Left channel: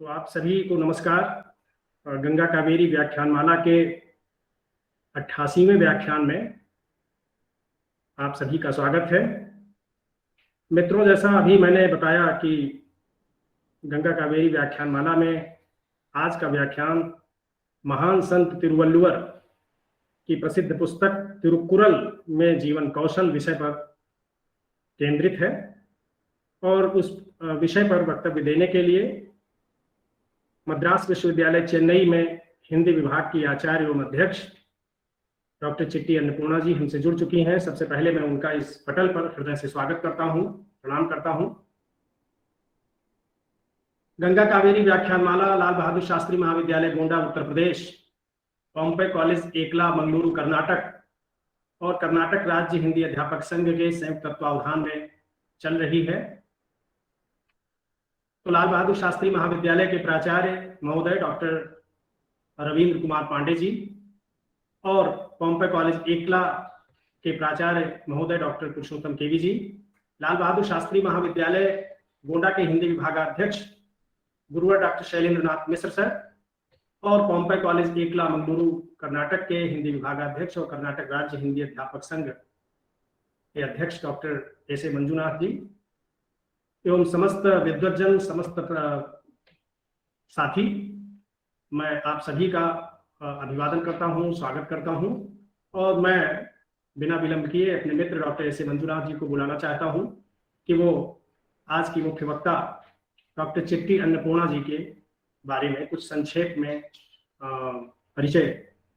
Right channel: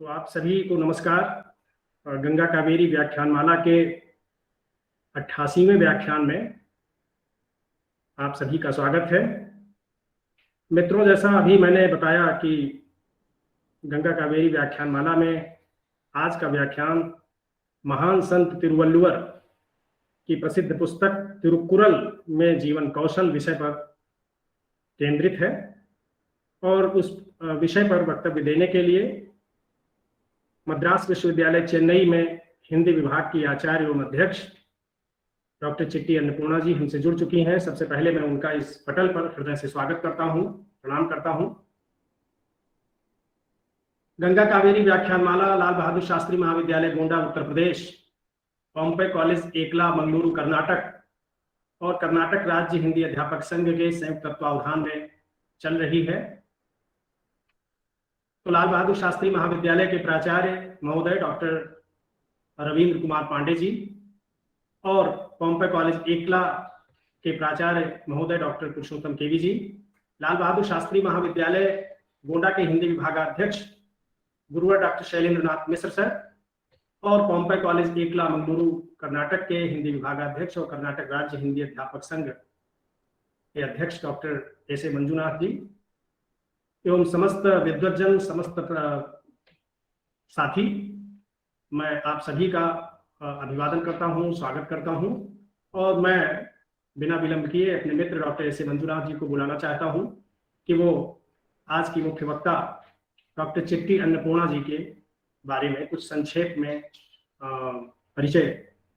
तो आप सभी को नमस्कार। गंगा कावेरी व्याख्यानमाला के 88वें व्याख्यान में आप सभी का स्वागत है। मित्रों, जैसा अभी मैंने बताया कि गंगा कावेरी व्याख्यानमाला में आज का व्याख्यान महान संत तिरुवल्लुवर की प्रसिद्ध पुस्तक तिरुकुरल में जीवन कौशल विषय पर केंद्रित है। और इस विषय पर वक्तव्य देने के लिए मद्रास विश्वविद्यालय चेन्नई में हिंदी विभाग की आचार्य एवं अध्यक्ष डॉक्टर चिट्टी अन्नपूर्णा जी हमसे जुड़ चुकी हैं। सबसे पहले मैं उनका इस पटल पर हृदय से स्वागत करता हूं, प्रणाम करता हूं। गंगा कावेरी व्याख्यानमाला लाल बहादुर शास्त्री महाविद्यालय गोंडा उत्तर प्रदेश, पॉम्पे कॉलेज एकला मंगलुरु कर्नाटक और कर्नाटक राज्य हिंदी अध्यापक संघ के संयुक्त तत्वावधान में चल रही है। तो लाल बहादुर शास्त्री महाविद्यालय के प्राचार्य महोदय डॉक्टर रविंद्र कुमार पांडे जी और पॉम्पे कॉलेज एकला के प्राचार्य महोदय डॉक्टर पुरुषोत्तम केवी जी, लाल बहादुर शास्त्री महाविद्यालय गोंडा के हिंदी विभागाध्यक्ष गुरुवर डॉक्टर शैलेंद्र नाथ मिश्र सर और पॉम्पे कॉलेज एकला मंगलुरु कर्नाटक के हिंदी विभागाध्यक्ष और कर्नाटक राज्य हिंदी अध्यापक संघ के अध्यक्ष डॉक्टर एस ए मंजुनाथ जी एवं समस्त विद्वज्जन, समस्त साथी, मैं आप सभी का अभिवादन करता हूँ, स्वागत करता हूँ। और मैं बिना विलंब किए अपने मित्र डॉक्टर एस ए मंजुनाथ जी को बुलाना चाहता हूँ कि वो आज की मुख्य वक्ता डॉक्टर चिट्टी अन्नपूर्णा जी के बारे में कुछ संक्षेप में परिचय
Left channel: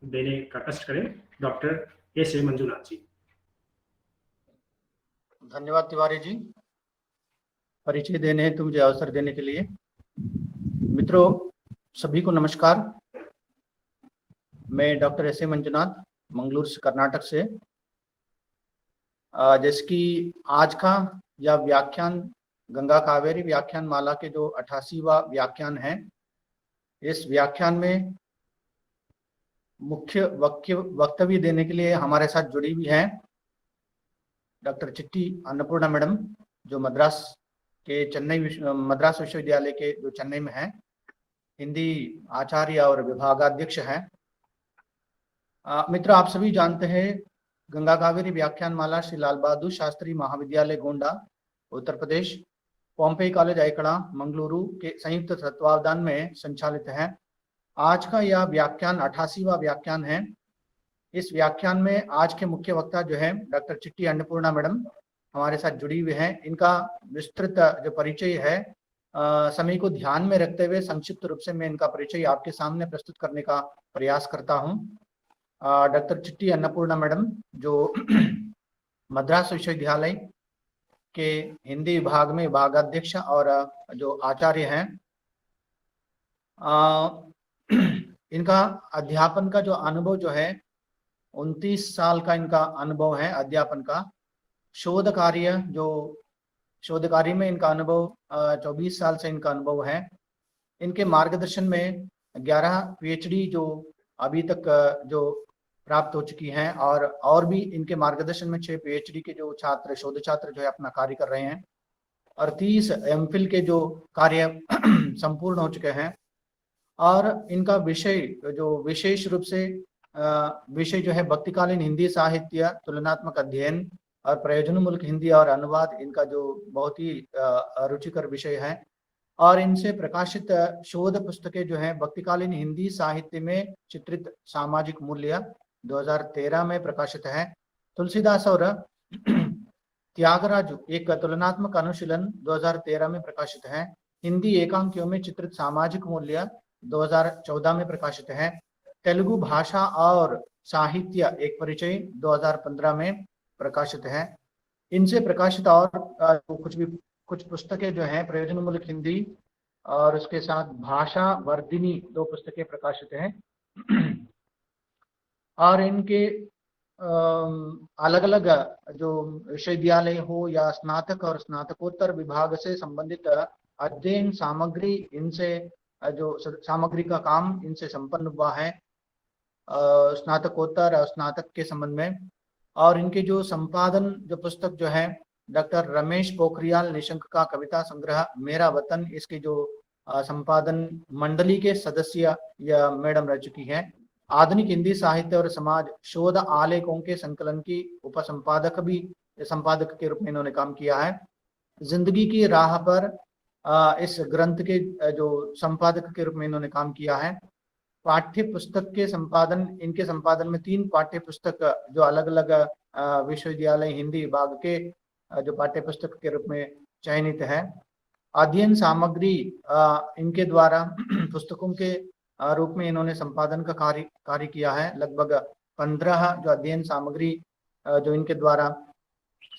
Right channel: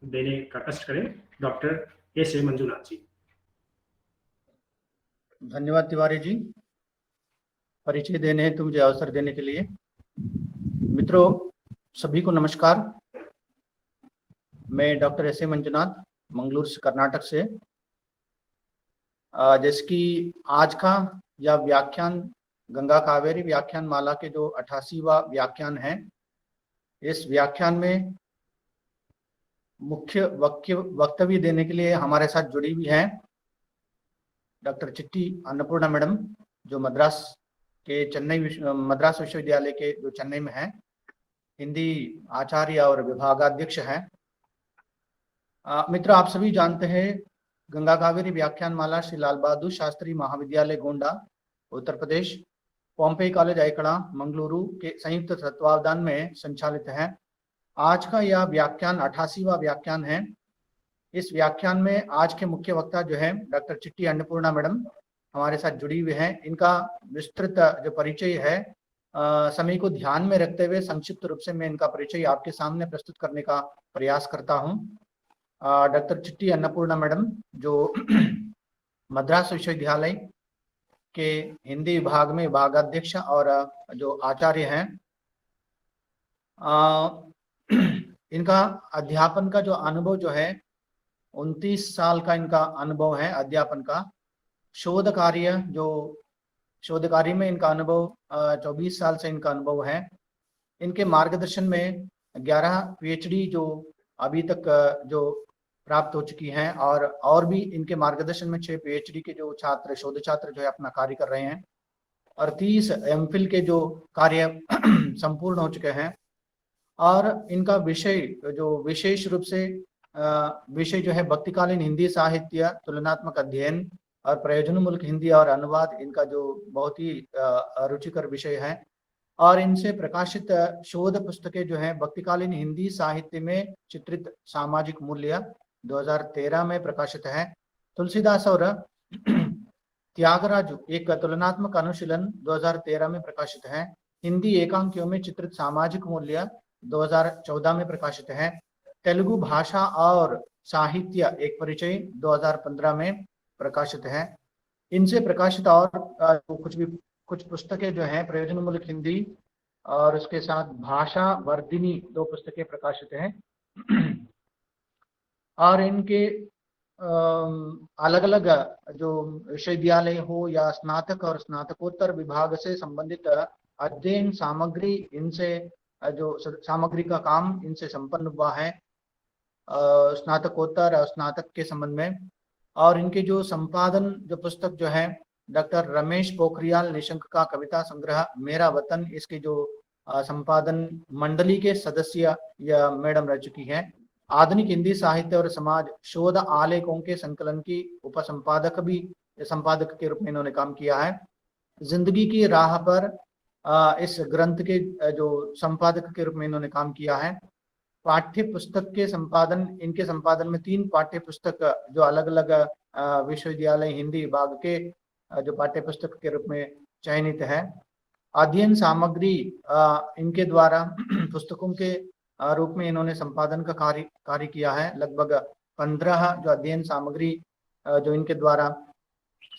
देने का कष्ट करें। डॉक्टर एस ए मंजुनाथ जी। धन्यवाद तिवारी जी, परिचय देने हेतु मुझे अवसर देने के लिए। मित्रों, सभी को नमस्कार। मैं doctor S A Manjunath Mangaluru Karnataka से, जिसकी आज का यह व्याख्यान गंगा कावेरी व्याख्यान माला के जो 88वां व्याख्यान है। इस व्याख्यान में मुख्य वक्तव्य देने के लिए हमारे साथ जुड़ी हुई हैं डॉक्टर चिट्टी अन्नपूर्णा मैडम, जो मद्रास विश्वविद्यालय के जो चेन्नई में है, हिंदी आचार्य और विभागाध्यक्ष है। मित्र, आप सभी जानते हैं गंगा कावेरी व्याख्यान माला श्री लाल बहादुर शास्त्री महाविद्यालय गोंडा उत्तर प्रदेश, पॉम्पे कॉलेज एकड़ा मंगलुरु के संयुक्त तत्वावधान में संचालित है। आज का यह व्याख्यान 88वां व्याख्यान है। इस व्याख्यान में आज के मुख्य वक्ता जो है डॉक्टर चिट्टी अन्नपूर्णा मैडम हमारे साथ जुड़ी हुई है। इनका विस्तृत जो परिचय है समय को ध्यान में रखते हुए संक्षिप्त रूप से मैं इनका परिचय आपके सामने प्रस्तुत करने का प्रयास करता हूँ। डॉक्टर चिट्टी अन्नपूर्णा मैडम जो मद्रास विश्वविद्यालय के हिंदी विभाग में विभागाध्यक्ष और जो आचार्य हैं, इनका अध्यापन का जो अनुभव जो है 29 साल का इनका अनुभव है अध्यापन का। शोध कार्य में इनका अनुभव 24 साल से इनका अनुभव है। इनके मार्गदर्शन में 11 पीएचडी जो अभी तक जो प्राप्त हो चुकी हैं और भी इनके मार्गदर्शन में 6 पीएचडी के जो शोध छात्र जो है अपना कार्य कर रहे हैं और 30 एमफिल के जो कार्य संपूर्ण हो चुके हैं। और इनका विषय जो विशेष रूप से विषय जो है भक्तिकालीन हिंदी साहित्य, तुलनात्मक अध्ययन और प्रयोजनमूलक हिंदी और अनुवाद, इनका जो बहुत ही रुचिकर विषय है। और इनसे प्रकाशित शोध पुस्तकें जो है भक्तिकालीन हिंदी साहित्य में चित्रित सामाजिक मूल्य 2013 में प्रकाशित है। तुलसीदास और त्यागराज एक तुलनात्मक अनुशीलन 2013 में प्रकाशित है। हिंदी एकांकियों में चित्रित सामाजिक मूल्य 2014 में प्रकाशित है। तेलुगु भाषा और साहित्य एक परिचय 2015 में प्रकाशित है। इनसे प्रकाशित और कुछ पुस्तकें जो हैं प्रयोजनमूलक हिंदी और उसके साथ भाषा वर्धिनी 2 पुस्तकें प्रकाशित हैं। और इनके अलग अलग जो विश्वविद्यालय हो या स्नातक और स्नातकोत्तर विभाग से संबंधित अध्ययन सामग्री, इनसे जो सामग्री का काम इनसे संपन्न हुआ है स्नातकोत्तर और स्नातक के संबंध में। और इनके जो संपादन जो पुस्तक जो है डॉक्टर रमेश पोखरियाल निशंक का कविता संग्रह मेरा वतन, इसके जो संपादन मंडली के सदस्य यह मैडम रह चुकी है। आधुनिक हिंदी साहित्य और समाज शोध आलेखों के संकलन की संपादक के रूप में इन्होंने काम किया है। जिंदगी की राह पर इस ग्रंथ के जो संपादक के रूप में इन्होंने काम किया है। पाठ्य पुस्तक के संपादन, इनके संपादन में 3 पाठ्य पुस्तक जो अलग अलग विश्वविद्यालय हिंदी विभाग के जो पाठ्य पुस्तक के रूप में चयनित है। अध्ययन सामग्री इनके द्वारा पुस्तकों के रूप में इन्होंने संपादन का कार्य किया है। लगभग 15 जो अध्ययन सामग्री जो इनके द्वारा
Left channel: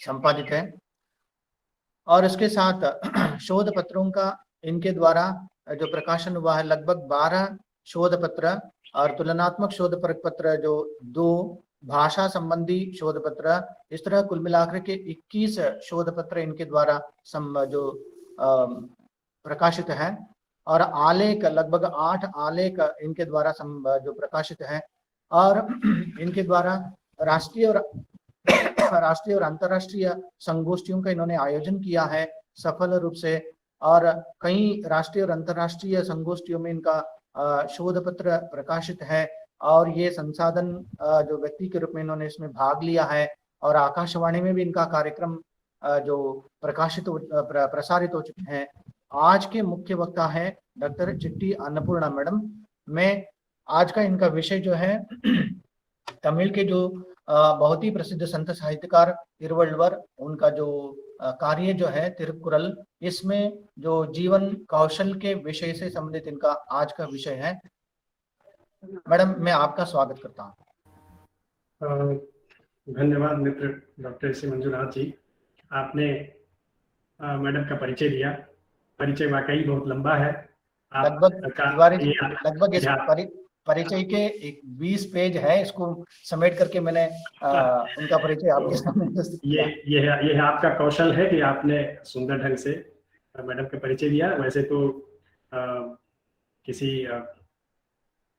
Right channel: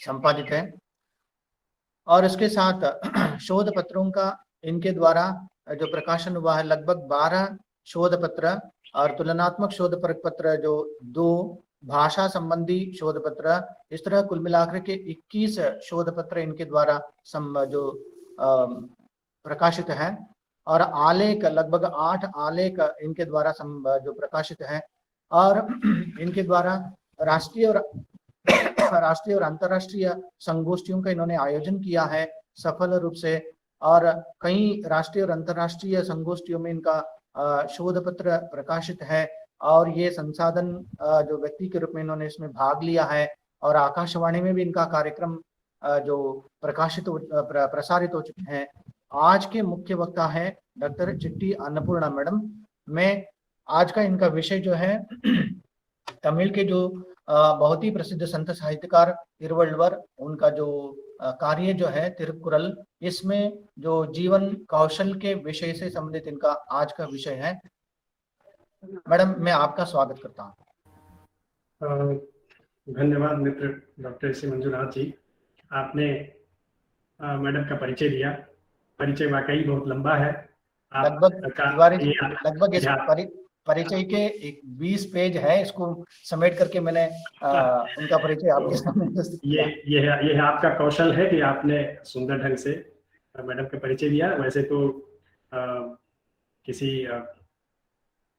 संपादित है। और इसके साथ शोध पत्रों का इनके द्वारा जो प्रकाशन हुआ है लगभग 12 शोध पत्र और तुलनात्मक शोध पत्र जो 2 भाषा संबंधी शोध पत्र, इस तरह कुल मिलाकर के 21 शोध पत्र इनके द्वारा जो प्रकाशित है। और आलेख लगभग 8 आलेख इनके द्वारा जो प्रकाशित है। और इनके द्वारा राष्ट्रीय और अंतर्राष्ट्रीय संगोष्ठियों का इन्होंने आयोजन किया है सफल रूप से। और कई राष्ट्रीय और अंतर्राष्ट्रीय संगोष्ठियों में इनका शोध पत्र प्रकाशित है। और ये संसाधन जो व्यक्ति के रूप में इन्होंने उसमें भाग लिया है। और आकाशवाणी में भी इनका कार्यक्रम जो प्रसारित हो चुके हैं। आज के मुख्य वक्ता है डॉक्टर चिट्टी अन्नपूर्णा मैडम। मैं आज का इनका विषय जो है तमिल के जो बहुत ही प्रसिद्ध संत साहित्यकार तिरुवल्लुवर, उनका जो कार्य जो है तिरुकुरल, इसमें जो जीवन कौशल के विषय से संबंधित इनका आज का विषय है। मैडम मैं आपका स्वागत करता हूँ। धन्यवाद मित्र डॉक्टर श्री मंजुनाथ जी, आपने मैडम का परिचय दिया। परिचय वाकई बहुत लंबा है। लगभग परिचय के 20 पेज है, इसको समेट करके मैंने उनका परिचय आपके सामने प्रस्तुत किया। ये आपका कौशल है कि आपने सुंदर ढंग से मैडम का परिचय दिया। वैसे तो किसी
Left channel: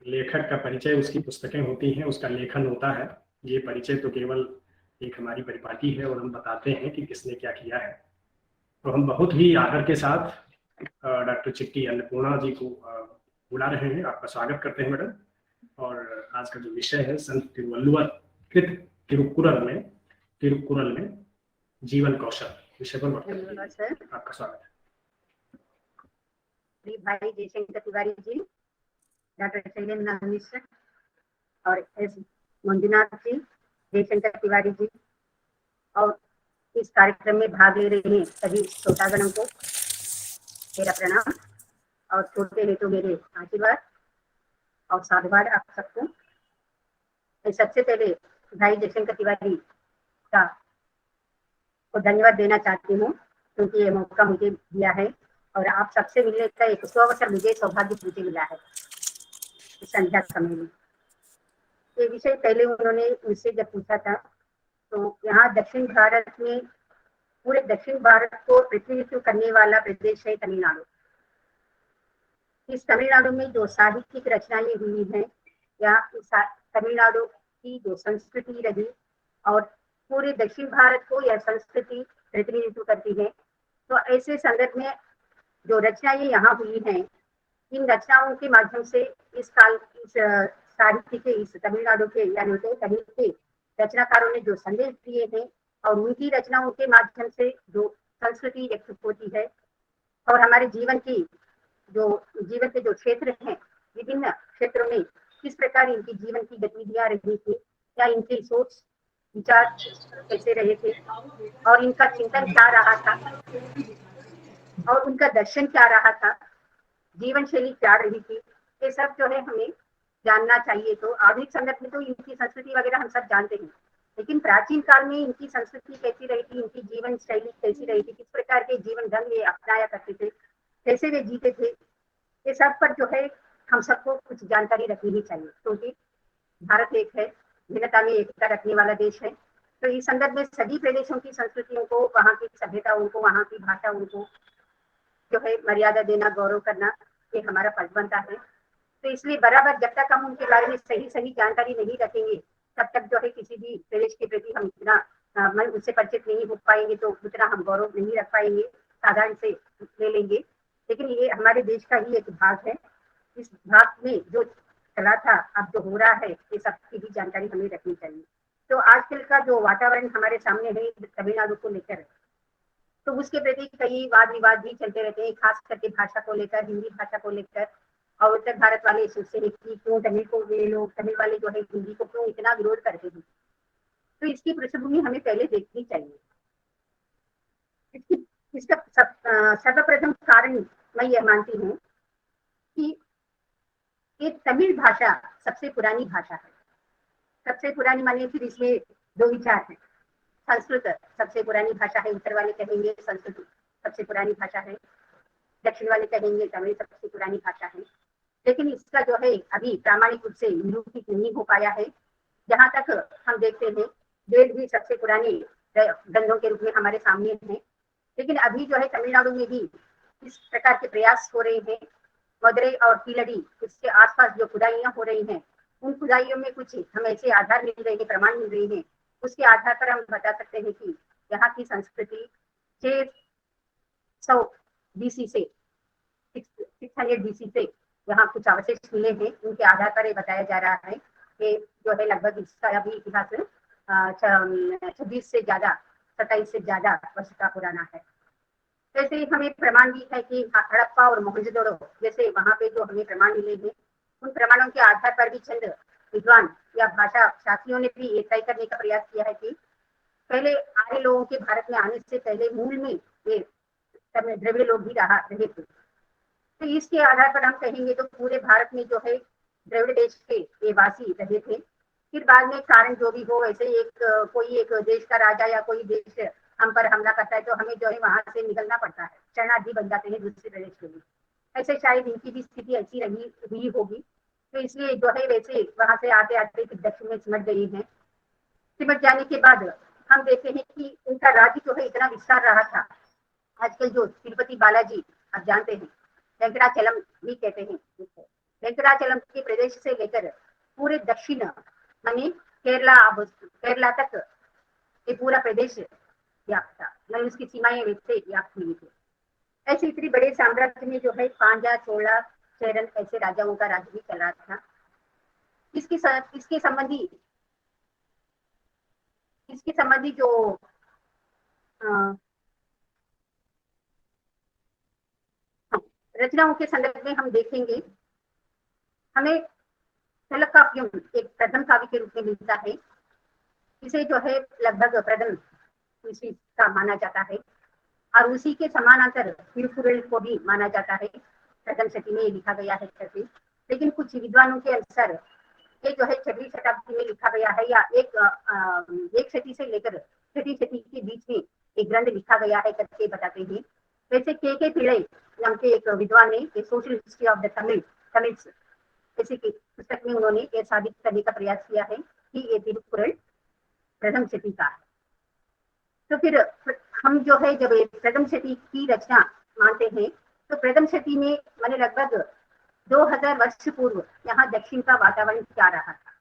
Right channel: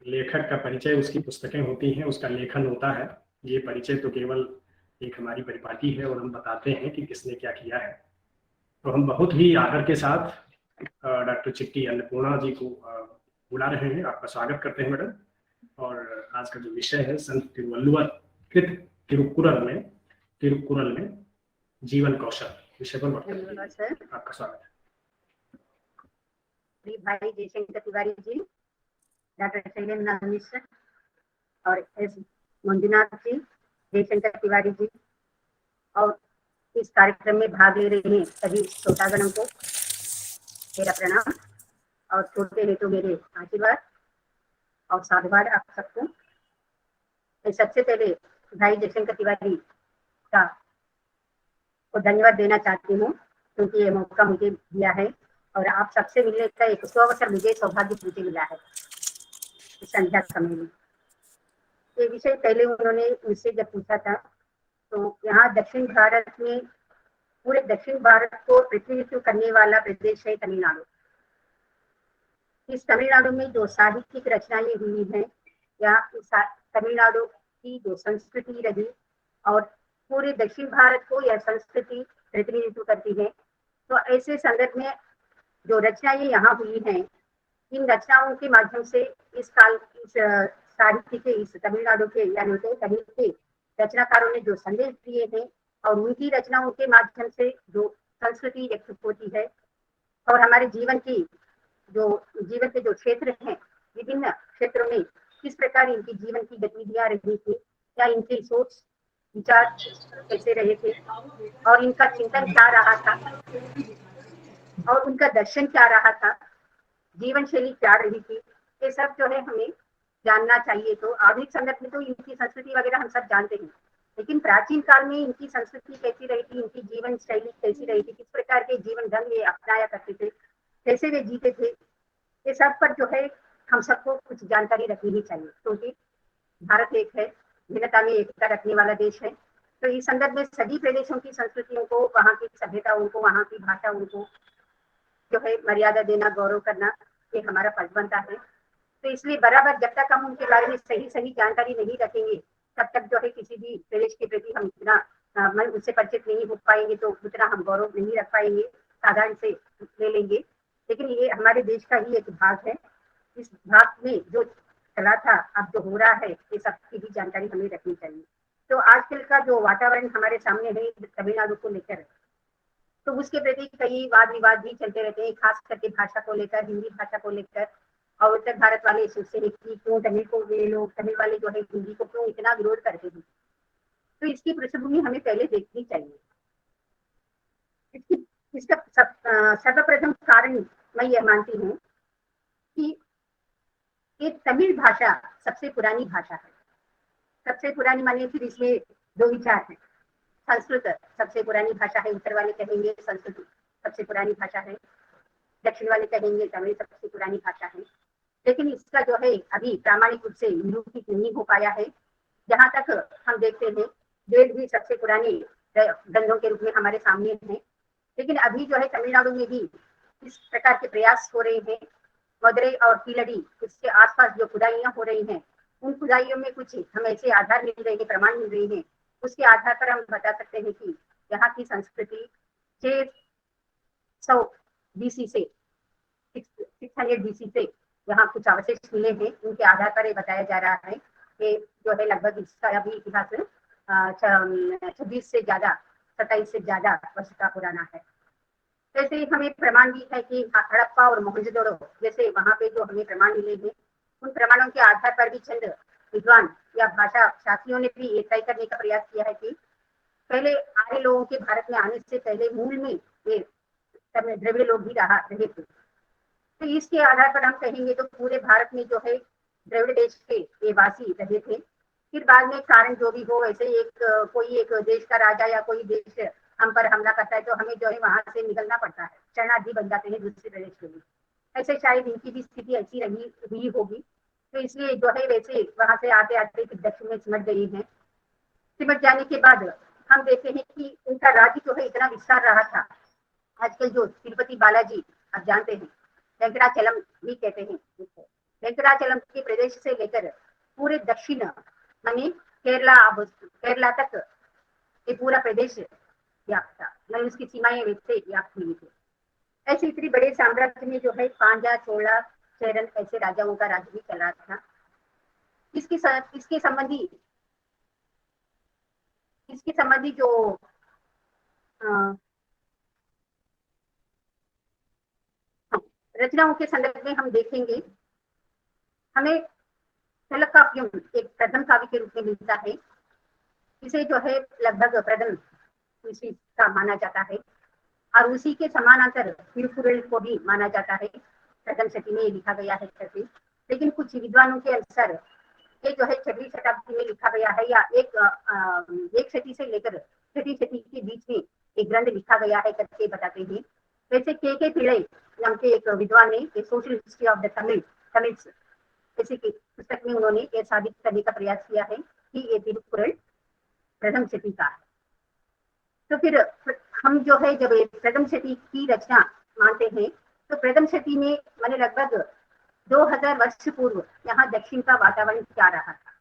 लेखक का परिचय उसकी पुस्तकें होती हैं, उसका लेखन होता है। ये परिचय तो केवल एक हमारी परिपाटी है और हम बताते हैं कि किसने क्या किया है। तो हम बहुत ही आदर के साथ डॉक्टर चिट्टी अन्नपूर्णा जी को बुला रहे हैं। आपका स्वागत करते हैं मैडम। और आज का जो विषय है संत तिरुवल्लुवर कृत तिरुकुरल में जीवन कौशल विषय पर आपका स्वागत है। भाई जयशंकर तिवारी जी, डॉक्टर शैलेंद्र मिश्र और एस मंजुनाथ जी, जयशंकर तिवारी जी और इस कार्यक्रम में भाग ले रहे हैं सभी श्रोतागणों को मेरा प्रणाम और छोटे हैं तो मेरे आशीर्वाद और साधुवाद आप सबको। सबसे पहले भाई जयशंकर तिवारी का धन्यवाद देना चाहती हूँ क्योंकि ये मौका मुझे दिया है और आप सबसे मिलने का एक अवसर मुझे सौभाग्य मुझे मिला है इस संध्या समय में। ये विषय पहले उन्होंने मुझसे जब पूछा था तो यहाँ दक्षिण भारत में, पूरे दक्षिण भारत को प्रतिनिधित्व करने वाला प्रदेश है तमिलनाडु। इस तमिलनाडु में जो साहित्यिक रचनाएं हुई हैं या तमिलनाडु की जो संस्कृति रही और पूरे दक्षिण भारत को यह संस्कृति प्रतिनिधित्व करती है। तो ऐसे संदर्भ में जो रचनाएं यहाँ हुई हैं, इन रचनाओं के माध्यम से इस साहित्य के इस तमिलनाडु के यानी तमिल के रचनाकारों ने जो संदेश दिए हैं और उनकी रचनाओं के माध्यम से जो संस्कृति व्यक्त होती है और हमारे जीवन के जो क्षेत्र हैं, विभिन्न क्षेत्रों में किस प्रकार इनकी जीवन की गतिविधियां रही थी, क्या इनकी सोच विचार कैसे रहे थे और इनका चिंतन क्या रहा था और उनका दर्शन क्या रहा था, जीवन शैली क्या रही थी, ये सब जो है हमें जानना चाहिए। तो आधुनिक संदर्भ में तो इनकी संस्कृति वगैरह हम सब जानते हैं, लेकिन प्राचीन काल में इनकी संस्कृति कैसी रही थी, इनकी जीवन शैली कैसी रही थी, किस प्रकार के जीवन ढंग ये अपनाया करते थे, कैसे वे जीते थे, ये सब पर जो है हम सबको कुछ जानकारी रखनी ही चाहिए क्योंकि भारत एक है, विविधता में एकता रखने वाला देश है। तो इस संदर्भ में सभी प्रदेशों की संस्कृतियों को, वहाँ की सभ्यताओं को, वहाँ की भाषाओं को जो है मर्यादा देना, गौरव करना, ये हमारा फर्ज बनता है। तो इसलिए बराबर जब तक हम उनके बारे में सही जानकारी नहीं रखेंगे तब तक जो है किसी भी प्रदेश के प्रति हम इतना उससे परिचित नहीं हो पाएंगे, तो उतना हम गौरव नहीं रख पाएंगे, साधारण से ले लेंगे। लेकिन ये हमारे देश का ही एक भाग है। इस भाग में जो चला था, अब जो हो रहा है, ये सबकी भी जानकारी हमें रखनी चाहिए। तो आजकल का जो वातावरण हमारे सामने है तमिलनाडु को लेकर, तो उसके प्रति कई वाद विवाद भी चलते रहते हैं, खास करके भाषा को लेकर, हिंदी भाषा को लेकर। और उत्तर भारत वाले सोचते हैं कि क्यों तमिल को, वे लोग तमिल वाले जो है हिंदी को क्यों इतना विरोध करते हैं। तो इसकी पृष्ठभूमि हमें पहले देखनी चाहिए। इसकी इसका सर्वप्रथम कारण मैं ये मानती हूँ कि ये तमिल भाषा सबसे पुरानी भाषा है। सबसे पुरानी मानिए, फिर इसमें दो विचार है। संस्कृत सबसे पुरानी भाषा है, उत्तर वाले कहेंगे संस्कृत सबसे पुरानी भाषा है, दक्षिण वाले कहेंगे तमिल सबसे पुरानी भाषा है। लेकिन इसका जो है अभी प्रामाणिक रूप से निरूपित नहीं हो पाया है। जहां तक हम देखते हैं, वेद भी सबसे पुराने ग्रंथों के रूप में हमारे सामने है। लेकिन अभी जो है तमिलनाडु में भी इस प्रकार के प्रयास हो रहे हैं। मदुरई और कीलड़ी, उसके आसपास जो खुदाइयां हो रही हैं, उन खुदाइयों में कुछ हमें ऐसे आधार मिल रहे हैं, प्रमाण मिल रहे हैं, उसके आधार पर हम बता सकते हैं कि यहाँ की संस्कृति 600 BC से 600 BC से यहाँ कुछ अवशेष मिले हैं। उनके आधार पर ये बताया जा रहा है कि जो है लगभग इसका अभी इतिहास 26 से ज्यादा 27 से ज्यादा वर्ष का पुराना है। वैसे ही हमें प्रमाण भी है कि हड़प्पा और मोहनजोदड़ो जैसे वहाँ पे जो हमें प्रमाण मिले हैं, उन प्रमाणों के आधार पर भी चंद विद्वान या भाषा शास्त्रियों ने भी ये तय करने का प्रयास किया है कि पहले आर्य लोगों के भारत में आने से पहले मूल में ये द्रविड़ लोग भी रहे थे। तो इसके आधार पर हम कहेंगे तो पूरे भारत में जो है द्रविड़ देश के ये वासी रहे थे। फिर बाद में कारण जो भी हो, ऐसे कोई एक देश का राजा या कोई देश हम पर हमला करता है तो हमें जो है वहां से निकलना पड़ता है, शरणार्थी बन जाते हैं दूसरे प्रदेश के लिए। ऐसे शायद इनकी भी स्थिति ऐसी रही हुई होगी। तो इसलिए जो है वैसे वहां से आते आते दक्षिण में सिमट गई है। सिमट जाने के बाद हम देखते हैं कि उनका राज्य जो है इतना विस्तार रहा था। आजकल जो तिरुपति बालाजी आप जानते हैं, वेंकटाचलम भी कहते हैं उसको, वेंकटाचलम के प्रदेश से लेकर पूरे दक्षिण मानी केरला तक ये पूरा प्रदेश व्याप्त था। ये इसकी सीमाएं नीचे व्याप्त हुई थी। ऐसे इतने बड़े साम्राज्य में जो है पांड्या, चोला, चेरन ऐसे राजाओं का राज्य भी चला था। इसके संबंधी जो रचनाओं के संदर्भ में हम देखेंगे, हमें तलकाव्यम एक प्रथम काव्य के रूप में मिलता है। इसे जो है लगभग प्रथम तुलसी का माना जाता है और उसी के समानांतर तिरुकुरल को भी माना जाता है। प्रथम शती में लिखा गया है करके, लेकिन कुछ विद्वानों के अनुसार ये जो है 6वीं शताब्दी में लिखा गया है, या एक शती से लेकर 6वीं शती के बीच में एक ग्रंथ लिखा गया है करके बताते हैं। वैसे के पिड़ई नाम के एक विद्वान ने social history of the Tamil जैसे कि पुस्तक में उन्होंने ये साबित करने का प्रयास किया है कि ये तिरुकुरल प्रथम शती का है। तो फिर हम जो है जब प्रथम शती की रचना मानते हैं, तो प्रथम शती में मैंने लगभग 2000 वर्ष पूर्व यहाँ दक्षिण का वातावरण क्या रहा था,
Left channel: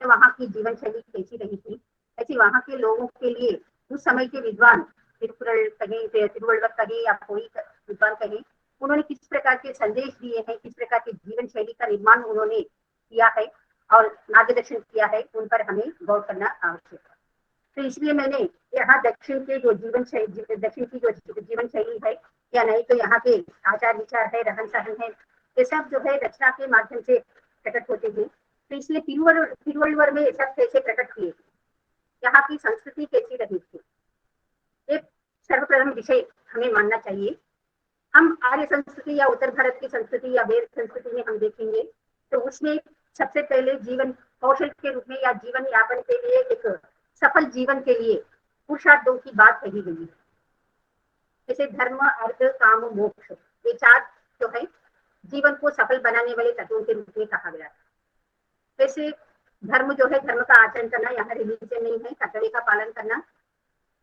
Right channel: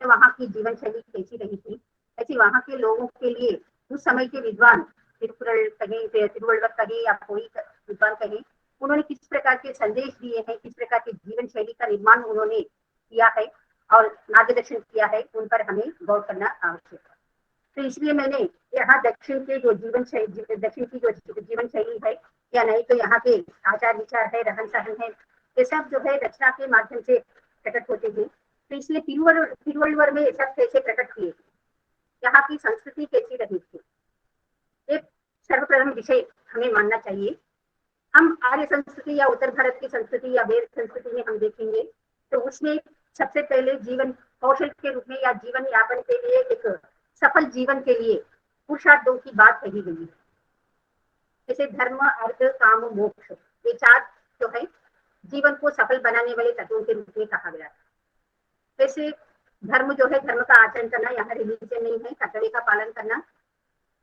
तो वहाँ की जीवन शैली कैसी रही थी, ऐसी वहाँ के लोगों के लिए उस समय के विद्वान तिरुकुरल कहे, तिरुवल्लुवर कहे या कोई विद्वान कहे, उन्होंने किस प्रकार के संदेश दिए हैं, किस प्रकार की जीवन शैली का निर्माण उन्होंने किया है और मार्गदर्शन किया है, उन पर हमें गौर करना आवश्यक है। तो इसलिए मैंने यहाँ दक्षिण की जो जीवन शैली है या नहीं, तो यहाँ पे आचार विचार है, रहन सहन है, ये सब जो है रचना के माध्यम से प्रकट होते हैं। तो इसलिए तिरुवल्लुवर में सब कैसे प्रकट हुए, यहाँ की संस्कृति कैसी रही थी, एक सर्वप्रथम विषय हमें मानना चाहिए। हम आर्य संस्कृति या उत्तर भारत की संस्कृति या वेद संस्कृति में हम देखेंगे तो उसमें सबसे पहले जीवन कौशल के रूप में या जीवन यापन के लिए, एक सफल जीवन के लिए पुरुषार्थों की बात कही गई है। जैसे धर्म, अर्थ, काम, मोक्ष, ये 4 जो है जीवन को सफल बनाने वाले तत्वों के रूप में कहा गया है। जैसे धर्म जो है, धर्म का आचरण करना, यहाँ रिलीजन नहीं है, कर्तव्य का पालन करना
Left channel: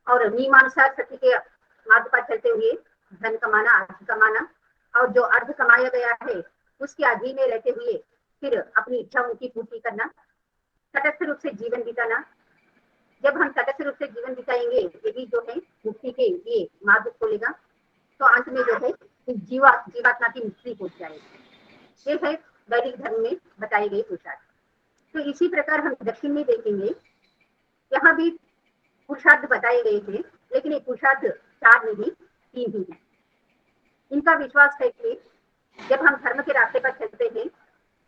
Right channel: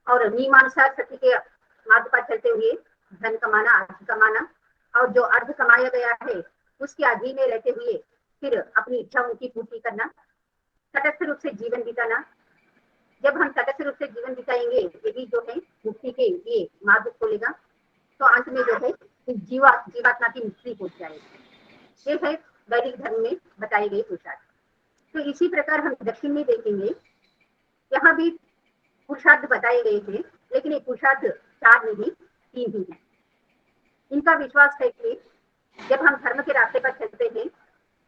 और नियमानुसार सत्य के मार्ग पर चलते हुए धन कमाना, अर्थ कमाना, और जो अर्थ कमाया गया है उसके अधीन में रहते हुए फिर अपनी इच्छाओं की पूर्ति करना, तटस्थ रूप से जीवन बिताना। जब हम तटस्थ रूप से जीवन बिताएंगे, यदि जो है मुक्ति के लिए मार्ग खोलेगा, तो अंत में जो है जीवात्मा की स्त्री हो जाएगी। ये है वैदिक धर्म में बताई गई पुरुषार्थ। तो इसी प्रकार हम दक्षिण में देखेंगे, यहाँ भी पुरुषार्थ बताए गए थे, लेकिन ये पुरुषार्थ 4 नहीं 3 ही है। इसका विश्वास है कि जब हम धर्म के रास्ते पर चलते हैं,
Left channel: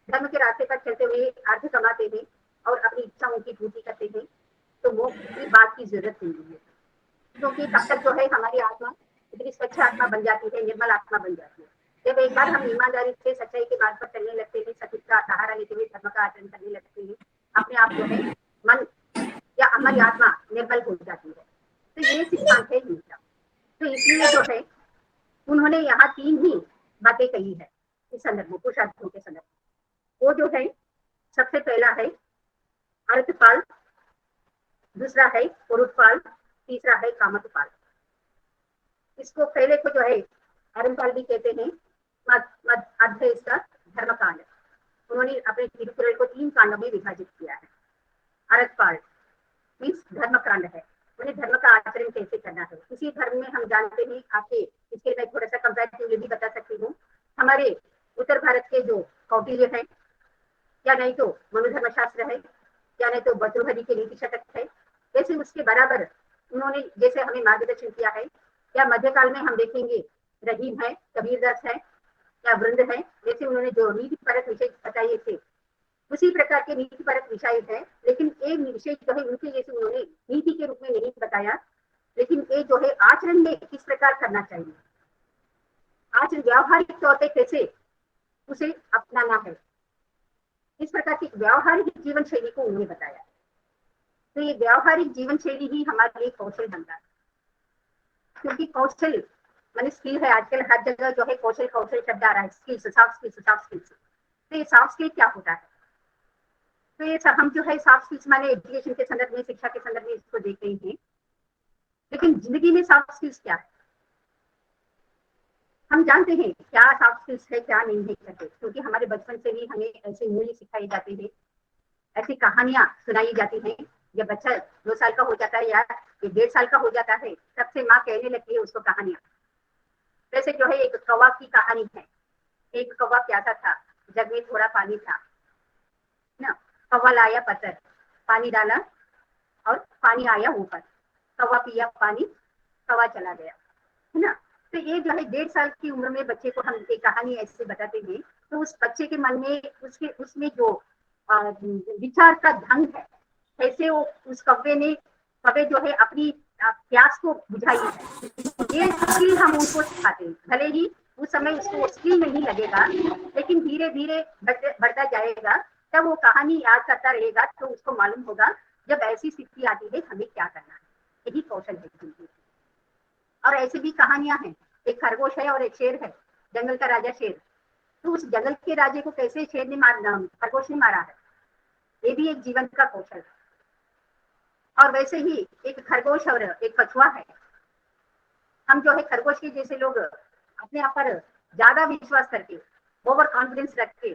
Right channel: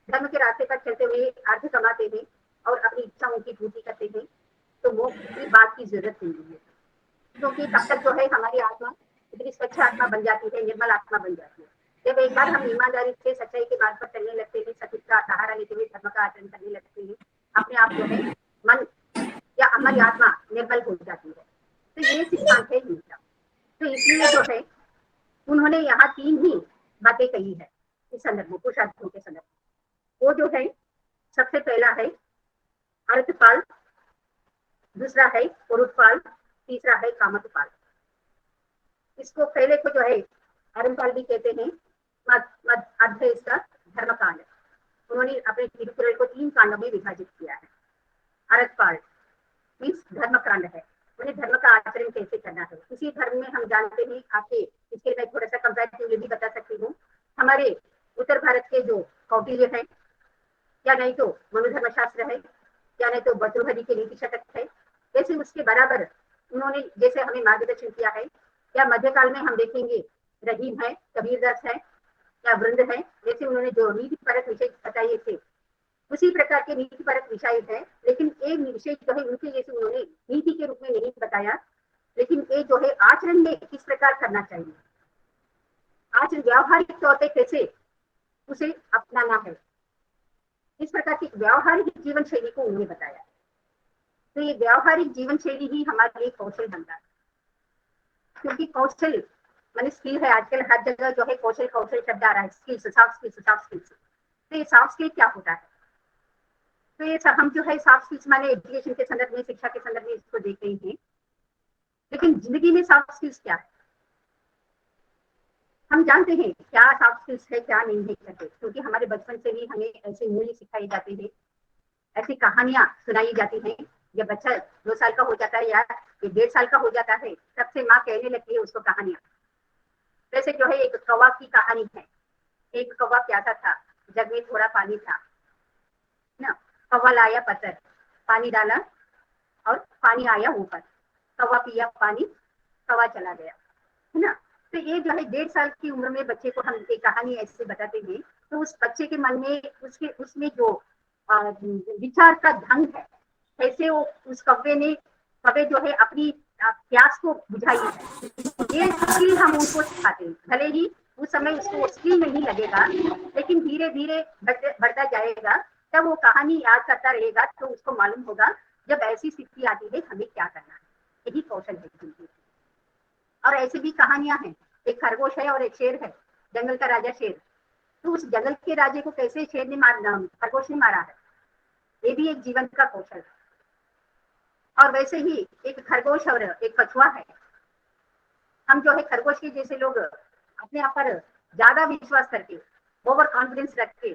धर्म के रास्ते पर चलते हुए अर्थ कमाते हैं और अपनी इच्छा की पूर्ति करते हैं, तो मोक्ष की बात की जरूरत नहीं है, क्योंकि तब तक जो है हमारी आत्मा इतनी स्वच्छ आत्मा बन जाती है, निर्मल आत्मा बन जाती है। जब एक बार हम ईमानदारी से सच्चाई के मार्ग पर चलने लगते हैं, सत्य का सहारा लेते हुए धर्म का आचरण करने लगते हैं, अपने आप को मन या हमारी आत्मा निर्मल हो जाती है। तो ये सिद्धांत है गीता। तो इसलिए जो है उन्होंने यहाँ 3 ही बातें कही है इस संदर्भ में, पुरुषार्थों के संदर्भ में। वो जो है सबसे पहला है अर्थपाल, दूसरा है पुरुषपाल, तीसरा है कामतपाल। इसको पहले को जो है अर्थपाल भी कहते हैं, अध्ययस्थ धर्मकांड। उन्होंने अपने तिरुकुरल को 3 कांडों में विभाजित किया है। अर्थपाल मीन्स धर्मकांड है, उन्हें धर्म का आचरण कैसे करना है। इसी धर्म में हम जानते हैं, आपके इसके मैं थोड़ा सा कंपैरेटिवली भी बता सकती हूँ। हमारे उत्तर भारत के जो कौटिल्य है, या नहीं तो मनुधर्मशास्त्र है, या नहीं तो भर्तृहरि के नीति शतक है, जैसे उसके बराबर उन्होंने जैसे हमें मार्गदर्शन किया है। या मध्यकाल में हम देखेंगे रहीम है, कबीरदास है, या वृंद है, जैसे उन्होंने जो नीति परक विषय बताए थे, उसी प्रकार के नीति परक विषय है। लेकिन एक विषय जो है उनके जैसे उन्होंने नीति के रूप में नहीं बताया, लेकिन ये जो है आचरण में किस प्रकार करना चाहिए, आचरण व्यावहारिक तौर पर कैसे उसे अपनाना है, इस प्रकार की व्यावहारिक जीवन शैली को उन्होंने बताया। तो ये व्यावहारिक जीवन शैली ही हमारे लिए कौशल बनता है, क्योंकि कौशल माने स्किल है। आजकल हर जगह जो है कौशल कौशल शब्द आ रहा है, skills, soft skills, soft skills. तो ये सॉफ्ट स्किल क्या होता है? तो ये सब हम जो है सॉफ्ट स्किल्स माने एजुकेशन के संदर्भ में, शिक्षा के संदर्भ में इसको देख रहे हैं, लेकिन जिंदगी में सॉफ्ट स्किल्स क्या है हम जानते हैं, क्या सॉफ्ट स्किल्स है क्या नहीं है करके, क्योंकि हमारे बचपन से ही हमें ऐसे मूल्य सिखाए जाते हैं, ऐसी कहानियां सुनाई जाती हैं। जब बच्चा 2 साल का हो जाता है या 1.5 साल का हो जाता है, तब से माँ कहने लगती है उसको कहानियां। जैसे जो है एक कौवा की कहानी है। एक कौवा प्यासा था, जग में थोड़ा पानी था ना, कौवा लाया पत्थर, पानी डाला और पानी आया ऊपर, कौवा पिया पानी, कौवा चला गया, है ना। तो ये जो है 1.5 साल की उम्र में बच्चे को हम एक कहानी ऐसे बताते हैं, तो उस बच्चे के मन में उसमें जो विचार का ढंग है, कैसे वो उस कौवे जो है अपनी प्यास को बुझाई है, ये स्किल हम उनको सिखाते हैं। भले ही उस समय उसको स्किल नहीं लगेगा, लेकिन धीरे धीरे बढ़ता जाएगा, जब वो कहानी याद करता रहेगा तो उसको मालूम होगा जब ऐसी स्थिति आती है हमें क्या करना है। यही कौशल है जिंदगी। और ऐसी भी कहानियां हैं, एक खरगोश है और एक शेर है, जंगल का राजा शेर। तो उस जंगल के राजे को कैसे शेर ने खरगोश ने मारा है, ये भी एक जीवन का कौशल है। और वैसे ही एक खरगोश और एक कछुआ है। हम जो है खरगोश के जैसे लोग अपने आप पर ज्यादा विश्वास करके, ओवर कॉन्फिडेंस रख के,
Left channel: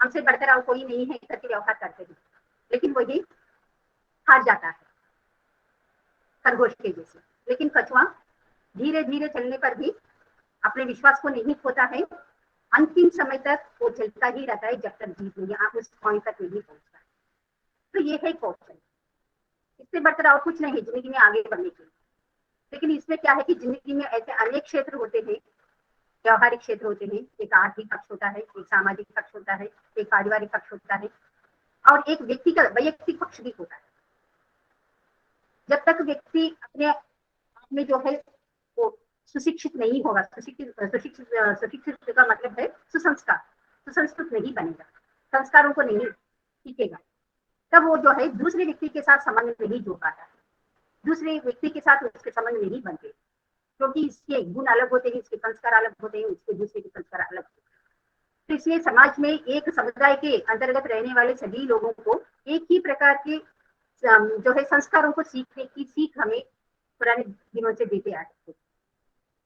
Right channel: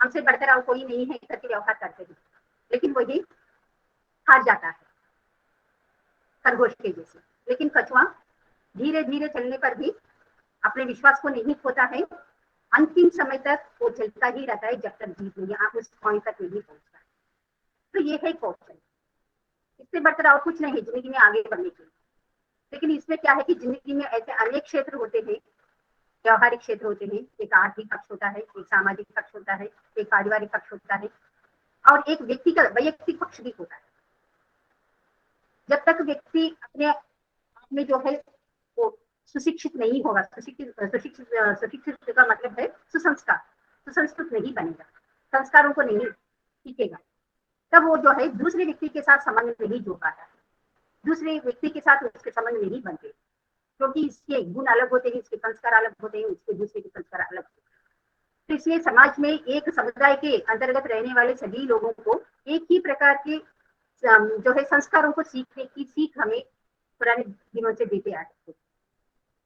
हमसे बढ़कर और कोई नहीं है करके व्यवहार करते हैं, लेकिन वही हार जाता है खरगोश के जैसे। लेकिन कछुआ धीरे धीरे चलने पर भी अपने विश्वास को नहीं खोता है, अंतिम समय तक वो चलता ही रहता है जब तक जीत नहीं, आप उस पॉइंट तक नहीं पहुंचता है। तो ये है कौशल, इससे बढ़कर और कुछ नहीं जिंदगी में आगे बढ़ने के लिए। लेकिन इसमें क्या है कि जिंदगी में ऐसे अनेक क्षेत्र होते हैं, व्यवहारिक क्षेत्र होते हैं। एक आर्थिक पक्ष होता है, एक सामाजिक पक्ष होता है, एक पारिवारिक पक्ष होता है, और एक व्यक्ति का वैयक्तिक पक्ष भी होता है। जब तक व्यक्ति अपने आप में जो है वो सुशिक्षित नहीं होगा, सुशिक्षित का मतलब है सुसंस्कार, सुसंस्कृत नहीं बनेगा, संस्कारों को नहीं सीखेगा, तब वो जो है दूसरे व्यक्ति के साथ संबंध नहीं जोड़ पाता है, दूसरे व्यक्ति के साथ उसके संबंध नहीं बनते, क्योंकि इसके गुण अलग होते हैं, इसके संस्कार अलग होते हैं, इसके दूसरे के संस्कार अलग होते हैं। तो इसलिए समाज में एक समुदाय के अंतर्गत रहने वाले सभी लोगों को एक ही प्रकार के जो है संस्कारों को सीखने की सीख हमें पुराने दिनों से देते आए थे।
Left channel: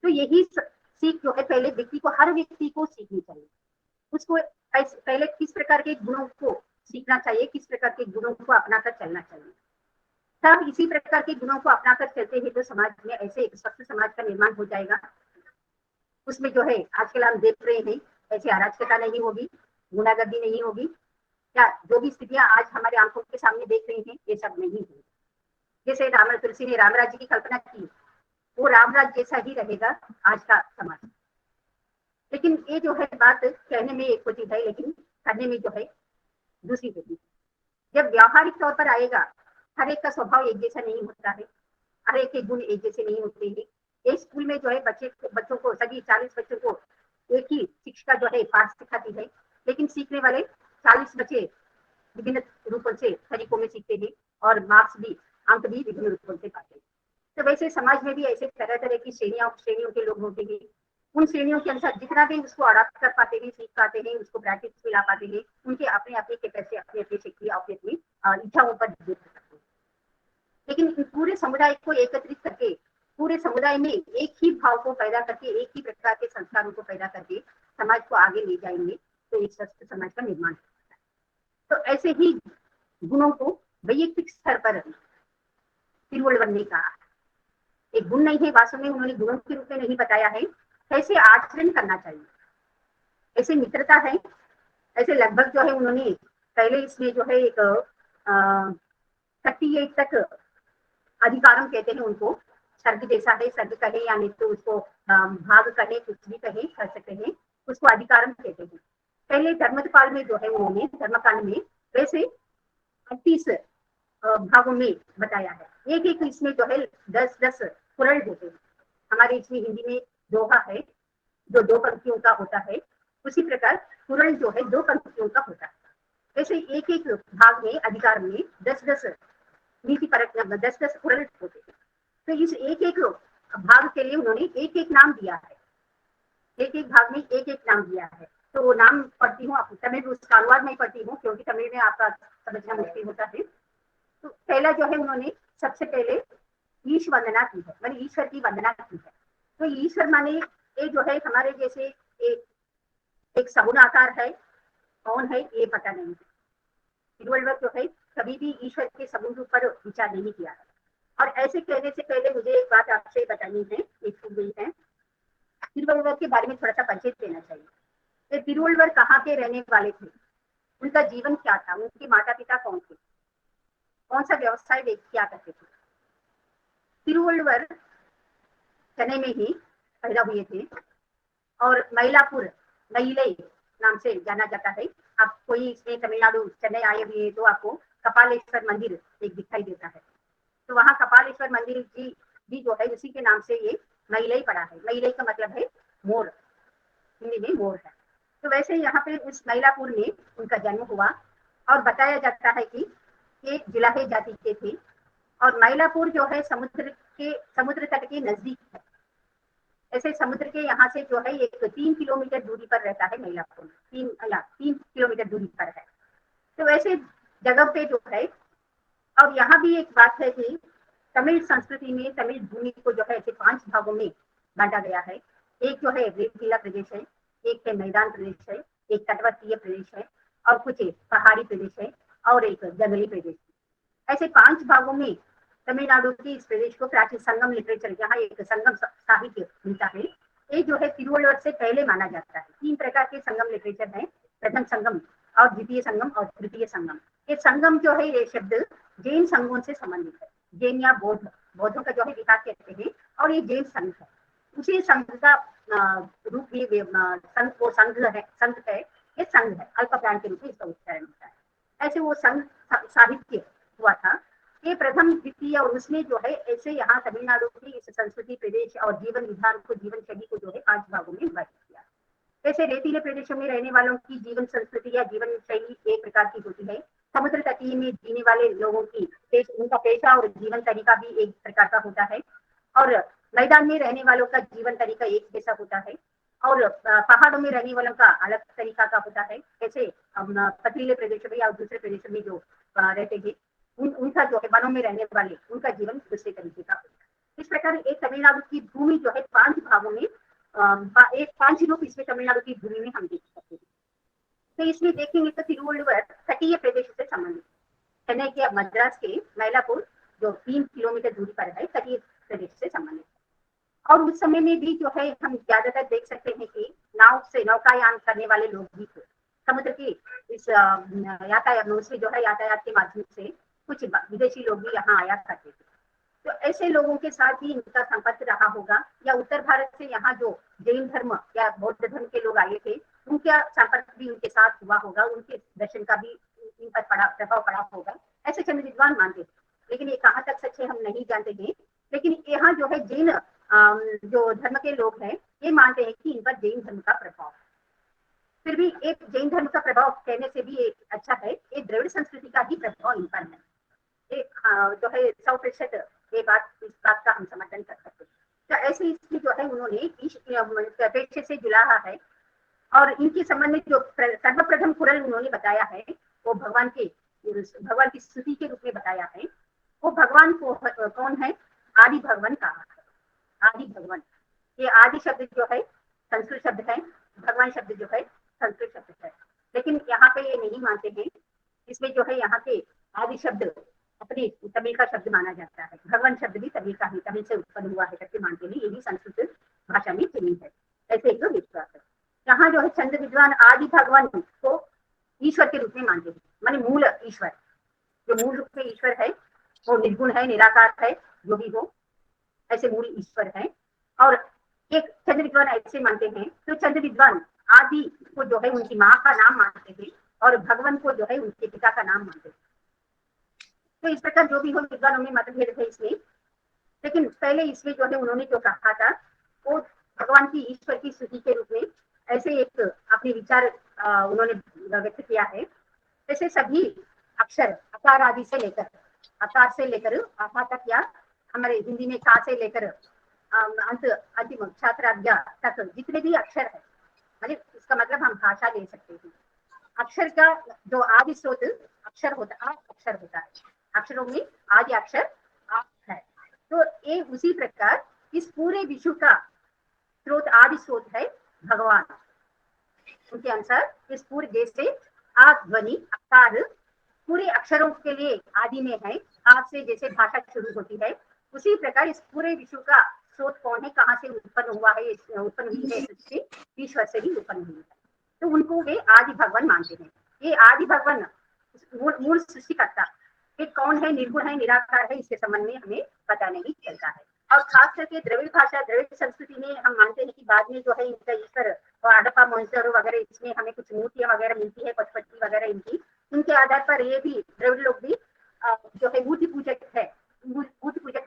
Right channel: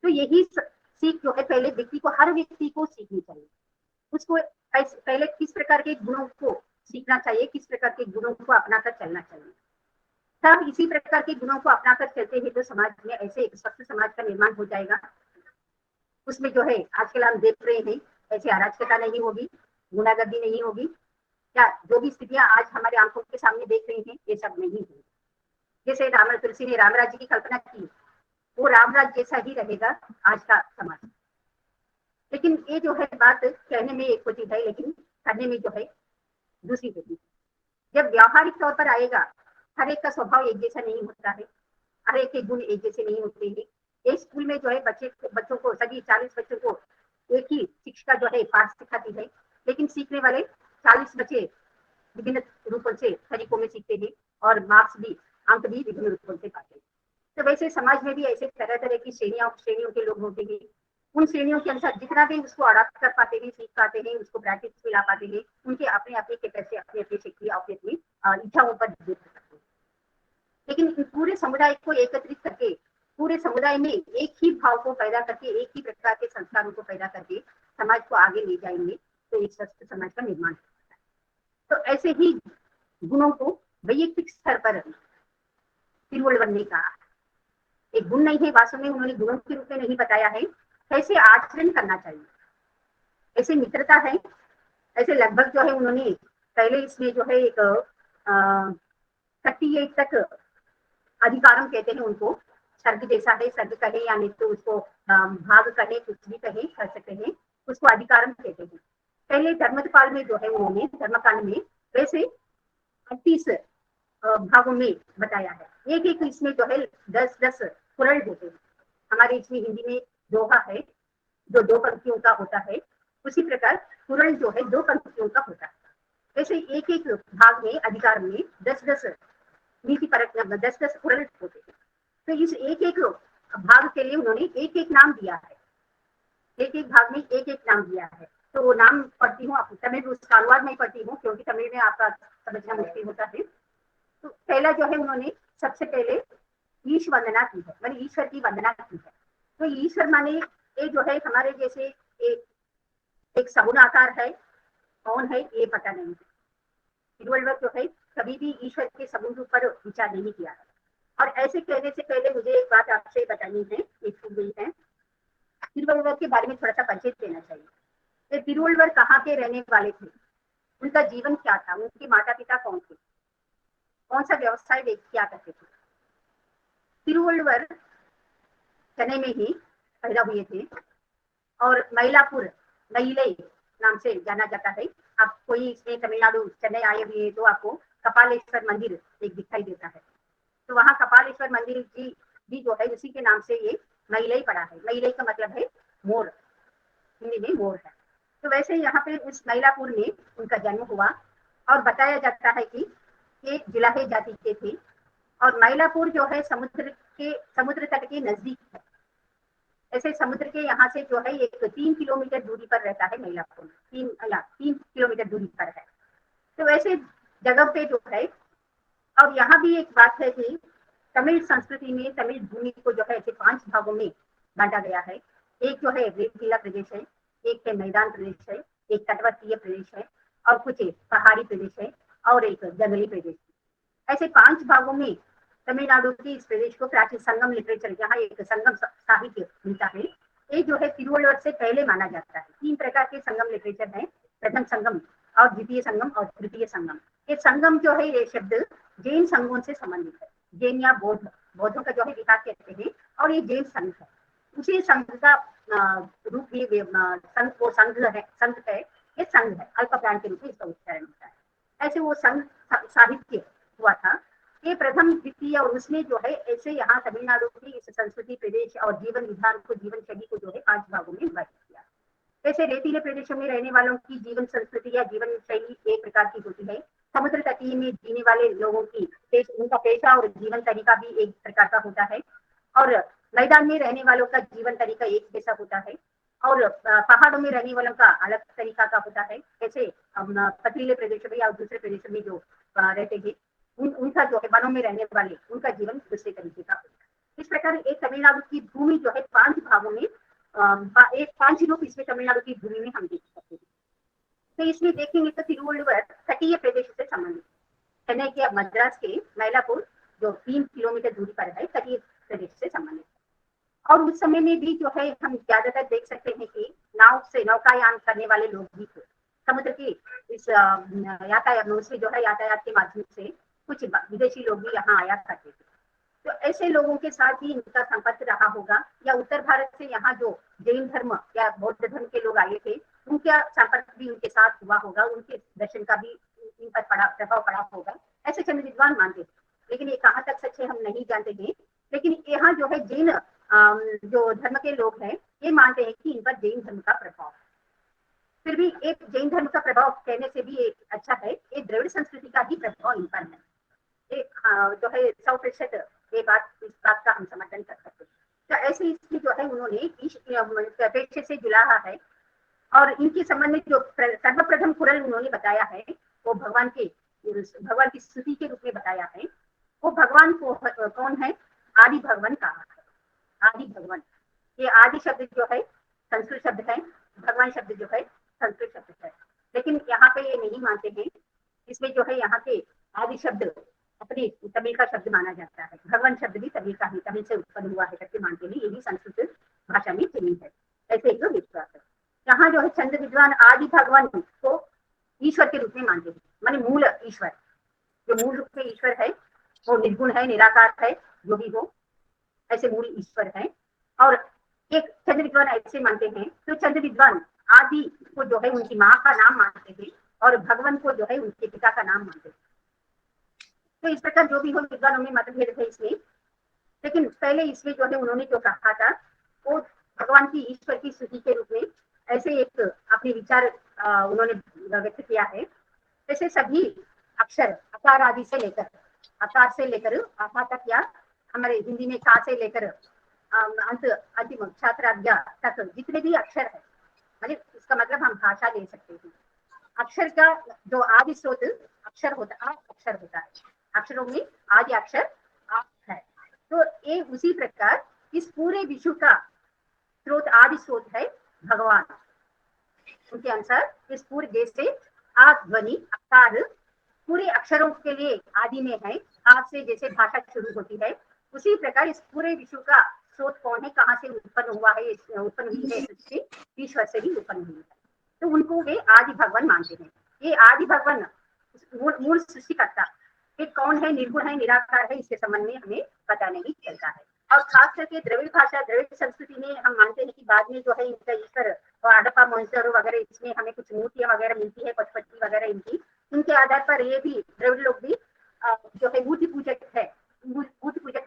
तो यही सीख जो है पहले व्यक्ति को, हर व्यक्ति को सीखनी चाहिए। उसको पहले किस प्रकार के गुणों को सीखना चाहिए, किस प्रकार के गुणों को अपनाकर चलना चाहिए। हम इसी प्रकार के गुणों को अपनाकर चलते हैं तो समाज में ऐसे एक स्वस्थ समाज का निर्माण हो जाएगा। उसमें जो है आजकल हम देख रहे हैं ऐसी अराजकता नहीं होगी, गुंडागर्दी नहीं होगी, या जो भी स्थितियां आज हमारे आंखों के सामने देख रहे हैं ये सब नहीं होगी। जैसे राम तुलसी ने राम राज्य की कल्पना की है, वो राम राज्य जैसा ही रहेगा आज का समाज। लेकिन ये जो है बात कहने में एक होती है, लेकिन करने में जो है दूसरी होती है। जब व्यावहारिक तौर पर आएगा, हर एक का स्वभाव एक जैसा नहीं होता है, हर एक की गुण एक जैसे नहीं होते हैं। एक स्कूल में जो है बच्चों को सभी 40 बच्चों को एक ही शिक्षिका जो है पाठ सिखाती है, लेकिन सीखने वाले 40 बच्चे विभिन्न रूपों से तरीकों में सीखते हैं और मार्क्स भी अंक भी विभिन्न रूपों से पाते हैं। तो वैसे समाज में भी ऐसे तरह तरह की श्रेणियों के लोग होते हैं। उन श्रेणियों के अनुसार जितना भी उसको अडाप्ट कर पाते हैं, सीख पाते हैं, उसको प्रैक्टिस में ला पाते हैं, उनके अपने अपने कैपेसिटी, अपनी अपनी शक्ति, अपनी अपनी इच्छाओं पर निर्भर करते हैं। लेकिन पूरे समुदाय को एकत्रित करके, पूरे समुदाय में एक ही भाव को पैदा करके, एक ही प्रकार के संस्कारों को पैदा करके समाज को आगे ले जाएंगे तो इस स्वस्थ समाज का निर्माण होता है। तो ऐसे ही गुणों को वैयक्तिक स्तर पर तिरुवल्लुवर ने कहा, एक गुण नहीं है, वास्तव में उन्होंने गुणों के रूप में नहीं बताया है, कैसे आचरण करना चाहिए, ऐसे मित्रता है, ऐसे लगभग जो है उन्होंने पहले इसमें जो है एक सक्रिय तक अधिकारम कहते हैं उनको, शब्द जैसा है, शब्द कहे या नहीं तो उसको भाव कहे, कुछ भी कहे, पहले धर्मपाल में जो है उन्होंने धर्मकांड में वैसे 38 भागों में बताया है। एक एक इसमें जो है 10-10 पुरण होते हैं। हमारे इसमें हिंदी में दोहा है जो 2 पंक्तियों का होता है, उसी प्रकार पुरण जो है 2 पंक्तियों का होता है। वैसे एक एक भाग में अधिकार में 10-10 पुरण होते हैं। तो इस एक एक भाग के लिए उन्होंने एक एक नाम दिया है, एक एक भाग में एक एक नाम दिया है। तो वो नाम पढ़ती हूँ, आपको तमिल अनुवाद नहीं पढ़ती हूँ क्योंकि तमिल में आपका समझना मुश्किल होता है। तो पहला जो है उन्होंने सबसे पहले ईश वंदना की है, मैंने ईश्वर की वंदना की है। तो ईश्वर माने ये जो है हमारे जैसे एक सगुण आकार है, कौन है ये पता नहीं है। तिरुवल्लुवर जो है कभी भी ईश्वर के सगुण रूप पर विचार नहीं किया है। और ऐसे कहने से पहले मुझे एक बात आपसे बतानी है, एक चीज ये है, तिरुवल्लुवर के बारे में थोड़ा सा परिचय देना चाहिए। तो तिरुवल्लुवर कहाँ के रहने वाले थे, उनका जीवन क्या था, उनके माता पिता कौन थे, कौन सा व्यवसाय वे क्या करते थे। तिरुवल्लुवर चेन्नई में ही पैदा हुए थे और मयलापुर मयिलाई नाम से जाना जाता है। आप कोई इसमें तमिलनाडु चेन्नई आए हुए तो आपको कपालेश्वर मंदिर एक दिखाई देता है, तो वहाँ कपालेश्वर मंदिर की भी जो है इसी के नाम से ये मयिलाई पड़ा है। मयिलाई का मतलब है मोर, हिंदी में मोर है। तो वैसे यहाँ पे उस मयलापुर में उनका जन्म हुआ और बताया जाता है कि ये जिलाहे जाति के थे और मयलापुर जो है समुद्र तट के नजदीक है। ऐसे समुद्र के यहाँ से जो है ये 3 किलोमीटर दूरी पर रहता है मयलापुर में, 3 किलोमीटर दूरी पर है। तो वैसे जगह पे जो है, और यहाँ भी एक बात है कि तमिल संस्कृति में तमिल भूमि को जो है ऐसे 5 भागों में बांटा गया है। एक जो है रेतीला प्रदेश है, एक है मैदान प्रदेश है, एक तटवर्तीय प्रदेश है और कुछ पहाड़ी प्रदेश है और एक जंगली प्रदेश है। ऐसे 5 भागों में तमिलनाडु के इस प्रदेश को प्राचीन संगम लिटरेचर, जहाँ एक संगम साहित्य मिलता है, ये जो है तिरुवल्लुवर से पहले माना जाता है। 3 प्रकार के संगम लिटरेचर है, प्रथम संगम और द्वितीय संगम और तृतीय संगम। ये संगम जो है ये शब्द जैन संघों से संबंधित है, जैन या बौद्धों का जो है विकास कहते हैं और ये जैन संघ है। उसी संघ का रूप भी संघ को संघ है, ये संघ है, अल्प प्राण के रूप में इसका उच्चारण होता है। ऐसे वो संघ साहित्य हुआ था, ये प्रथम द्वितीय, और उसमें जो है ऐसे यहाँ तमिलनाडु की इस संस्कृति प्रदेश और जीवन विधान को, जीवन शैली को जो है 5 भागों में विभाजित किया। ऐसे रेतीले प्रदेशों में रहने वालों की जीवन संस्कृति या जीवन शैली एक प्रकार की होती है। समुद्र तटीय में जीने वाले लोगों की उनका पेशा और जीवन तरीका भी एक प्रकार का होता है और मैदान में रहने वालों का जीवन तरीका एक जैसा होता है और पहाड़ों में रहने वालों का अलग तरीका का होता है। जैसे पथरीले प्रदेशों में या दूसरे प्रदेशों में जो रहते हैं उनका जो है वनों में रहने वाले उनका जीवन दूसरे तरीके का होता है। इस प्रकार एक तमिलनाडु की भूमि जो है 5 भागों में, एक 5 रूप इसमें तमिलनाडु की भूमि में हम देख सकते हैं। तो इसमें देखेंगे तो तिरुवल्लुवर तटीय प्रदेश से संबंधित, चेन्नई के मद्रास के मयलापुर जो 3 किलोमीटर दूरी पर है, तटीय प्रदेश से संबंधित है। और उस समय समय में भी जो है हम ज्यादातर देख सकते हैं कि नाव से नौकायान करने वाले लोग भी थे। समुद्र की इस यातायात से जो है यातायात के माध्यम से कुछ विदेशी लोग भी यहाँ आया करते थे। तो ऐसे लोगों के साथ ही इनका संपर्क रहा होगा, या उत्तर भारत से यहाँ जो जैन धर्म या बौद्ध धर्म के लोग आए थे उनके संपर्क भी उनके साथ हुए होंगे, उनके दर्शन का भी इन पर बड़ा प्रभाव पड़ा होगा, ऐसे चंद विद्वान मानते हैं। लेकिन ये कहाँ तक सच है हम नहीं जानते हैं। लेकिन यहाँ जो है जैन जो धर्म के लोग हैं ये मानते हैं कि इन पर जैन धर्म का प्रभाव। फिर भी एक जैन धर्म का प्रभाव कहने से भी एक अच्छा है, ये द्रविड़ संस्कृति का भी प्रभाव इन पर है। जो है 100% ये बात, इस बात का हम समर्थन कर सकते हैं। तो ऐसे इसमें जो है उन्होंने पेशे से जुड़ा है, और इनके संबंध में जो सर्वप्रथम कुरल उन्होंने बताया है वो भगवान की स्तुति के रूप में बताया है। वो भगवान को कौन है? आदि भगवान कहा है। आदि भगवान, ये आदि शब्द जो है संस्कृत शब्द है, भगवान शब्द जो है संस्कृत शब्द है, लेकिन यहाँ पे ये नहीं मानते हैं। इसमें जो है यहाँ पे आदि शब्द अपनी तमिल का शब्द माना जाता है, भगवान शब्द भी तमिल का ही, तमिल से उत्पन्न हुआ है करके मानते हैं। ये भी संस्कृत भाषा में प्रयुक्त है, ऐसे जो विश्वास है। यहाँ जो है चंद विद्वान आदि भगवान को ईश्वर के रूप में मानते हैं, माने मूल ईश्वर, जो मूल रूप में ईश्वर है वो निर्गुण है, निराकार है, जो भी हो ऐसे मूल ईश्वर है। और एक चंद विद्वान ऐसे मानते हैं, तो चंद विद्वान आदि को जो है उनकी माँ का नाम मानते हैं और भगवान को जो है उनके पिता का नाम मानते हैं। तो इस प्रकार जो भी हो विद्वानों में मतभेद है इसमें, लेकिन पहले इसमें जो है उन्होंने जो कहा था वो भगवान की ईश्वर की स्तुति के रूप में ऐसे एक अपने विचार उन्होंने व्यक्त किया है। जैसे सभी अक्षर अकार आदि से लेकर आकार से लेकर आका तक, या हमारे हिंदी में का से लेकर अंत अंतिम छात्राज्ञा तक जितने भी अक्षर है, मतलब इसका मतलब हम भाषा ले सकते हैं। अक्षर का जो आदि स्रोत अक्षर होता है, अक्षरों में आदि अक्षर आ है। तो ये उसी प्रकार इस पूरे विश्व का स्रोत, आदि स्रोत है भगवान। उनके अनुसार इस पूरे देश से आ ध्वनि अकार पूरे अक्षरों के लिए आदि में है। आज से जैसे भाषा शुरू होती है उसी प्रकार इस पूरे विश्व का स्रोत कौन है, कहाँ से उत्पन्न हुआ है, उत्पन्न हुई है सृष्टि, ईश्वर से ही उत्पन्न हुई है। तो उनको वे आदि भगवान मानते हैं। ये आदि भगवान मूल सृष्टिकर्ता ये कौन है, निर्गुण है, निराकार है, इसके संबंध में हमें पता नहीं चलता है। और खास करके द्रविड़ भाषा, द्रविड़ संस्कृति में हम मानते हैं कि बाद में जो है इनका ईश्वर हड़प्पा मोहनजोदड़ो वगैरह इसमें हमें कुछ मूर्तियां वगैरह मिलती है, पशुपति वगैरह इनके आधार पर ये भी द्रविड़ लोग भी जो है मूर्ति पूजक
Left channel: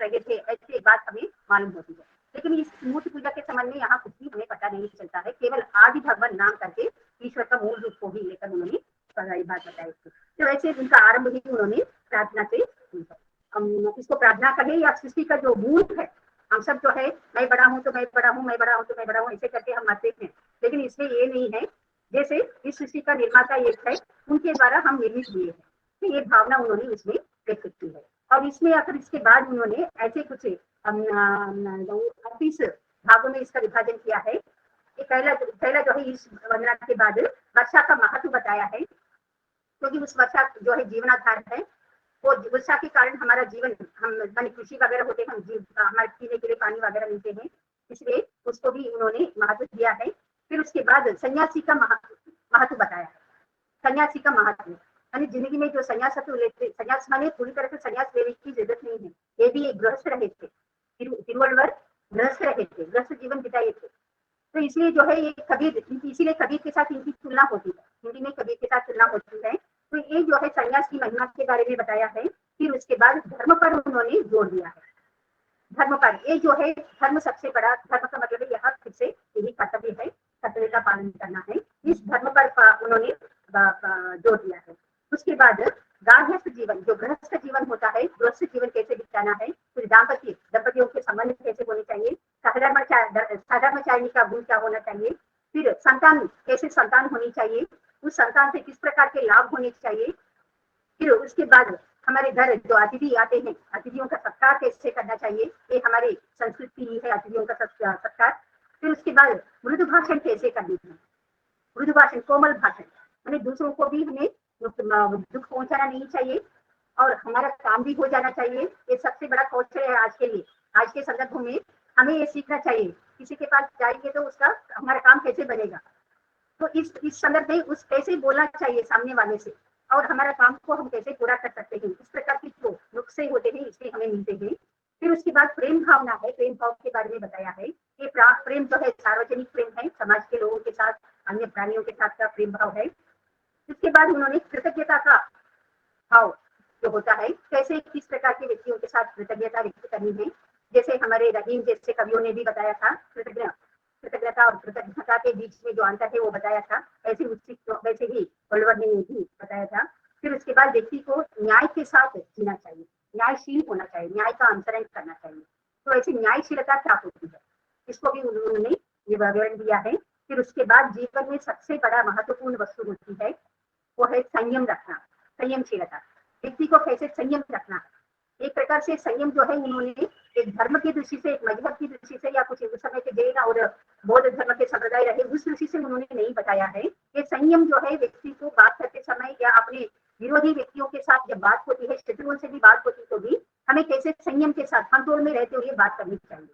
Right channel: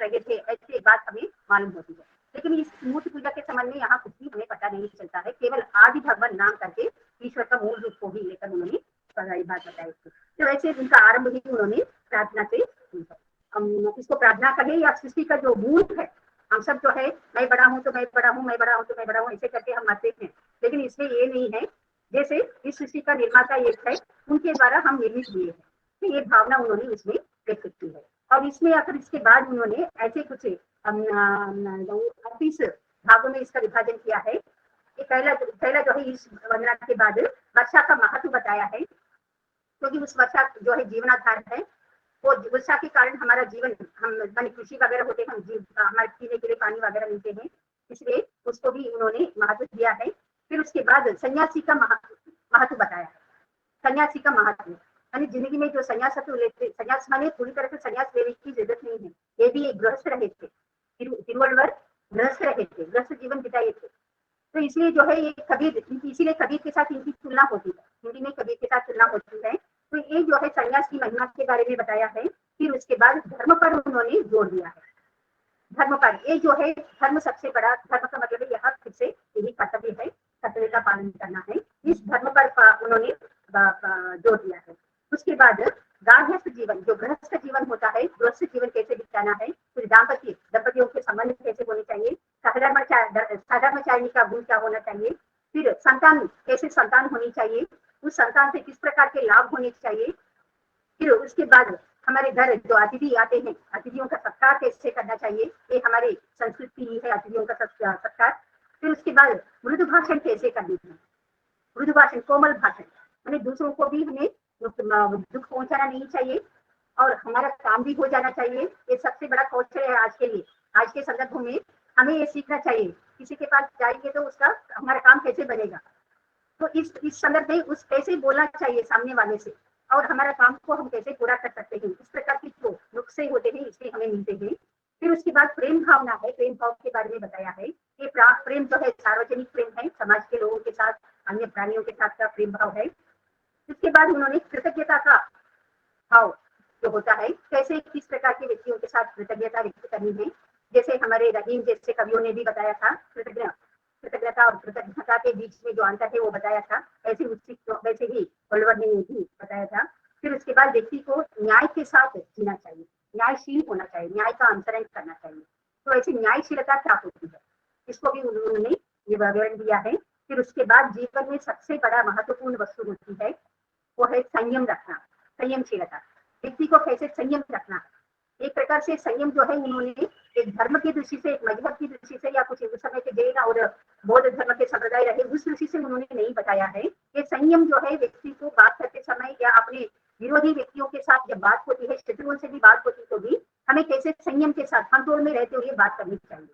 रहे थे, ऐसी बात हमें मालूम होती है। लेकिन इस मूर्ति पूजा के संबंध में यहाँ कुछ भी हमें पता नहीं चलता है, केवल आदि भगवान नाम करके ईश्वर का मूल रूप को ही लेकर उन्होंने बात बताई। तो वैसे उनका आरंभ ही उन्होंने प्रार्थना से की है। इसको प्रार्थना कहें या सृष्टि का जो मूल है, हम सब जो है मैं बड़ा हूँ तो मैं बड़ा हूँ, मैं बड़ा हूँ तो मैं बड़ा हूँ, ऐसे करके हम मानते हैं। लेकिन इसमें ये नहीं है, जैसे इस सृष्टि का निर्माता एक है, उनके द्वारा हम निर्मित हुए हैं, तो ये भावना उन्होंने इसमें व्यक्त की है। और इसमें आकर इसके बाद उन्होंने ऐसे कुछ 38 भागों में इसका विभाजन किया है। पहला जो है इस वंदना के बाद वर्षा का महत्व बताया है, क्योंकि उस वर्षा जो है जीवनाधार है, वो वर्षा के कारण हमारा जीवन, हम कृषि वगैरह होते हैं, हमारे पीने के लिए पानी वगैरह मिलते हैं, इसलिए उसको भी उन्होंने महत्व दिया है। फिर उसके बाद सन्यासी का महत्व बताया। सन्यासी का महत्व यानी जिंदगी में जो सन्यासत्व लेते, सन्यास माने पूरी तरह से सन्यास लेने की जरूरत नहीं है, ये भी एक गृहस्थ रहे थे, तिरुवल्लुवर गृहस्थ रहे थे, गृहस्थ जीवन बिताए थे। तो इसलिए जो है ये कबीर, इसीलिए कबीर के साथ इनकी तुलना होती है, हिंदी में कबीर के साथ तुलना होती है। तो ये जो है सन्यास की महिमा के बारे में बताया है। फिर उसके बाद धर्म पर उन्होंने जोर दिया है। धर्म पर, ये जो है धर्म सबसे बड़ा, धर्म का मतलब है यह फिर से यही कर्तव्य है, कर्तव्य का पालन करना है, इस धर्म पर उन्होंने जोर दिया है। उसके बाद गार्हस्थ जीवन, जो गृहस्थ जीवन होता है, गृहस्थ जीवन कैसे बिताना है, फिर दंपतियों के संबंध कैसे होने चाहिए, साधर्मचारिणी का गुण क्या होना चाहिए, फिर संतान कैसे संतान होनी चाहिए, उस संतान से किस प्रकार के रिलेशन होने चाहिए। फिर उसके बाद हमारे घर जो अतिथि आते हैं, अतिथियों का सत्कार कैसे करना चाहिए, ये हमारी संस्कृति ही है, अतिथियों का सत्कार। फिर उसके बाद मृदु भाषण कैसे करनी है, मृदु भाषण, कोमल भाषण, यानी दूसरों को भी हमें दुख पहुंचाना नहीं चाहिए और हमारा काम भी हो जाना चाहिए। ये सबसे बड़ा कौशल है आज के लिए, आज के संदर्भ में हमें ये सीखना चाहिए, किसी के पास जाएंगे तो उसका हमारा काम कैसे बनेगा, तो इस संदर्भ में उस कैसे बोलना चाहिए सामने वाले से, और हमारा काम को हम कैसे पूरा कर सकते हैं, इस प्रकार के जो नुस्खे होते हैं इसमें हमें मिलते हैं। फिर उसके बाद प्रेम भावना है, प्रेम भाव के बारे में बताया है कि प्रेम जो है सार्वजनिक प्रेम है, समाज के लोगों के साथ, अन्य प्राणियों के साथ का प्रेम भाव है। इसके बाद उन्होंने कृतज्ञता का भाव जो होता है, कैसे किस प्रकार के व्यक्तियों के साथ कृतज्ञता व्यक्त करनी है, जैसे हमारे रहीम जैसे कवियों ने भी बताया था, कृतज्ञता और कृतज्ञता के बीच में जो अंतर है वो बताया था, वैसे ही ओलिवर ने भी बताया था। फिर उसके बाद व्यक्ति को न्याय के साथ जीना चाहिए, न्यायशील होना चाहिए, न्याय का अनुसरण करना चाहिए। तो ऐसी न्यायशीलता क्या होती है, इसको भी उन्होंने ये विवरण दिया है। फिर उसके बाद जीवन में सबसे बड़ा महत्वपूर्ण वस्तु होती है वो है संयम रखना, संयमशीलता, व्यक्ति को कैसे संयम रखना। एक प्रकार से संयम जो है उन्होंने एक धर्म की दृष्टि से, एक मजहब की दृष्टि से, या कुछ इस समय के जैन और बौद्ध धर्म के संप्रदाय रहे उस दृष्टि से उन्होंने नहीं बताया है कि संयम जो है व्यक्ति को बात करते समय या अपने विरोधी व्यक्तियों के साथ जब बात होती है, शत्रुओं से भी बात होती तो भी हमें कैसे संयम के साथ कंट्रोल में रहते हुए बात करनी चाहिए।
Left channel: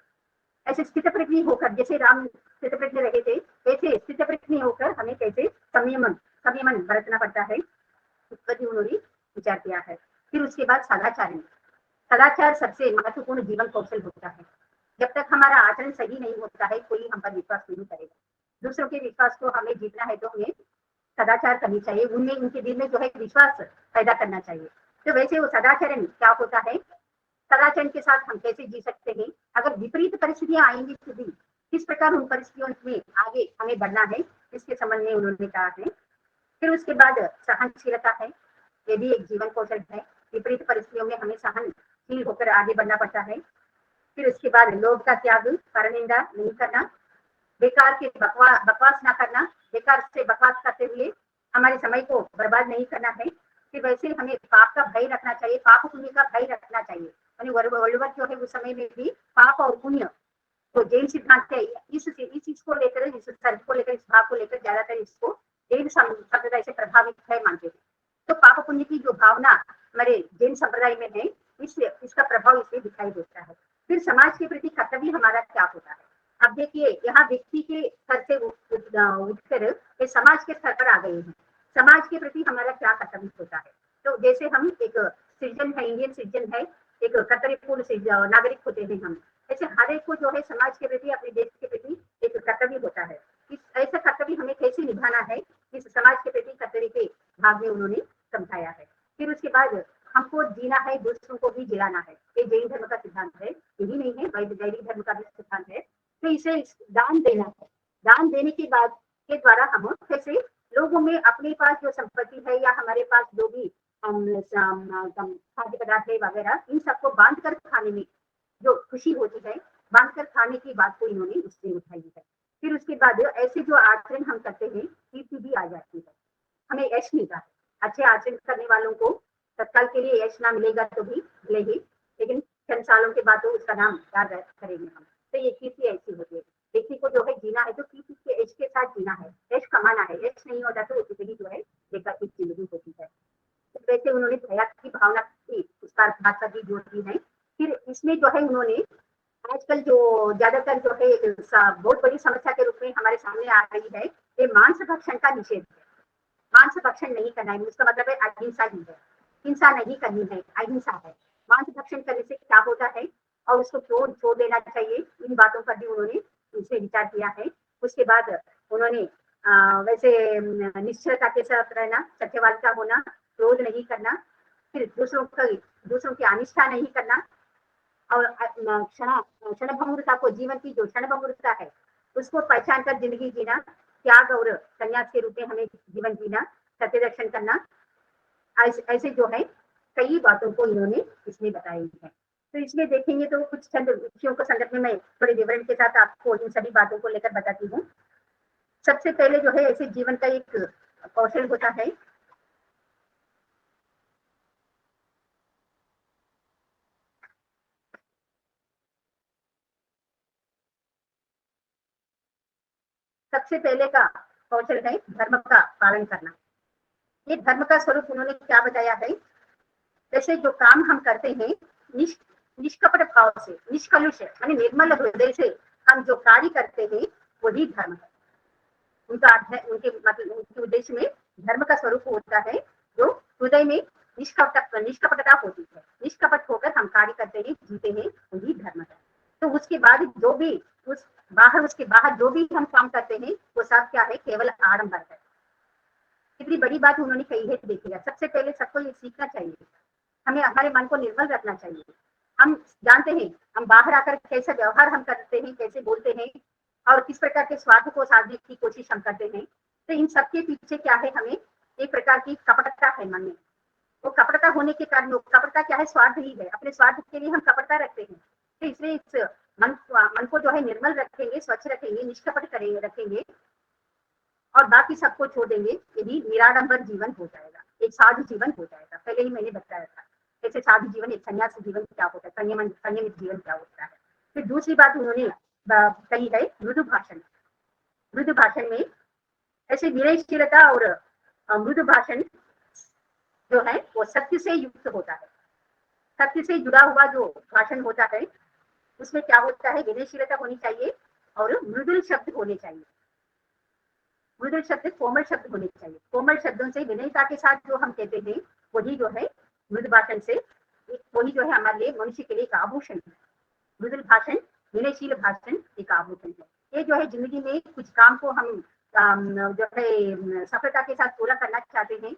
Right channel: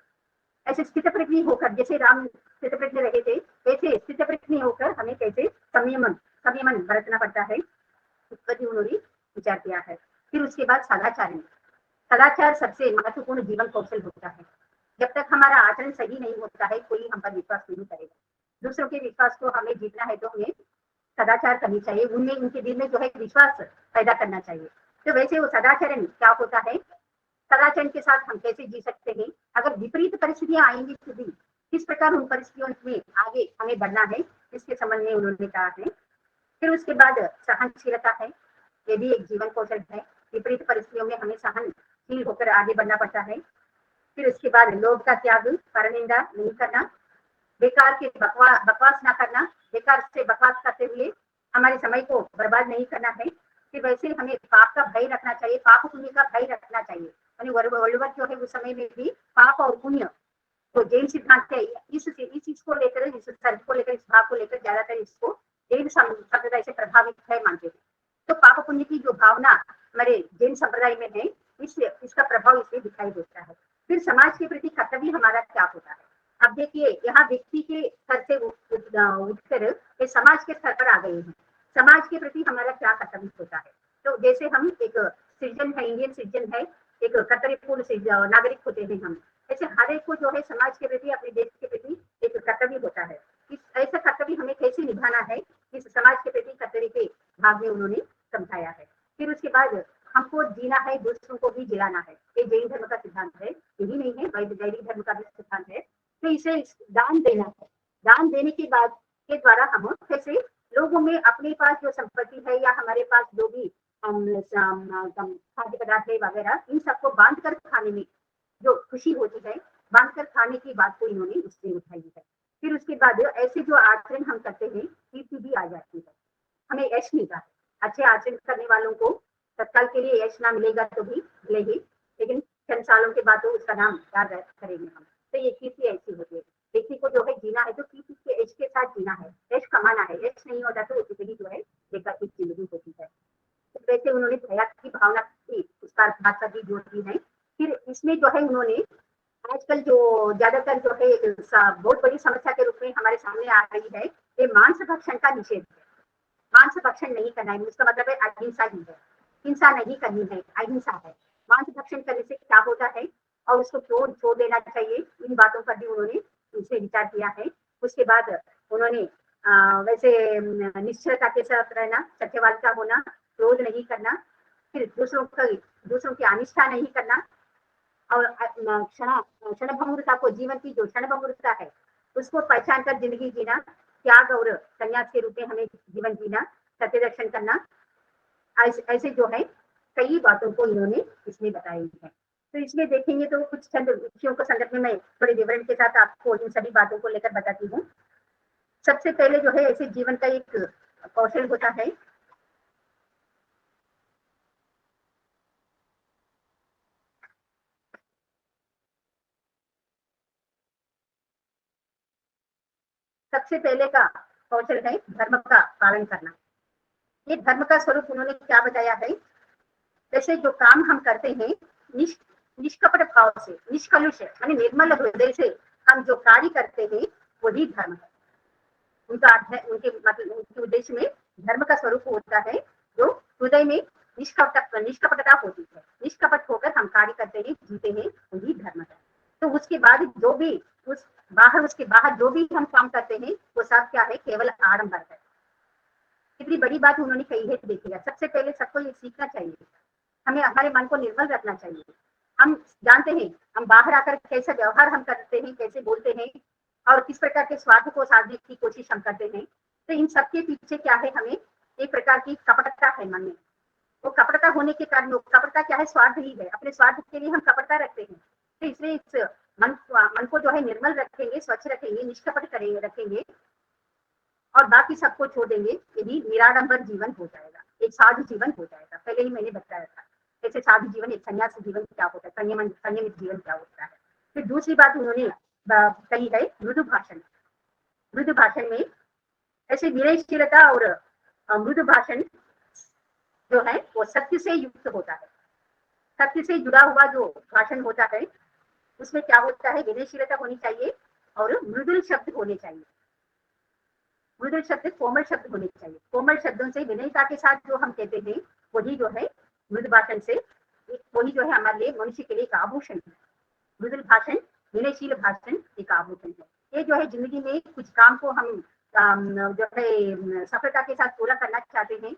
ऐसे स्थितप्रज्ञ होकर, जैसे राम स्थितप्रज्ञ रहे थे, वैसे स्थितप्रज्ञ होकर हमें कैसे संयमन बरतना पड़ता है, उस पर भी उन्होंने विचार किया है। फिर उसके बाद सदाचार, सदाचार सबसे महत्वपूर्ण जीवन कौशल होता है। जब तक हमारा आचरण सही नहीं होता है कोई हम पर विश्वास नहीं करेगा। दूसरों के विश्वास को हमें जीतना है तो हमें सदाचार करनी चाहिए, उनमें उनके दिल में जो है विश्वास पैदा करना चाहिए। तो वैसे वो सदाचरण क्या होता है, सदाचरण के साथ हम कैसे जी सकते हैं, अगर विपरीत परिस्थितियां आएंगी तो भी किस प्रकार उन परिस्थितियों में आगे हमें बढ़ना है, इसके संबंध में उन्होंने कहा है। फिर उसके बाद सहनशीलता है, ये भी एक जीवन कौशल है, विपरीत परिस्थितियों में हमें सहनशील होकर आगे बढ़ना पड़ता है। फिर उसके बाद लोभ का त्याग, परनिंदा नहीं करना, बेकार के बकवास ना करना, बेकार से बकवास करते हुए हमारे समय को बर्बाद नहीं करना है। फिर वैसे हमें पाप का भय रखना चाहिए, पाप पुण्य का भय रखना चाहिए। वल्लभ जो है उस समय में भी पाप और पुण्य तो जैन सिद्धांत है, इस चीज को लेकर, इस तर्क को लेकर, इस भाव को लेकर ज्यादातर इसको जैन संप्रदाय से प्रभावित है मानते हैं। तो पाप पुण्य की जो भावना हमारे जैन संप्रदाय में है, इसका प्रभाव इसमें दिखाई देता है। फिर समाज के प्रति कर्तव्य हमारा क्या होता है, अब देखिए यहाँ व्यक्ति के स्तर से उठकर समाज के स्तर पर आ गए हैं, समाज के प्रति हमारा क्या कर्तव्य होता है। तो जैसे हम एक सिटीजन है, इंडियन सिटीजन है, एक कर्तव्यपूर्ण नागरिक होते हैं हम, ऐसे हर एक को जो है समाज के प्रति, अपने देश के प्रति एक कर्तव्य होता है। इस ऐसा कर्तव्य हमें कैसे निभाना है, इस समाज के प्रति कर्तव्य के भाग में उन्होंने समझाया है। फिर उसके बाद हमको जीना है, दूसरों को भी जिलाना है, ये जैन धर्म का सिद्धांत है, यही नहीं है वैदिक धर्म का सिद्धांत है। तो इसे दान देना है, दान देने के बाद के द्वारा हम कैसे लोगों में अपने पास जो संपत्ति है या हमारे पास जो भी खाद्य पदार्थ है वगैरह, इन सबको बांट कर खाने में जो खुशी होती है, बांट कर खाने की बात को उन्होंने इसमें दिखाई है। फिर उसके बाद ऐसी जो आचरण हम कहते हैं, कीर्ति भी हमें यश मिलता है, अच्छे आचरण करने वालों को तत्काल के लिए यश ना मिलेगा तो भी नहीं, लेकिन चंद सालों के बाद तो उसका नाम याद करेंगे हम। तो ये कीर्ति ऐसी होती है, व्यक्ति को जो है जीना है तो कीर्ति के यश के साथ जीना है, यश कमाना है, यश नहीं होता तो इतनी जो है बेकार की जिंदगी होती है। वैसे उन्होंने दया की भावना की उसका बात का भी जोर दी है। फिर इसमें जो है उन्होंने आजकल जो ज्यादातर जो है बहुत बड़ी समस्या के रूप में हमारे सामने आ रही है, ये मांस भक्षण का निषेध है। मांस भक्षण नहीं करना है, इसका मतलब है अहिंसा ही है, हिंसा नहीं करनी है, अहिंसा है। मांस भक्षण करने से क्या होता है और उसको क्यों छोड़ देना चाहिए, इन बातों पर भी उन्होंने इनसे विचार किया है। उसके बाद उन्होंने वैसे निश्चयता के साथ रहना, सत्यवादिता होना, क्रोध नहीं करना, फिर दूसरों की अनिष्टा नहीं करना, और क्षणभंगुरता को, जीवन की जो क्षणभंगुरता है उसको पहचान कर जिंदगी जीना, त्याग और संन्यास के रूप में हमें जीवन जीना, सत्य दर्शन करना, ऐसे जो है कई बातों को इन्होंने इसमें बताई है। तो इसमें देखेंगे तो कुछ चंद विषयों को संदर्भ में मैं थोड़े विवरण के साथ आपको इन सभी बातों को लेकर बताती हूँ। सबसे पहले जो है ऐसे जीवन का एक कौशल होता है, सबसे पहले का कौशल है धर्म का पालन करना। ये धर्म का स्वरूप उन्होंने क्या बताया है, जैसे जो काम हम करते हैं निष्कपट भाव से, निष्कलुष यानी निर्मल हृदय से हम जो कार्य करते हैं वही धर्म है। उनका अर्थ है, उनके मतलब उनके उद्देश्य में धर्म का स्वरूप होता है जो हृदय में निष्कपटता होती है, निष्कपट होकर हम कार्य करते हैं, जीते हैं, वही धर्म है। तो उसके बाद जो भी उसके बाहर जो भी हम काम करते हैं वो सब क्या है, केवल आडंबर है। कितनी बड़ी बात उन्होंने कही है देखिएगा। सबसे पहले सबको ये सीखना चाहिए, हमें हमारे मन को निर्मल रखना चाहिए। हम जानते हैं हम बाहर आकर कैसे व्यवहार हम करते हैं, कैसे बोलते हैं और किस प्रकार के स्वार्थ को साधने की कोशिश हम करते हैं। तो इन सबके पीछे क्या है, हमें एक प्रकार की कपटता है मन में। वो कपटता होने के कारण, कपटता क्या है, स्वार्थ ही है, अपने स्वार्थ के लिए हम कपटता रखते हैं। तो इसलिए इस मन को जो है निर्मल रखेंगे, स्वच्छ रखेंगे, निष्कपट करेंगे रखेंगे और बाकी सबको छोड़ देंगे, यदि निराडंबर जीवन हो जाएगा, एक साधु जीवन हो जाएगा। पहले ही मैंने बताया था ऐसे साधु जीवन, एक सन्यासी जीवन क्या होता है, संयमित जीवन क्या होता है। फिर दूसरी बात उन्होंने कही है मृदु भाषण। मृदु भाषण में ऐसे विनयशीलता और मृदु भाषण जो है वो सत्य से युक्त होता है। सत्य से जुड़ा हुआ जो भाषण होता है उसमें क्या होता है, विनयशीलता होनी चाहिए और मृदुल शब्द होने चाहिए। मृदुल शब्द कोमल शब्द होने चाहिए। कोमल शब्दों से विनयता के साथ जो हम कहते हैं वही जो है मृदु भाषण से, वही जो है हमारे लिए मनुष्य के लिए एक आभूषण है। मृदुल भाषण, विनयशील भाषण एक आभूषण है। ये जो है जिंदगी में कुछ काम को हम जो है सफलता के साथ पूरा करना चाहते हैं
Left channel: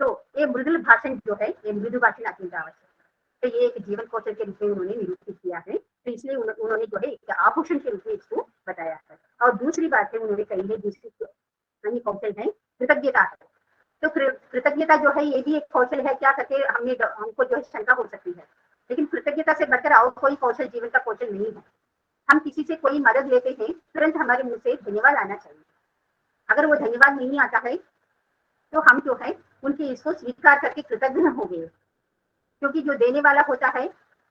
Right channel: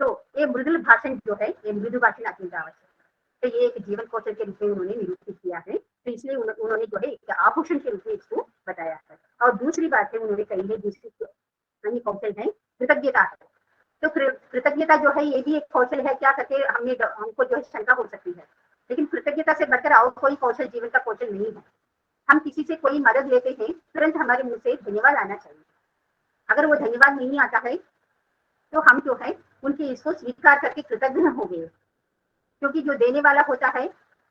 तो ये मृदुल भाषण जो है, ये मृदु भाषण अपनी आवश्यक है। तो ये एक जीवन कौशल के रूप में उन्होंने निरूपित किया है। तो इसलिए उन्होंने जो है एक आभूषण के रूप में इसको बताया है। और दूसरी बात है उन्होंने कही है, दूसरी अन्य कौशल है कृतज्ञता। तो कृतज्ञता जो है ये भी एक कौशल है। क्या करके हमको जो है शंका हो सकती है, लेकिन कृतज्ञता से बढ़कर और कोई कौशल जीवन का कौशल नहीं है। हम किसी से कोई मदद लेते हैं, तुरंत हमारे मुंह से धन्यवाद आना चाहिए। अगर वो धन्यवाद नहीं आता है तो हम जो है उनके इसको स्वीकार करके कृतज्ञ हो गए, क्योंकि जो देने वाला होता है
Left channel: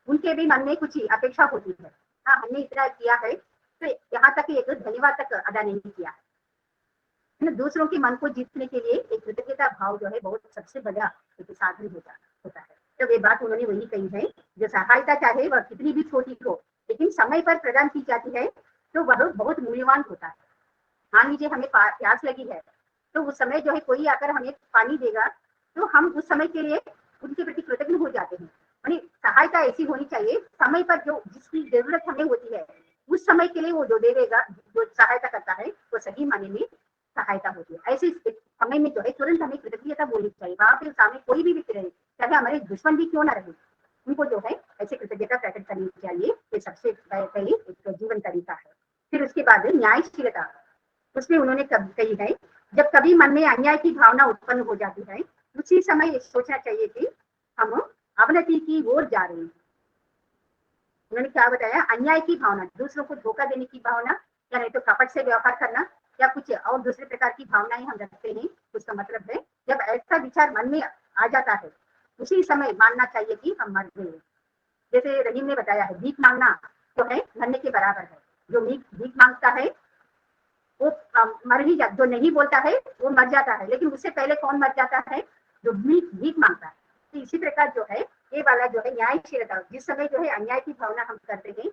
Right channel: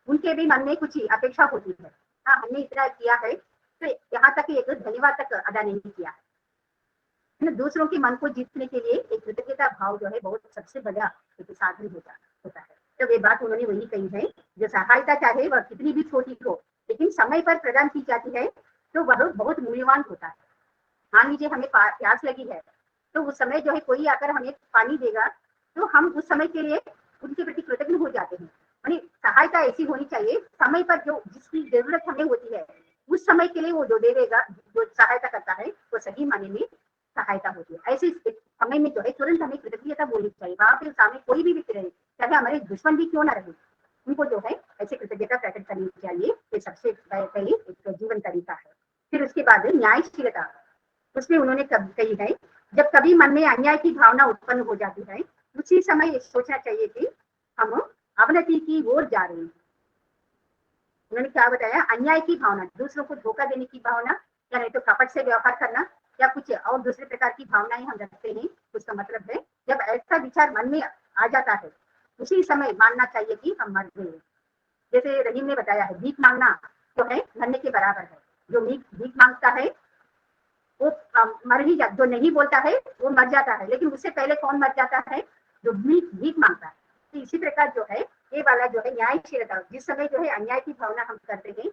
उनके भी मन में कुछ अपेक्षा होती है। हाँ, हमने इतना किया है तो यहाँ तक एक धन्यवाद तक अदा नहीं किया है। दूसरों के मन को जीतने के लिए एक कृतज्ञता भाव जो है बहुत सबसे बड़ा एक साधन होता है। तो ये बात उन्होंने वही कही है, जो सहायता चाहे वह कितनी भी छोटी हो लेकिन समय पर प्रदान की जाती है तो वह बहुत मूल्यवान होता है। मान लीजिए हमें प्यास लगी है तो उस समय जो है कोई आकर हमें पानी देगा तो हम उस समय के लिए उनके प्रति कृतज्ञ हो जाते हैं। यानी सहायता ऐसी होनी चाहिए, समय पर जो जिसकी जरूरत हमें होती है उस समय के लिए वो जो देगा, जो सहायता करता है वो सही मायने में सहायता होती है। ऐसे समय में जो है तुरंत हमें कृतज्ञता बोलनी चाहिए। वहां पर सामने कोई भी व्यक्ति रहे, चाहे हमारे दुश्मन भी क्यों ना रहे, उनको जो है ऐसी कृतज्ञता प्रकट करनी चाहिए। ये सबसे पहले एक जीवन तरीका है। फिर उसके बाद न्यायशीलता, उसमें उन्होंने कही है, जब कभी मन में अन्याय की भावना उत्पन्न हो जाती है उसी समय सोचना चाहिए कि हम अवनति की ओर जा रहे हैं। उन्होंने क्या बताया, अन्याय की भावना, दूसरों को धोखा देने की भावना या नहीं तो कपट से व्यवहार करना या कुछ और दूसरे प्रकार की भावनाएं हम रखते हैं। उसका मतलब है जब ऐसा विचार मन में आ जाता है उसी समय मानना चाहिए कि हम मर गए। जैसे रहीम ने बताया है, भीख मांगना तो है मरने के बराबर है। जो भीख मांगता है वो मर ही जाता, जो नहीं बोलता है वो मर जाता है, लेकिन उससे पहले कौन मर जाता है, जो भीख मांगता है। तो इसी प्रकार जो है ये वाला जो है न्यायशीलता, जिस समय जो है अन्याय की भावना हम करते हैं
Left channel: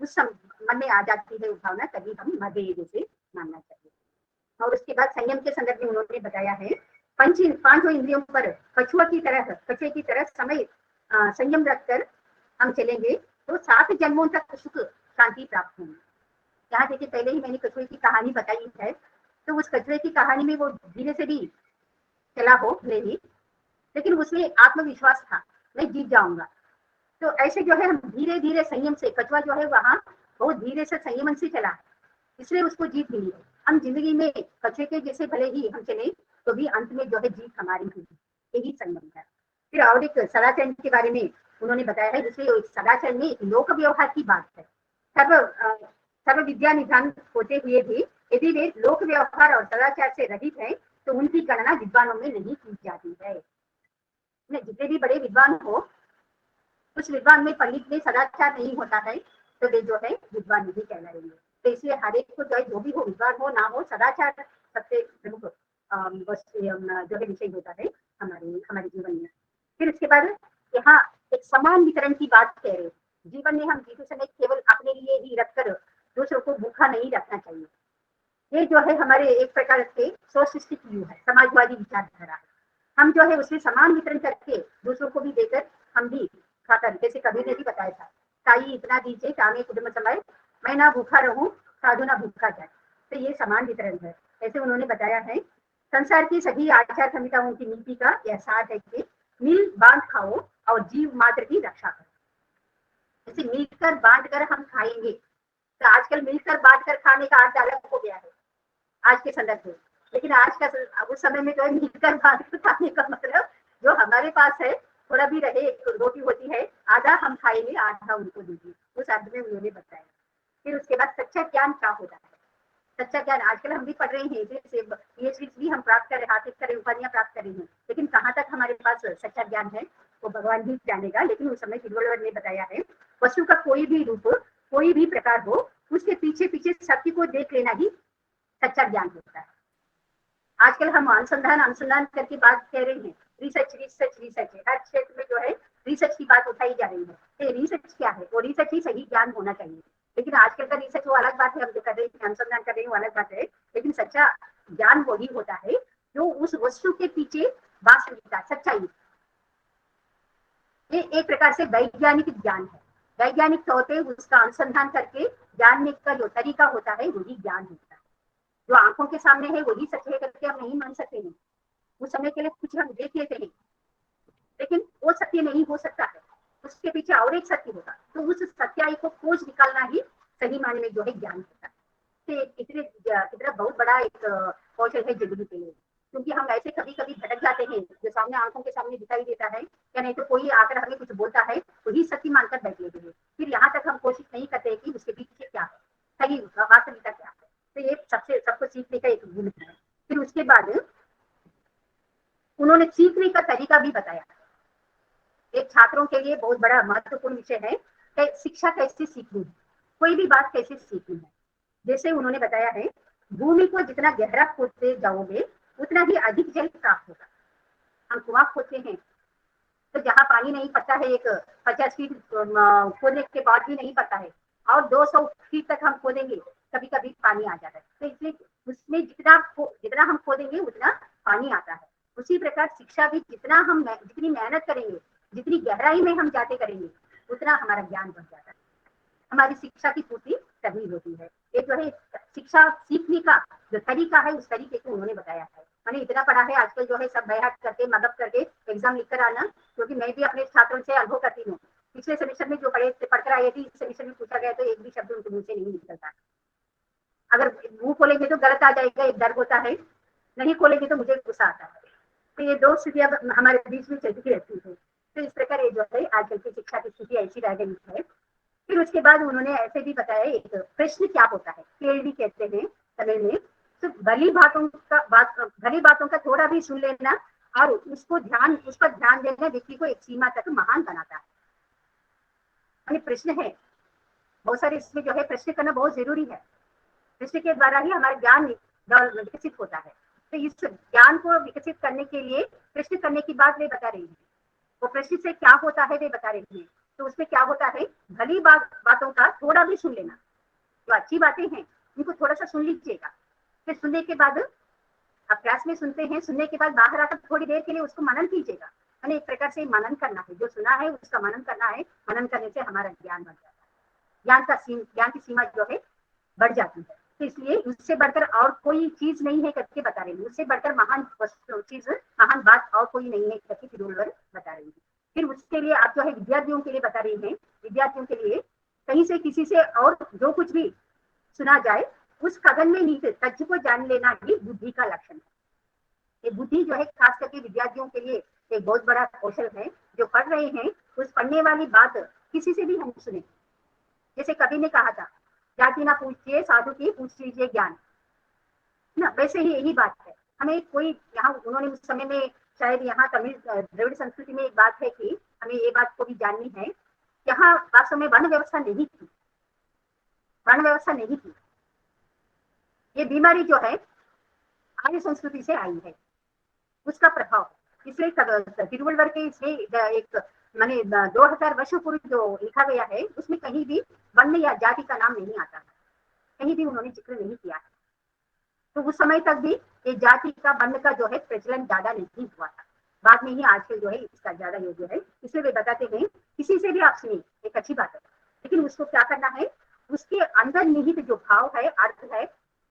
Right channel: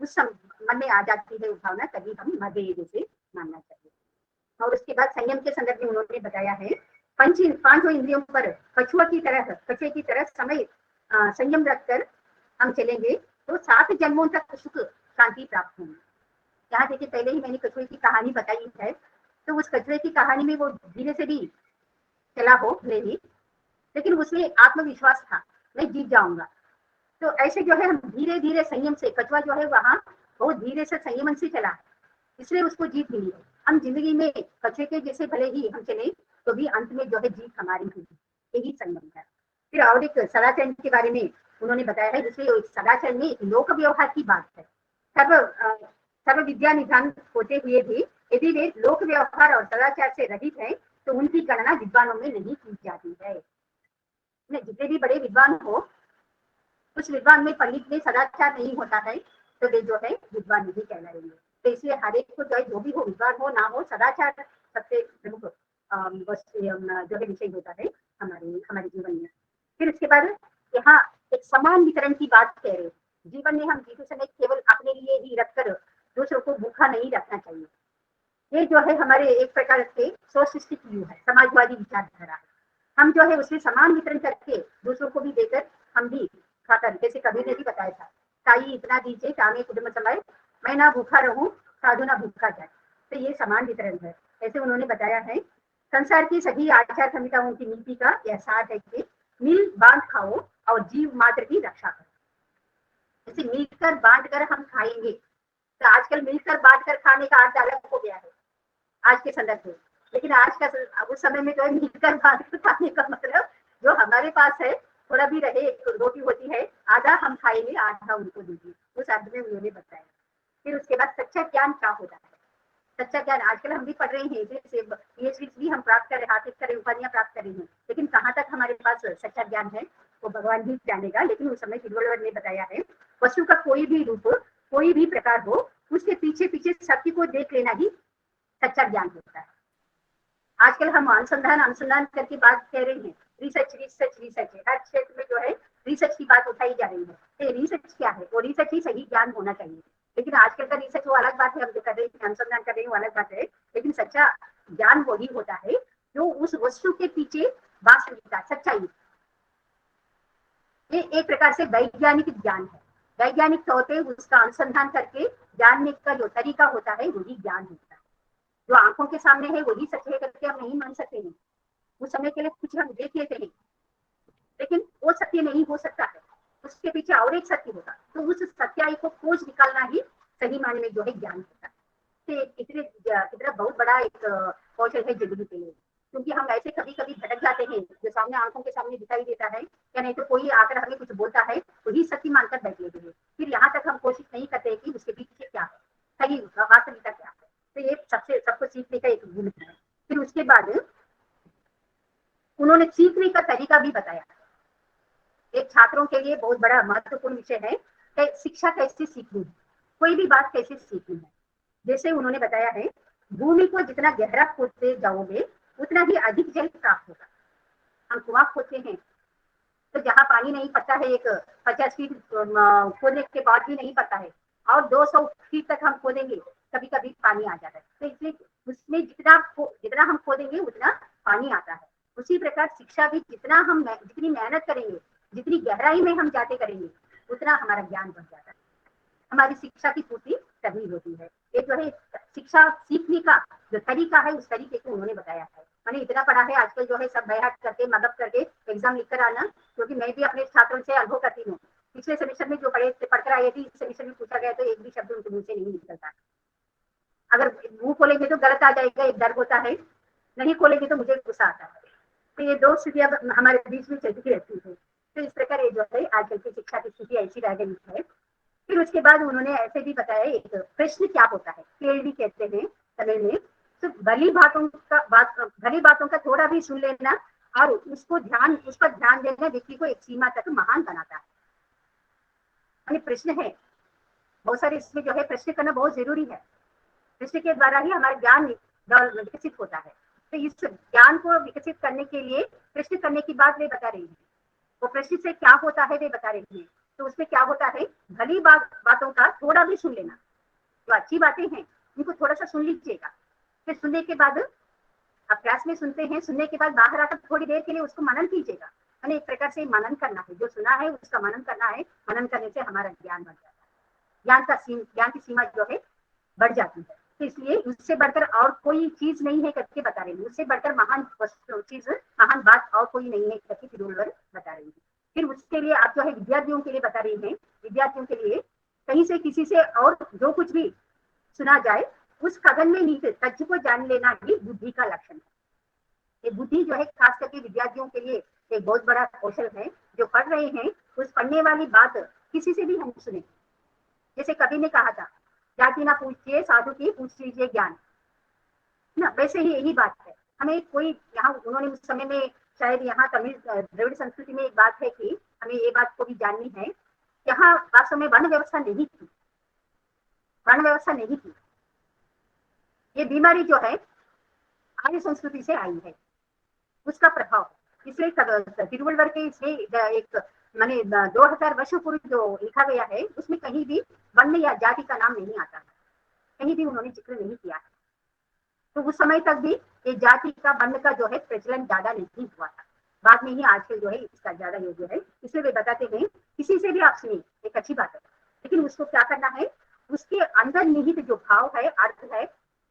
उस समय मन में आ जाती है वो भावना, तभी हम मर गए जैसे मानना चाहिए। और उसके बाद संयम के संदर्भ में उन्होंने बताया है, पांचों इंद्रियों पर कछुए की तरह समय संयम रखकर हम चलेंगे तो 7 जन्मों तक सुख शांति प्राप्त होगी। यहाँ देखिए पहले ही मैंने कछुए की कहानी बताई है, तो उस कछुए की कहानी में वो धीरे से भी चला हो नहीं, लेकिन उसमें आत्मविश्वास था, मैं जीत जाऊंगा। तो ऐसे जो है हम धीरे धीरे संयम से, कछुआ जो है वहाँ बहुत धीरे से संयमन से चला, इसलिए उसको जीत मिली है। हम जिंदगी में कछुए के जैसे भले ही हम चले तो भी अंत में जो है जीत हमारी हुई, यही संयम है। फिर और एक सदाचरण के बारे में उन्होंने बताया है, जिसमें सदाचरण में लोक व्यवहार की बात है। सर्व विद्या निधान होते हुए भी यदि वे लोक व्यवहार और सदाचार से रहित है तो उनकी गणना विद्वानों में नहीं की जाती है। जितने भी बड़े विद्वान हो, उस विद्वान में पंडित में सदाचार नहीं होता है तो वे जो है विद्वान नहीं कहलाएंगे। तो इसलिए हर एक को चाहे जो भी हो, विद्वान हो ना हो, सदाचार सबसे जो है विषय होता है हमारे जीवन में। फिर उसके बाद यहाँ एक समान वितरण की बात कह रहे हैं। जीवन में हम जीते समय केवल अपने लिए ही रखकर दूसरों को भूखा नहीं रखना चाहिए। ये जो है हमारे एक प्रकार की सोशलिस्टिक व्यूज है, समाजवादी विचारधारा। हम जो है उसमें समान वितरण करके दूसरों को भी देकर हम भी खाकर, जैसे कबीर ने भी बताया था, ताली इतना दीजिए तामे कुटुंब समय, मैं ना भूखा रहूं साधु ना भूखा जाए। तो ये समान वितरण है, ऐसे उन्होंने बताया है। संसार की सभी आचार संहिताओं की नीति का यह सार है कि मिल बांट खाओ और जीव मात्र की रक्षा करो। जैसे मिलकर बांट कर हम खाएंगे, तो आजकल मिलकर बांट कर खाने का अर्थ अलग हो गया है आज के संदर्भ में। लेकिन आज के उस समय में कहीं मिलकर खाने का मतलब जो हमारे पास है थोड़ा भी रहे, रोटी होती है, आधा हम खाएंगे आधा उनको देंगे, उस अर्थ में उन्होंने बताया। फिर उसके बाद सच्चा ज्ञान क्या होता है? सच्चा ज्ञान आजकल हम भी पढ़ रहे हैं, जैसे ये भी हम प्राप्त कर रहे, हासिल कर रहे, उपाधियां प्राप्त कर रहे हैं, लेकिन कहाँ तक हमारे पास सच्चा ज्ञान है वो भगवान भी जानेगा। लेकिन उस समय तिरुवल्लुवर ने बताया है, वस्तु का कोई भी रूप हो, कोई भी प्रकार हो, उसके पीछे पीछे सत्य को देख लेना ही सच्चा ज्ञान होता है। आजकल हम अनुसंधान करके बात कह रहे हैं, रिसर्च रिसर्च रिसर्च है, हर क्षेत्र में जो है रिसर्च की बात उठाई जा रही है। रिसर्च क्या है? वो रिसर्च ही सही ज्ञान होना चाहिए। लेकिन आजकल का रिसर्च वो अलग बात है, हम जो कर रहे हैं अनुसंधान कर रहे हैं वो अलग बात है। लेकिन सच्चा ज्ञान वही होता है जो उस वस्तु के पीछे वास्तविकता सच्चाई, ये एक प्रकार से वैज्ञानिक ज्ञान है। वैज्ञानिक तौर पर उसका अनुसंधान करके जानने का जो तरीका होता है वही ज्ञान होता है। जो आंखों के सामने है वही सच है करके हम नहीं मान सकते हैं। उस समय के लिए कुछ हम देख लेते हैं, लेकिन वो सत्य नहीं हो सकता है, उसके पीछे और एक सत्य होगा। तो उस सच्चाई को खोज निकालना ही सही मायने में जो है ज्ञान होता है। तो इतने बहुत बड़ा एक कौशल है जिंदगी के लिए, क्योंकि हम ऐसे कभी कभी भटक जाते हैं, जो सामने आंखों के सामने दिखाई देता है या नहीं तो कोई आकर हमें कुछ बोलता है वही सत्य मानकर बैठ लेते हैं। फिर यहाँ तक हम कोशिश नहीं करते कि उसके पीछे क्या है, सही वास्तविकता क्या है। तो ये सबको सीखने का एक गुण है। फिर उसके बाद उन्होंने सीखने का तरीका भी बताया। एक छात्रों के लिए बहुत बड़ा महत्वपूर्ण विषय है कि शिक्षा कैसे सीखनी है, कोई भी बात कैसे सीखनी है। जैसे उन्होंने बताया है, भूमि को जितना गहरा खोदते जाओगे उतना ही अधिक जल प्राप्त होगा। हम कुआं खोदते हैं तो जहाँ पानी नहीं पड़ता है, एक 50 फीट खोदने के बाद भी नहीं पड़ता है, और 200 फीट तक हम खोदेंगे कभी कभी पानी आ जाता है। तो इसलिए उसमें जितना हम खोदेंगे उतना पानी आता है। उसी प्रकार शिक्षा भी जितनी मेहनत करेंगे, जितनी गहराई में हम जाते करेंगे, उतना हमारा ज्ञान बढ़ जाता है, हमारी शिक्षा की पूर्ति तभी होती है। ये जो है शिक्षा सीखने का जो तरीका है उस तरीके को उन्होंने बताया है। मैंने इतना पढ़ा है, आजकल जो है सब बैठ करके मदद करके एग्जाम लिख कर आना, क्योंकि मैं भी अपने छात्रों से अनुभव करती हूँ। पिछले सेमेस्टर में जो पढ़कर आए थे, इस सेमेस्टर में पूछा गया तो एक भी शब्द उनके मुंह से नहीं निकलता। अगर मुंह खोलेंगे तो गलत आ जाएगा, एक डर होता है, नहीं खोलेंगे तो मुझे गुस्सा आता है। तो ये दो स्थितियां हमारे बीच में चलती रहती है। तो इस प्रकार ये जो है आजकल की शिक्षा की स्थिति ऐसी रह गई है। फिर उसके बाद उन्होंने ऐसे भी बताया, एक प्रश्न क्या होता है, फेल भी कहते हैं समय में, सिर्फ भली बातों का थोड़ा भी सुन लेना और उस पर ध्यान देना व्यक्ति को एक सीमा तक महान बनाता है। ये प्रश्न है, बहुत सारे इसमें जो है प्रश्न करना बहुत जरूरी है। प्रश्न के द्वारा ही हमारा ज्ञान विकसित होता है। तो इस ज्ञान को विकसित करने के लिए प्रश्न करने की बात वे बता रही है। वो प्रश्न से क्या होता है वे बता रही है। तो उससे क्या होता है, भली बातों का थोड़ा भी सुन लेना, जो अच्छी बातें हैं उनको थोड़ा सा सुन लीजिएगा। फिर सुनने के बाद अब क्लास में सुनते हैं, सुनने के बाद बाहर आकर थोड़ी देर के लिए उसको मनन कीजिएगा। एक प्रकार से मनन करना, जो सुना है उसका मनन करना है। मनन करने से हमारा ज्ञान बढ़ता है, ज्ञान की सीमा जो है बढ़ जाती है। तो इसलिए उससे बढ़कर और कोई चीज नहीं है करके बता रही है, उससे बढ़कर महान चीज, महान बात और कोई नहीं है करके तिरुवल्लुवर बता रही है। फिर उसके लिए आप जो है विद्यार्थियों के लिए बता रही है, विद्यार्थियों के लिए कहीं से किसी से और जो कुछ भी सुना जाए उस कदर में ही तथ्य को जान लेना ही बुद्धि का लक्षण है। ये बुद्धि जो है खास करके विद्यार्थियों के लिए एक बहुत बड़ा कौशल है। जो पढ़ रहे हैं उस पढ़ने वाली बात किसी से भी हम सुने, जैसे कवि ने कहा था, जाति ना पूछिए साधु की पूछ लीजिए ज्ञान ना, वैसे ही यही बात है। हमें कोई यहाँ उन्होंने उस समय में शायद यहाँ तमिल द्रविड़ संस्कृति में एक बात है कि हमें ये बात को भी जाननी है, यहाँ वास्तव में वर्ण व्यवस्था नहीं थी, वर्ण व्यवस्था नहीं थी। ये बीमारी जो है आर्य संस्कृति से आई है, उसका प्रभाव। इसलिए तिरुवल्लुवर के इसलिए एक माने 2000 वर्षों पूर्व जो लिखा गया है उसमें कहीं भी वर्ण या जाति का नाम नहीं आता है, कहीं भी उन्होंने जिक्र नहीं किया है। तो उस समय तक भी ये जाति का वर्ण का जो है प्रचलन ज्यादा नहीं हुआ था। बाद में ही आजकल जो है इसका ज्यादा ये जो है, इसलिए वे बताते हैं किसी से भी आप सुनिए, एक अच्छी बात है, लेकिन उसको क्या करना है, उसके अंदर निहित जो भाव है, अर्थ है,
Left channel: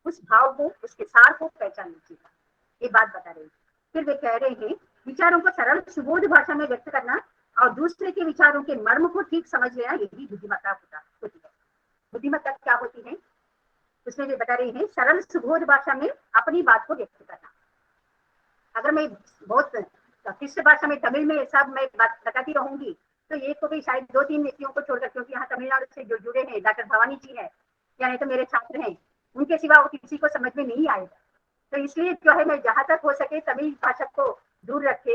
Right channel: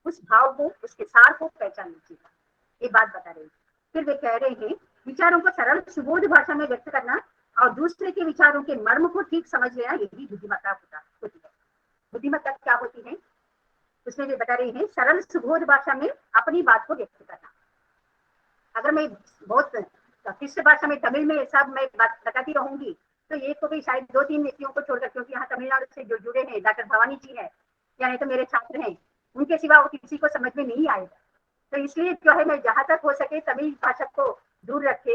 उस भाव को, उसके सार को पहचान लीजिएगा। ये बात बता रहे हैं। फिर वे कह रहे हैं विचारों को सरल सुबोध भाषा में व्यक्त करना और दूसरे के विचारों के मर्म को ठीक समझ लेना, ये भी बुद्धिमत्ता होती है। बुद्धिमत्ता क्या होती है, उसमें भी बता रहे हैं सरल सुबोध भाषा में अपनी बात को व्यक्त करना। अगर मैं बहुत क्लिष्ट भाषा में तमिल में सब मैं बात बताती रहूंगी तो एक को भी शायद 2-3 व्यक्तियों को छोड़कर, क्योंकि यहाँ तमिलनाडु से जो जुड़े हैं डॉक्टर भवानी जी है या नहीं तो मेरे छात्र हैं, उनके सिवा वो किसी को समझ में नहीं आएगा। तो इसलिए जो है जहां तक हो सके तमिल भाषा को दूर रखे,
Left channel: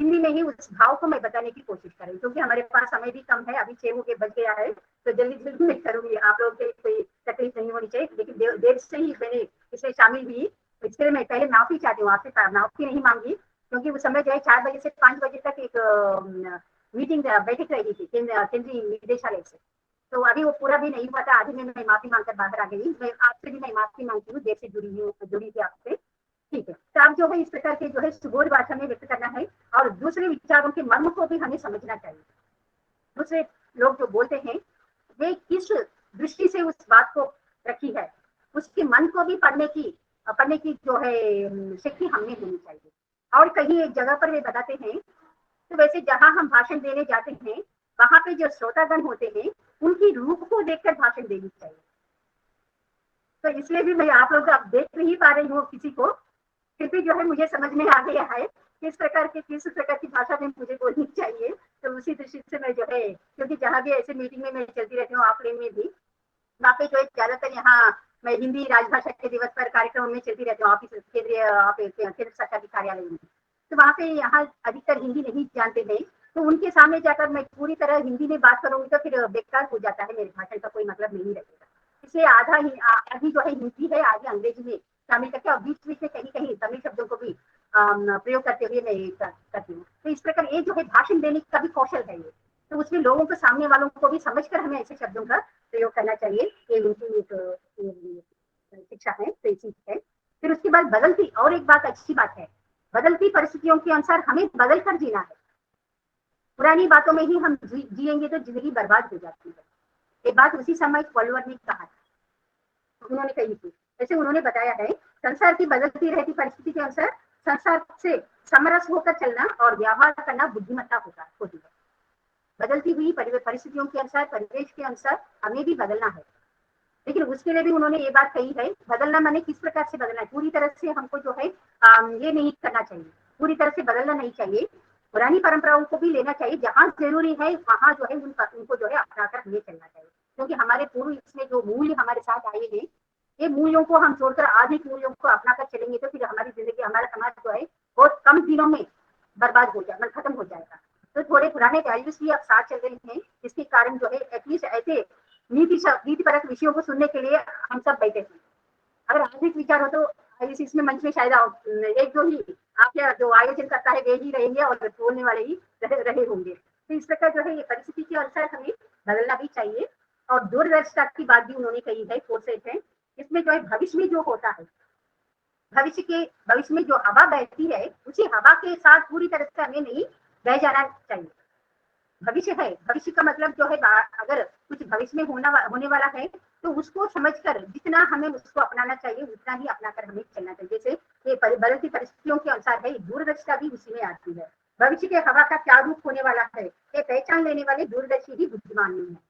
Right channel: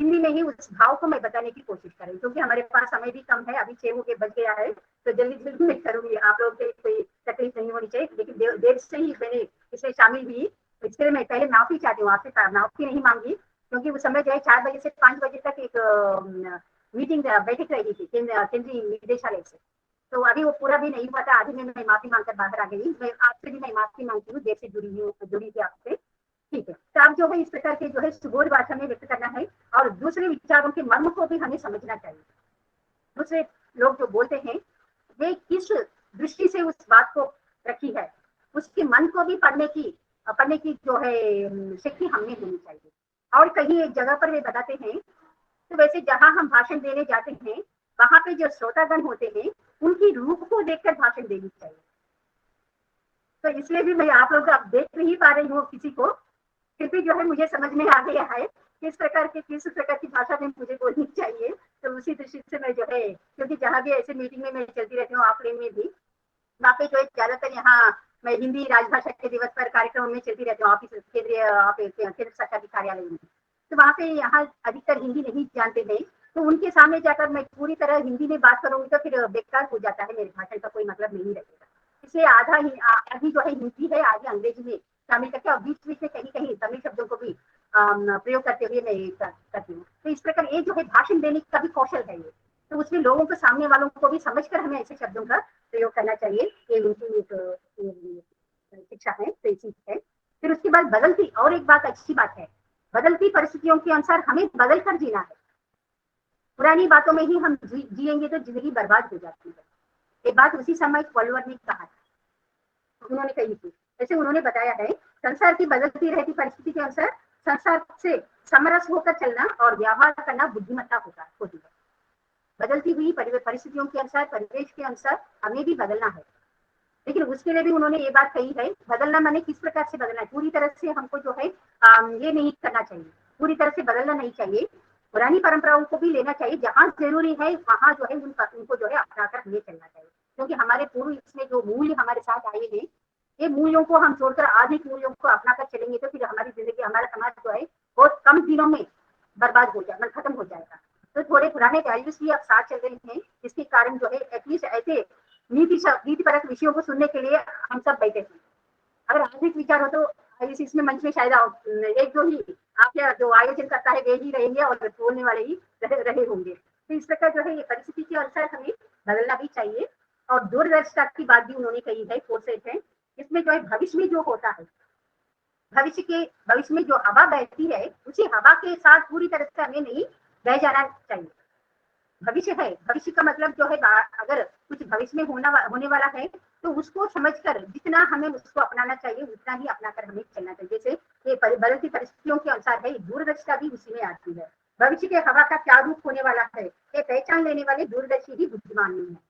हिंदी में ही उस भाव को मैं बताने की कोशिश करें, क्योंकि हमारे पास समय भी कम है, अभी 6 बजे बज गया है, तो जल्दी जल्दी मैं करूंगी, आप लोगों के कोई तकलीफ नहीं होनी चाहिए। लेकिन देर से ही मैंने इसमें शामिल हुई, इसलिए मैं पहले माफी चाहती हूँ आपसे, माफी नहीं मांगी, क्योंकि उस समय जो है 4 बजे से 5 बजे तक एक मीटिंग बैठक रही थी निदेशालय से, तो अभी वो पूरा भी नहीं हुआ था, आधी में मैं माफी मांगकर बाहर आ गई। मैं आपसे भी मैं माफी मांगती हूँ, देर से जुड़ी थी आपसे, ठीक है। तो अब जो है इस प्रकार के जो है सुबोध भाषा में व्यक्त करना है और दूसरे विचारों के मर्म को भी हमें समझना चाहिए। दूसरे लोग जो बोलते हैं वे किस दृष्टि से उस बात को रखी है, उसके मन को भी पढ़ने की जो है शक्ति हमें होनी चाहिए। और कहीं एक जगह पर वे बताते हैं, तो वैसे जहां हम भाषण देने जाते हैं वहां पे जो श्रोतागण होते हैं उनकी रूप को देखकर भाषण देनी चाहिए। तो इसलिए भी मैं आप लोग देख नहीं पा रही हूँ किसी को, फिर भी जो है मुझे समझ में आ गया है किस प्रकार की भाषा में मुझे बोलनी चाहिए। तो उसी दृष्टि से मैं जो है, क्योंकि जहाँ भी ऐसे मीटिंग में मैं चलती रहती हूँ ऑफलाइन में भी, यहाँ पे जो ज्यादातर यहाँ मैं हिंदी राजभाषा के दिवस पर कार्यक्रम में चलती रहती हूँ ऑफिस केंद्र सरकारी कार्यालय में, तो वहाँ पे यहाँ अधिकतर हिंदी नहीं जानते हैं, तो उनके सामने जाकर मैं पूरी तरह हिंदी में बात करूँ तो फिर बेकार हो जाता है, मेरे भाषण का कोई मतलब नहीं रहेगा। इसलिए आधी जो है हिंदी है, आधी अंग्रेजी में शामिल करके और बीच बीच में कहीं कहीं तमिल शब्दों को भी प्रयोग करते हुए मैं करती हूँ। तो इस प्रकार ये जो है भाषण देने का भी कौशल है ये, तो उसमें लोगों को, सामने वालों को भी समझकर हमें ऐसे शब्दों का प्रयोग करना चाहिए, ये उनकी एक शिक्षा है, तो सीख है। फिर उसके बाद बदलती, और एक बात अच्छी बात है, बदलती परिस्थितियों के अनुसार हमें बदल कर जीना है। पुरानी बातों में ही हम जिएंगे तो जिंदगी बर्बाद हो जाती है। ये बात उसी समय वॉल्वर ने कहा, उन्होंने कही थी। जैसे उन्होंने बताया है संसार की बदलती रहती परिस्थिति के अनुसार संसार से समरस होकर चलना और व्यवहार करना बुद्धिमत्ता होती है। बदलती हुई परिस्थितियों के अनुसार, परिवेश के अनुसार हमें भी बदलना है, लेकिन उसके लिए भी उन्होंने ये बात कही है, बदलना माने किस प्रकार से बदलना है। पूरी तरह से हमको जो है ये नहीं करना चाहिए, पूरी तरह से बदलना नहीं चाहिए, पुरानी परंपराओं को भी लेना चाहिए, जहाँ जरूरी है वहाँ जो है उनको जो है अपनाकर हमें चलना चाहिए, क्योंकि हमारे पूर्व इसमें जो मूल्य हमारे साथ आए हैं, ये मूल्यों को हम छोड़कर आधे मूल्यों को अपनाकर चलेंगे तो फिर हमारी जिंदगी, हमारा समाज जो है बहुत कम दिनों में बर्बाद हो जाएगा, खत्म हो जाएगा। तो थोड़े पुराने वैल्यूज भी अब साथ चल रहे हैं, जिसके कारण जो है एटलीस्ट ऐसे नीतिपरक विषयों को सुनने के लिए हम सब बैठे हैं। अगर आधुनिक विचार हो तो इसमें मंच में शायद एक दो ही आपके जो आयोजन करता है वे ही रहेंगे और बोलने वाले ही रहे होंगे। तो इस प्रकार जो है ये परिस्थिति के अनुसार हमें बदलना भी चाहिए। और दूरदर्शिता की बात भी उन्होंने कही है, फोर्सेट है, इसमें जो है भविष्य में जो होता है, भविष्य में जो हवा बहती है उसी हवा के साथ पूरी तरह से हमें नहीं बह जाना चाहिए। भविष्य है, भविष्य का मतलब जो है अगर कुछ भविष्य में होने वाला है तो उसको समझकर जितना हमें उसको अपनाना चाहिए उतना ही अपनाकर हमें चलना चाहिए। जैसे ये बदलती परिस्थितियों के अनुसार है, दूरदर्शिता भी उसी में आती है। भविष्य के हवा का क्या रूप होने वाला है ये पहचान लेने वाले दूरदर्शी ही बुद्धिमान नहीं है,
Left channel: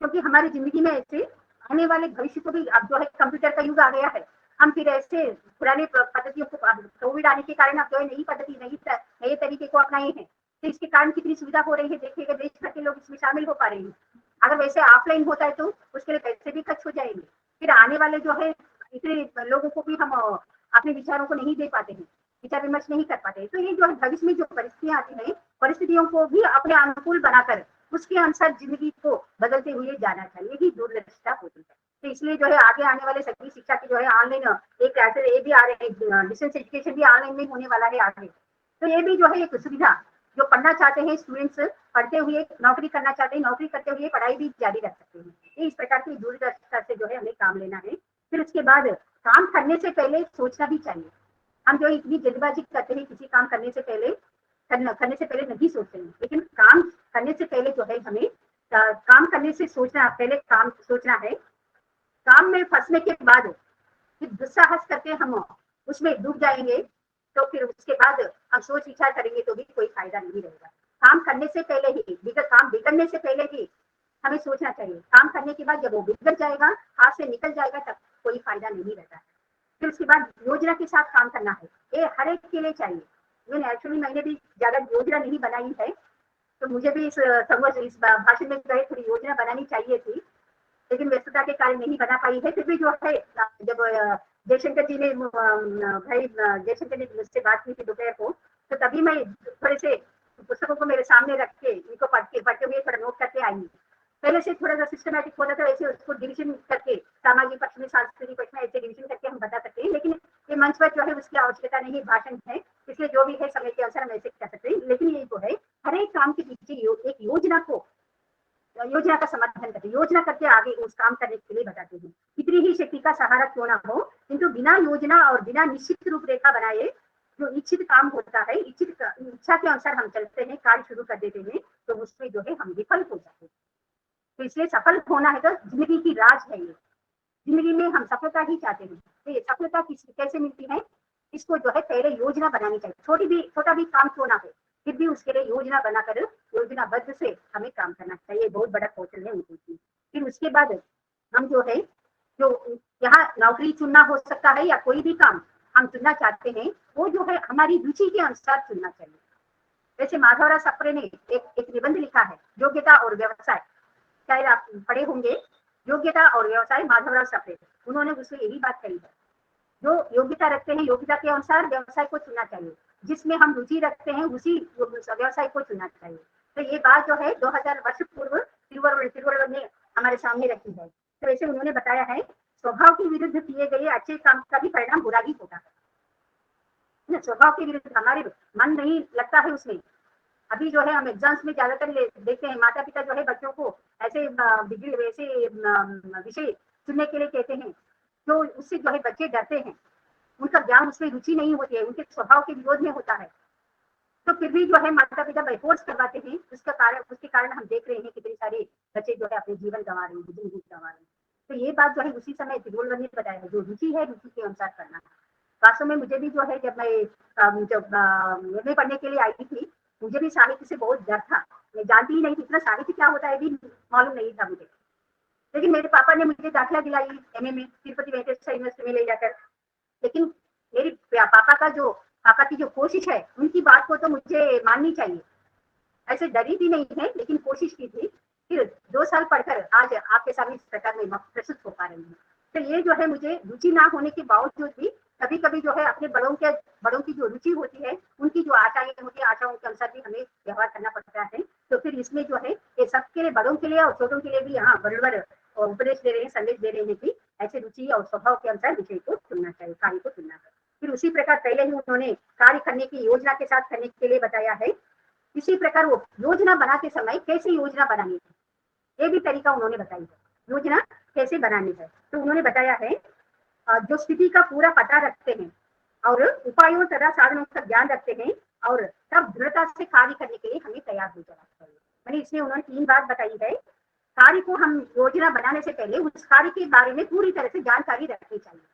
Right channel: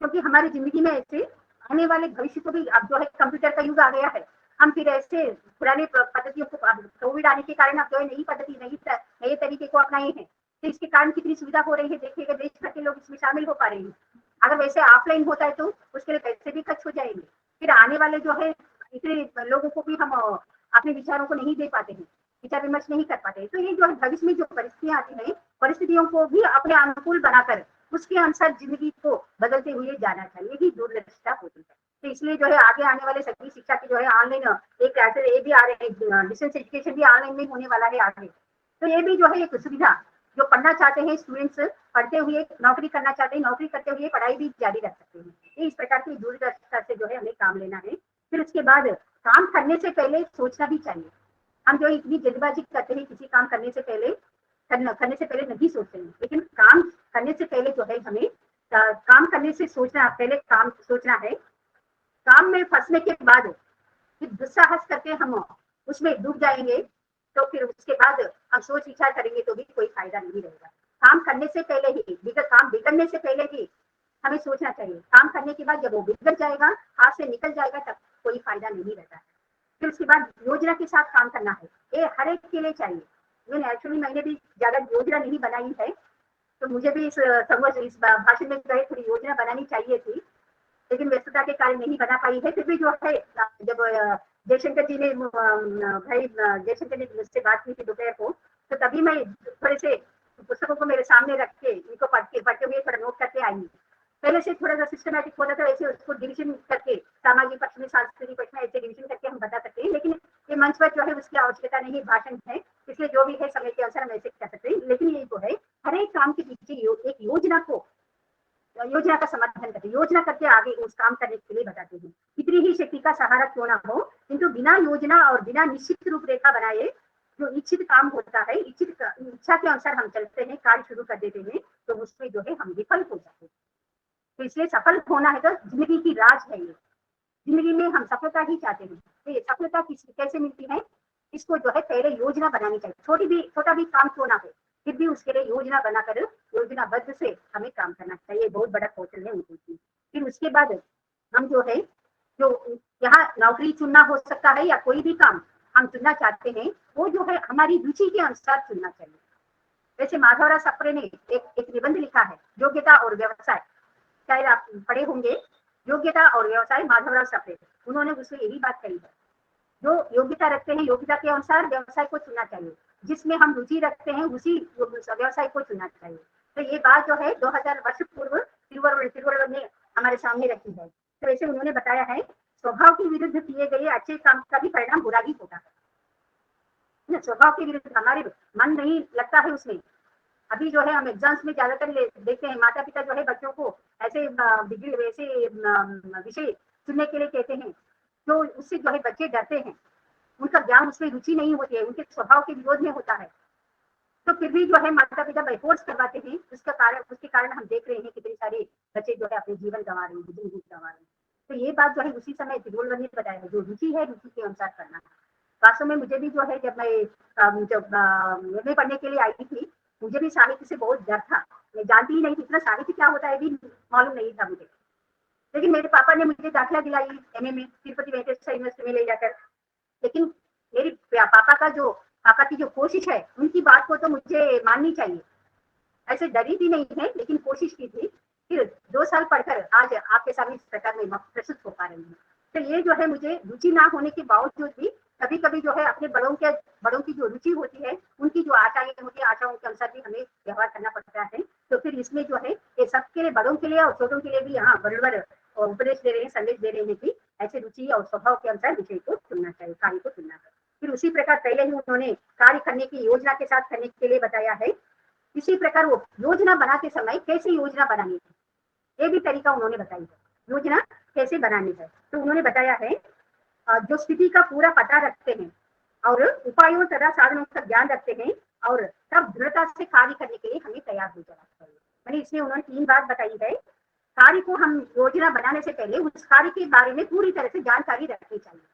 क्योंकि हमारी जिंदगी में ऐसे आने वाले भविष्य को भी अब जो है कंप्यूटर का युग आ गया है, हम फिर ऐसे पुरानी पद्धतियों को, कोविड आने के कारण अब जो है नई पद्धति, नए तरीके को अपनाए हैं, तो इसके कारण कितनी सुविधा हो रही है, देखिएगा देश भर के लोग इसमें शामिल हो पा रहे हैं। अगर वैसे ऑफलाइन होता है तो उसके लिए पैसे भी खर्च हो जाएंगे, फिर आने वाले जो है इतने लोगों को भी हम अपने विचारों को नहीं दे पाते हैं, विचार विमर्श नहीं कर पाते। तो ये जो है भविष्य में जो परिस्थितियां आती हैं, परिस्थितियों को भी अपने अनुकूल बनाकर उसके अनुसार जिंदगी को बदलते हुए जाना चाहिए, ही दूरदर्शिता होती है। तो इसलिए जो है आगे आने वाले सभी शिक्षा की जो है ऑनलाइन एक ऐसे ये भी आ रहे हैं, डिस्टेंस एजुकेशन भी ऑनलाइन में होने वाला है आगे, तो ये भी जो है एक सुविधा जो पढ़ना चाहते हैं स्टूडेंट्स पढ़ते हुए नौकरी करना चाहते हैं, नौकरी करते हुए पढ़ाई भी जारी रख सकते हैं। ये इस प्रकार की दूरदर्शिता से जो है हमें काम लेना है। फिर उसके बाद काम करने से पहले सोचना भी चाहिए। हम जो इतनी जल्दबाजी करते हैं किसी काम करने से पहले नहीं सोचते हैं, लेकिन काम करने से पहले जो है हमें काम करने से सोचना, पहले काम सोचना है। काम में फंसने के बाद फिर दुस्साहस करके हम उसमें डूब जाएंगे, तो फिर उसके बाद हम सोच विचार करेंगे तो भी कोई फायदा नहीं रहेगा। काम करने से पहले ही, काम बिगड़ने से पहले ही हमें सोचना चाहिए। काम करने के बाद जब वो बिगड़ जाएगा, हाथ से निकल जाएगा, तब कोई फायदा नहीं रहता है। फिर उसके बाद योजना के साथ काम करना है, ये हर एक के लिए चाहिए। एक्चुअली मैंने भी ज्यादा योजना नहीं बनाई है, तो मुझे भी इस भाषण में जो है थोड़ी योजना बनानी चाहिए थी, लेकिन व्यस्तता के कारण नहीं बना पाई है। फिर भी जो है जब जयशंकर जी ने भाई जयशंकर ने मुझसे बात की थी दोपहर को, तो तभी मैं थोड़े से पुस्तकों को मेरे सामने रख के इनको पढ़ते हुए थोड़ा नोट करके आई। पहले से थोड़ा सा सिस्टमैटिक होता था, ऐसे उसको डिविजन करके सामाजिक पक्ष में, सांस्कृतिक पक्ष में ऐसे डिविजन करके हम बता सकते हैं, लेकिन ये मंच पर जो है उसकी आवश्यकता नहीं, भाषण है, इसलिए जो भी है समय के अनुसार हम ऐसे कर सकते हैं। लेकिन ये जो है हर एक काम के पीछे एक योजना का समर्थन करते, योजना करके आगे उस काम करने के लिए बताते हैं। कितनी ही शक्ति का सहारा क्यों ना हो, किंतु बिना योजना और बिना निश्चित रूपरेखा बनाए जो इच्छित काम होता है, इच्छा के अनुसार हम चलते हैं, कार्य शुरू कर देते हैं, तो उसमें जो है हम विफल हो जाते हैं। तो इसलिए सफल होना है तो जिंदगी की राज है ये, जिंदगी में हम सफलता ही चाहते हैं। तो ये सफलता कैसे मिलती है, इसको जो है पहले योजना बनानी चाहिए। छोटा भी काम क्यों ना हो, फिर भी उसके लिए योजना बनाकर योजनाबद्ध से हमें काम करना चाहिए। बहुत बड़ा कौशल है उनकी। फिर उसके बाद हम जो है जो यहाँ नौकरी चुनना हो सकता है या कोई भी काम हम चुनना चाहते हैं, वो जो है हमारी रुचि के अनुसार चुनना चाहिए। वैसे माधवराव सप्रे ने एक निबंध लिखा है, योग्यता और व्यवसाय, शायद आप पढ़े होंगे, योग्यता और व्यवसाय, माधवराव सप्रे। उन्होंने उसमें यही बात कही है, जो योग्यता रखते हैं योग्यता के अनुसार व्यवसाय को चुनना चाहिए, जिसमें हम रुचि रखते हैं उसी व्यवसाय को चुनना चाहिए। तो ये बात जो है 2000 वर्ष पूर्व तिरुवल्लुवर ने हमारे सामने रखी है। तो ऐसे उन्होंने बताया है, स्वभाव के विरुद्ध किए गए अच्छे काम का भी परिणाम बुरा ही होता है। स्वभाव के विरुद्ध हमारे मन नहीं लगता है उसमें। अभी जो है हम एग्जाम्स में ज्यादातर देखते हैं, माता पिता जो है बच्चों को ऐसे विषय चुनने के लिए कहते हैं, तो उससे जो है बच्चे डरते हैं, उनका ज्ञान उसमें रुचि नहीं होती है, उनके स्वभाव के विरोध में होता है। तो फिर भी जो है माता पिता बाइफोर्स करवाते हैं, उसके कारण हम देख रहे हैं कितने सारे बच्चे जो है अपने जीवन गंवा रहे हैं, जिंदगी गंवा रहे हैं। तो ये बात जो है उसी समय तिरुवल्लुवर ने बताया है, जो रुचि है रुचि के अनुसार करना है। वास्तव में मुझे भी जो है जब मैं जब MA पढ़ने के लिए आई थी, मुझे भी साहित्य से बहुत डर था। मैं जानती ही नहीं थी, इतना साहित्य क्या होता है भी मालूम नहीं था मुझे। लेकिन मेरे पापा ने मुझे दाखिला दिलाई MA में, तिरुपति वेंकटेश्वर यूनिवर्सिटी में ले जाकर। लेकिन मेरी पापा की जो कोशिश है, उनकी बात को तो मुझे माननी चाहिए। ऐसे डरी भी नहीं है, लेकिन कोशिश की थी। फिर 2 साल पढ़कर आज आपके सामने इस प्रकार में प्रस्तुत हो पा रही हूँ। तो ये जो है मुझे रुचि ना होने के बावजूद भी कभी कभी जो है अपने बड़ों की जो रुचि होती है, उनकी जो आशाएं होती है, आशाओं के अनुसार भी हमें व्यवहार करना पड़ता है। तो फिर इसमें जो है ये सबके लिए, बड़ों के लिए और छोटों के लिए भी यहाँ बराबर उपदेश दे रहे हैं, संदेश दे रहे हैं कि ऐसे रुचि और स्वभाव के अनुसार विषय को चुनना चाहिए, कार्य को चुनना है। फिर उसी प्रकार पहले ही उन्होंने कार्य करने की योजना के साथ करने के लिए बताया है। इसी प्रकार योजना बनाते समय कैसे योजना बनानी है, ये भी तरीका उन्होंने बताई है। योजना कैसे बनानी है, तो उन्होंने बताया है जो स्थिति का पूरा पता रखते हैं और उपायों तथा साधनों का ज्ञान रखते हैं, और तब दृढ़ता से कार्य करने के लिए हमें तैयार हो जाना चाहिए। मैंने इसमें उन्होंने 3 बात बताई है। कार्य को हम योजना बनाने से पहले उस कार्य के बारे में पूरी तरह से जानकारी रखनी चाहिए।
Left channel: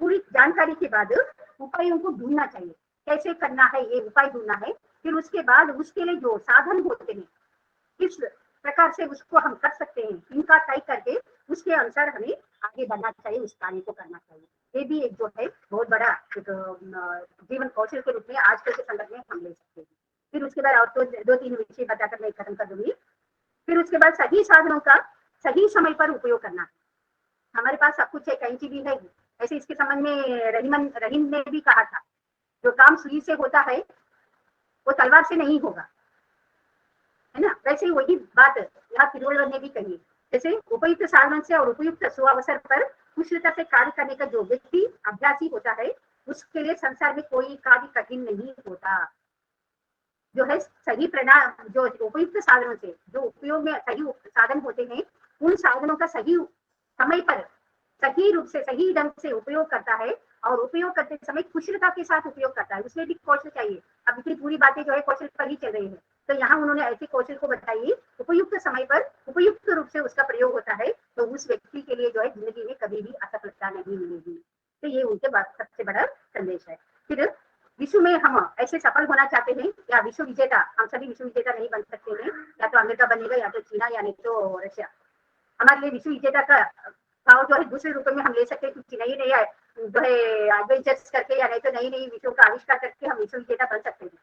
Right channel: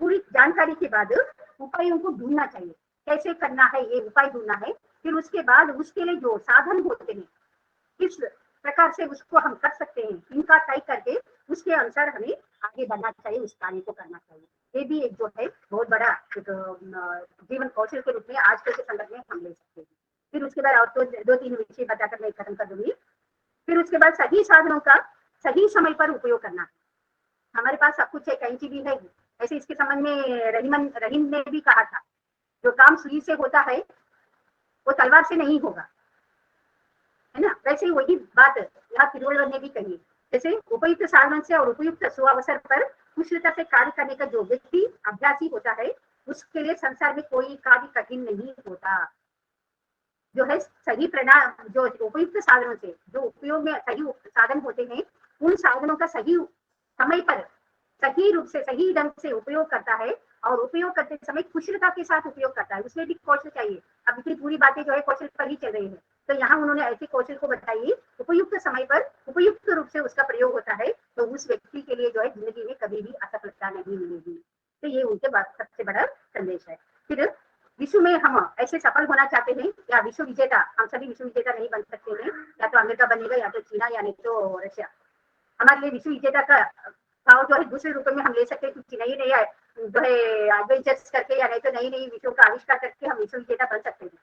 पूरी जानकारी के बाद उपायों को ढूंढना चाहिए, कैसे करना है ये उपाय ढूंढना है। फिर उसके बाद उसके लिए जो साधन होते हैं, किस प्रकार से उसको हम कर सकते हैं, इनका तरीका है, उसके अनुसार हमें आगे बढ़ना चाहिए, उस कार्य को करना। ये भी एक जो है बहुत बड़ा जीवन कौशल के रूप में आज के समय में हम। फिर उसके बाद और 2-3 विषय बताकर मैं खत्म कर दूंगी। फिर उसके बाद सही साधनों का सही समय पर उपयोग करना। हमारे पास सब कुछ है, कैंची भी है, ऐसे इसके संबंध में रहीम ने भी कहा था, जो काम सुई से होता है वो तलवार से नहीं होगा, है ना। वैसे ही वही बात यहाँ तिरुवल्लुवर ने भी कही। जैसे उपयुक्त साधन से और उपयुक्त सुअवसर पर कुशलता से कार्य करने का जो व्यक्ति अभ्यासी होता है, उसके लिए संसार में कोई कार्य कठिन नहीं होता। जो है सही जो उपयुक्त साधनों से जो उपयोग में सही साधन होते हैं, उन साधनों का सही समय पर सही रूप से सही ढंग से उपयोग करता है और उपयोग करते समय कुशलता के साथ उपयोग करता है। उसमें भी कौशल चाहिए। अब इतनी पूरी बातें जो है कौशल पर ही चल रही है, तो यहाँ उन्होंने ऐसे कौशल को बताइए उपयुक्त समय पर उपयुक्त रूप से उसका प्रयोग होता है, तो उस व्यक्ति के लिए जो है जिंदगी में कभी भी असफलता नहीं मिलेगी। तो ये उनके सबसे बड़ा संदेश है। फिर विश्व में हम ऐसे सफल होना चाहते हैं या विश्व विजेता, हम सभी विश्व विजेता नहीं बन सकते हैं, या तो अमेरिका बनेगा या तो चीना या नहीं तो रशिया। हमारे लिए विश्व विजेता का भाव जो है दूसरे रूप में हम ले सकते हैं कि नई नई जो है एडवेंचर्स करके या नहीं तो नई नई विषयों का आविष्कार करके हम विश्व विजेता बन सकते हैं,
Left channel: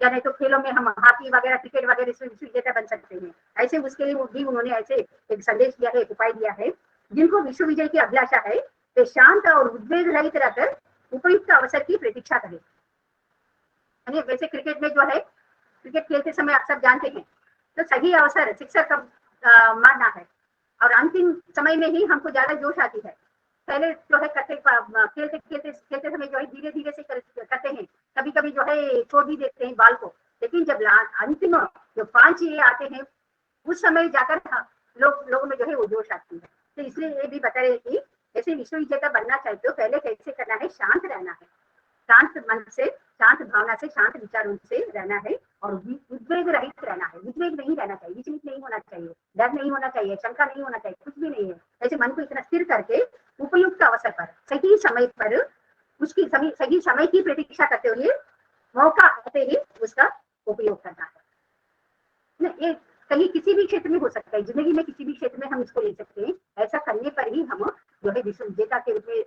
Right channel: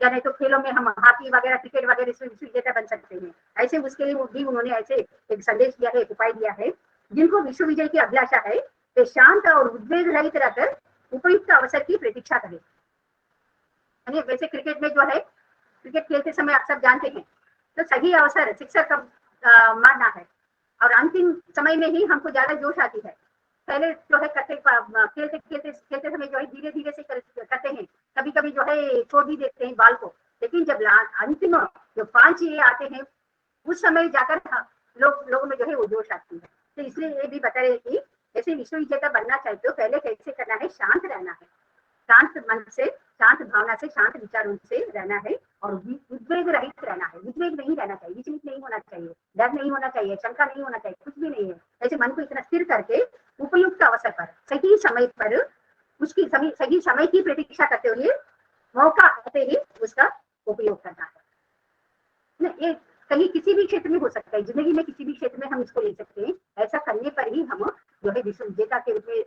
या नहीं तो खेलों में हम हॉकी वगैरह क्रिकेट वगैरह इसमें विश्व विजेता बन सकते हैं। ऐसे उसके लिए भी उन्होंने ऐसे एक संदेश दिया है, एक उपाय दिया है। जिनको विश्व विजय की अभिलाषा है वे शांत और उद्वेग रहित रहकर उपयुक्त अवसर की प्रतीक्षा करें। वैसे क्रिकेट में जो है क्रिकेट खेलते समय आप सब जानते हैं, तो सही अवसर शिक्षक का मानना है और अंतिम समय में ही हमको ज्यादा जोश आती है। पहले जो है खेलते समय जो है धीरे धीरे से करते हैं, कभी कभी जो है छोड़ भी देते हैं बाल को, लेकिन जब अंतिम जो 5 ये आते हैं उस समय जाकर लोगों में जो है वो जोश आती है। तो इसलिए ये भी बता रहे कि ऐसे विश्व विजेता बनना चाहते हो पहले कैसे करना है, शांत रहना है, शांत मन से, शांत भावना से, शांत विचारों से रहना है और उद्वेग रहित रहना है। उद्वेग नहीं रहना चाहिए, विचलित नहीं होना चाहिए, डर नहीं होना चाहिए, शंका नहीं होना चाहिए, कुछ भी नहीं है। ऐसे मन को इतना स्थिर करके उपयुक्त अवसर पर सही समय पर उसकी सही समय की प्रतीक्षा करते हुए मौका आते ही उसका उपयोग करना है। ये कहीं किसी भी क्षेत्र में हो सकता है, जिंदगी में किसी भी क्षेत्र में हम इसको ले सकते हैं। ऐसा करने पर ही हम जो है विश्व विजेता के रूप में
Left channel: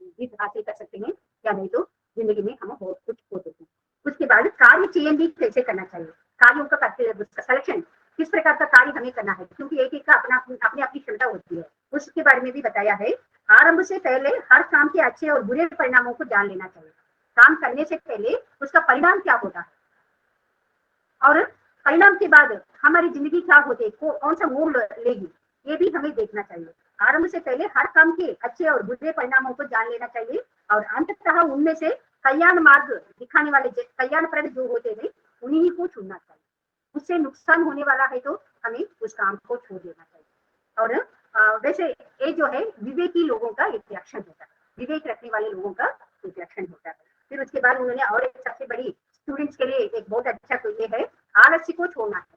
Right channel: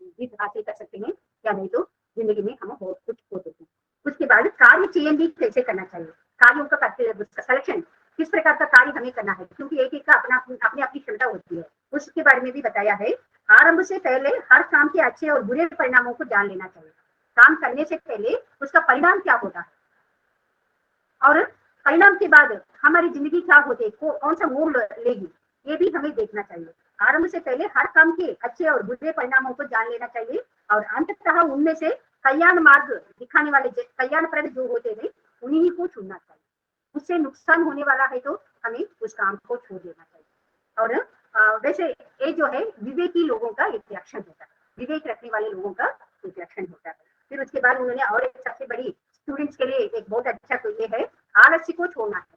जीत हासिल कर सकते हैं, या नहीं तो जिंदगी में हम बहुत कुछ हो सकते हैं। उसके बाद कार्य चयन भी कैसे करना चाहिए, कार्यों का करते सिलेक्शन किस प्रकार का कार्य हमें करना है, क्योंकि एक का अपनी अपनी क्षमता होती है, उसके बारे में भी बताया है। आरंभ से पहले हर काम के अच्छे और बुरे परिणामों को जान लेना चाहिए। काम करने से पहले उसका परिणाम क्या होता है और परिणाम के बाद हमारी जिंदगी क्या होती है, कौन सा मोड़ लेगी, ये भी हमें देखना चाहिए। आरंभ से पहले हर काम के अच्छे और बुरे परिणामों को जान लेना चाहिए और अंततः उनमें से कल्याण मार्ग दिखाने वाले कल्याणप्रद जो होते हैं उन्हीं को चुनना चाहिए। उससे नुकसान होने वाला है तो हमें उस काम को छोड़ देना चाहिए। और वैसे ये जो है विवेकी लोगों का एक लक्षण होता है, विवेक रखने वाले लोगों का एक लक्षण होता है। फिर उसके बाद उन्होंने और एक सबसे बड़ी स्टूडेंट्स के लिए एक बहुत अच्छा तो ये है, आलस्य को छोड़ना है।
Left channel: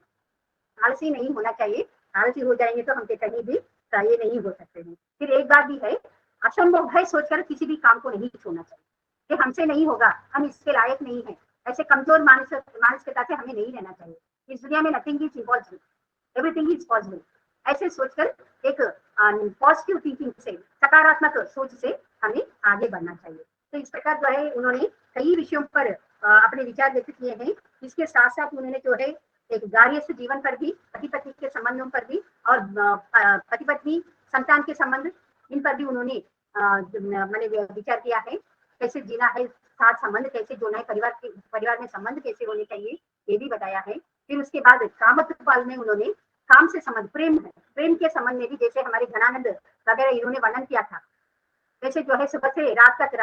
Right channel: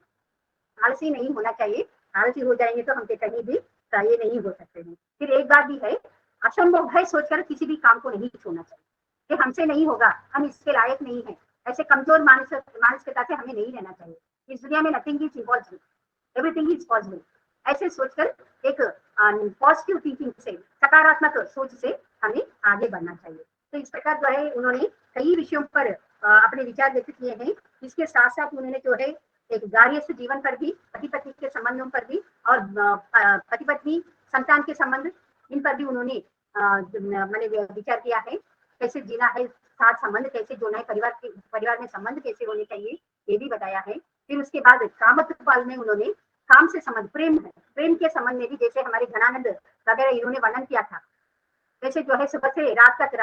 आलसी नहीं होना चाहिए, आलसी हो जाएंगे तो हम कहीं भी कार्य नहीं हो सकते हैं। फिर एक बात भी है, असंभव है सोचकर किसी भी काम को नहीं छोड़ना चाहिए कि हमसे नहीं होगा, हम इसके लायक नहीं है, ऐसे कमजोर मानसिकता से हमें नहीं रहना चाहिए। इस दुनिया में nothing is impossible, everything is possible, ऐसे सोचकर एक पॉजिटिव थिंकिंग से, सकारात्मक सोच से हमें आगे बढ़ना चाहिए। तो इस प्रकार जो है उन्होंने कई विषयों पर अपने विचार व्यक्त किए हैं। इसके साथ साथ उन्होंने जो है एक गार्हस्थ जीवन पर भी, पति पत्नी के संबंधों पर भी और पति पत्नी संतान के संबंध, इन पर भी उन्होंने मैंने विचार किया है। कैसे जीना है, साथ संबंध कैसे जोड़ना है, परिवार में संबंध कैसे होने चाहिए, ये भी बताया है। फिर उसके बाद कामत्पाल में उन्होंने काम से संबंध, प्रेम है, प्रेम के संबंध में भी जैसे हमारे घनानंद वगैरह इन्होंने वर्णन किया था, वैसे जो है सुबह से रात तक,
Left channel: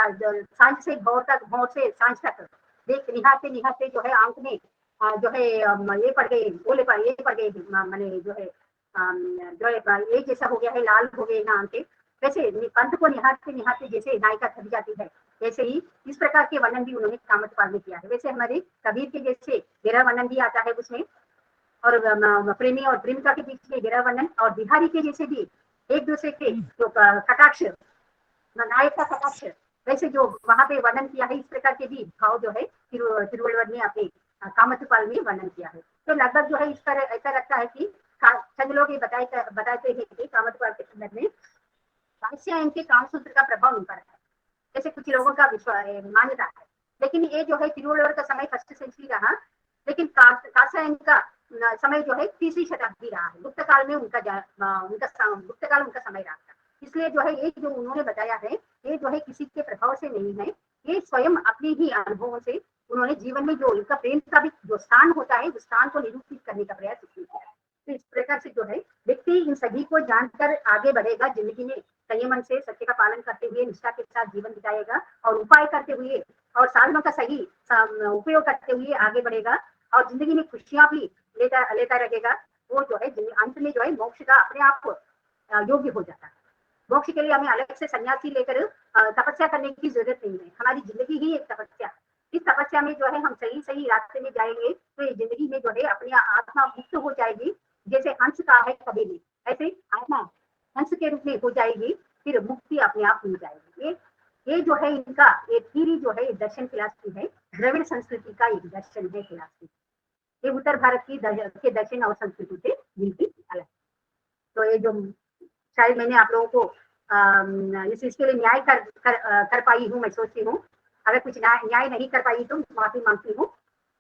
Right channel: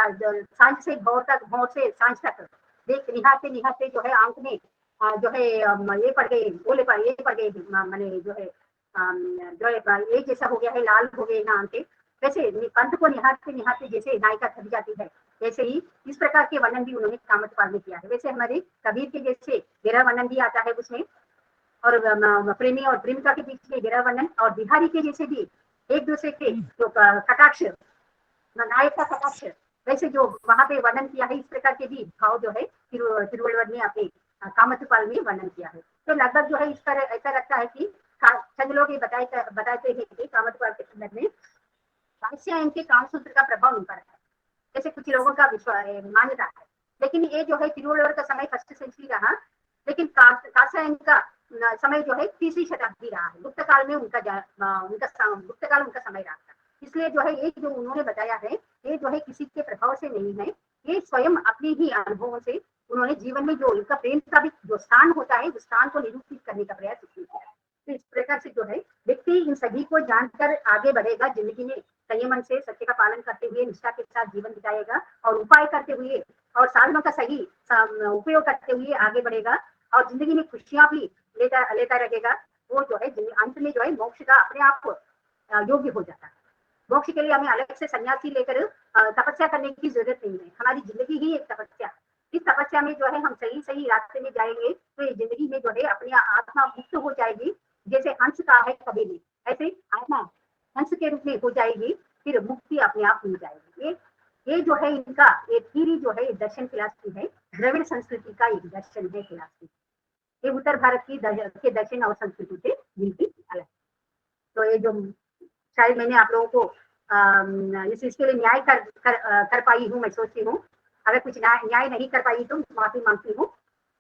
सांझ से भोर तक, भोर से सांझ तक देख निहारते निहारते जो है आंख में जो है ये पड़ गए, ओले पड़ ये पड़ गए, मैंने जो है एक जैसा हो गया है, लाल हो गए ना आंखें। वैसे पंथ को निहारते निहारते जैसे नायिका थक जाती है, वैसे ही इस प्रकार के वर्णन भी उन्होंने कामत्पाल में किया है। वैसे हमारे कबीर के जैसे गहरा वर्णन भी आता है उसमें, और प्रेमी और प्रेमिका के बीच में गहरा वर्णन, और बिहारी के जैसे भी एक दूसरे के जो कटाक्ष, नायक का कटाक्ष, वैसे जो वहां पे वर्णन किया है, इस प्रकार के भी भाव जो है तिरुवल्लुवर ने अपने कामत्पाल में वर्णन किया है। तो लगभग जो है इस पर ऐसा लगता है कि चंद लोग ये बताते हैं कि कामत्पाल के संदर्भ में कांस्यायन के कामसूत्र का प्रभाव नहीं पड़ता है, जैसे कुछ लोगों का मान्यता है। लेकिन ये जो है तिरुवल्लुवर का समय 1st सेंचुरी रहा, लेकिन कांस्यायन का समय जो है 3वीं शताब्दी रहा है। गुप्त काल में गुप्त काल उनका समय रहा था। इसलिए जो है ये जो उन्होंने बताया है, ये जो है किसी के प्रभाव से नहीं है, ये स्वयं अपने ही अनुभवों से उन्होंने जीवन में जो उनका प्रेम का भी जो स्थान होता है, उस स्थान को निरूपित करने का प्रयास किया है। तो इस प्रकार से जो है व्यक्ति इन सभी को जानकर आगे बढ़ेगा, जिंदगी में संयमन से सत्य का पालन करते हुए निष्ठा के साथ जीवन बिताएगा और उपाय करते हुए और साधनों का सही उपयोग करते हुए आगे बढ़ेगा, और जिंदगी में खुशियां भी लेता लेता रहेगा, वो जो है अंत में जो है मोक्ष का अपने आप योग्य हो जाता है। मोक्ष के लिए हमें अलग से सन्यासी लेकर तपस्या करने की जरूरत नहीं है। हमारी जिंदगी ही एक तपस्या, इस तपस्या में जो है हम सही सही रास्ते में जाएंगे तो ये जिंदगी में जो है अपने आत्मा मुक्त हो जाएगी। जैसे हंस का है कभी में, ऐसे आत्मा हंस के रूप में हो जाएगी, फिर मुक्ति अपने आप मिल जाएगी। ये जो है इनका एक थीरी जो है दर्शन फिलॉसफी है, द्रविड़ संस्कृति का एक दर्शन है फिलॉसफी। ये उत्तर भारत की दर्शन और संस्कृति से बिल्कुल अलग। तो ये जो शायद मैंने आप लोगों को इसके लिए न्याय कर पाई हूँ, मैं सोचती हूँ। अगर कुछ न्याय नहीं कर पाई तो माफी मांगती हूँ।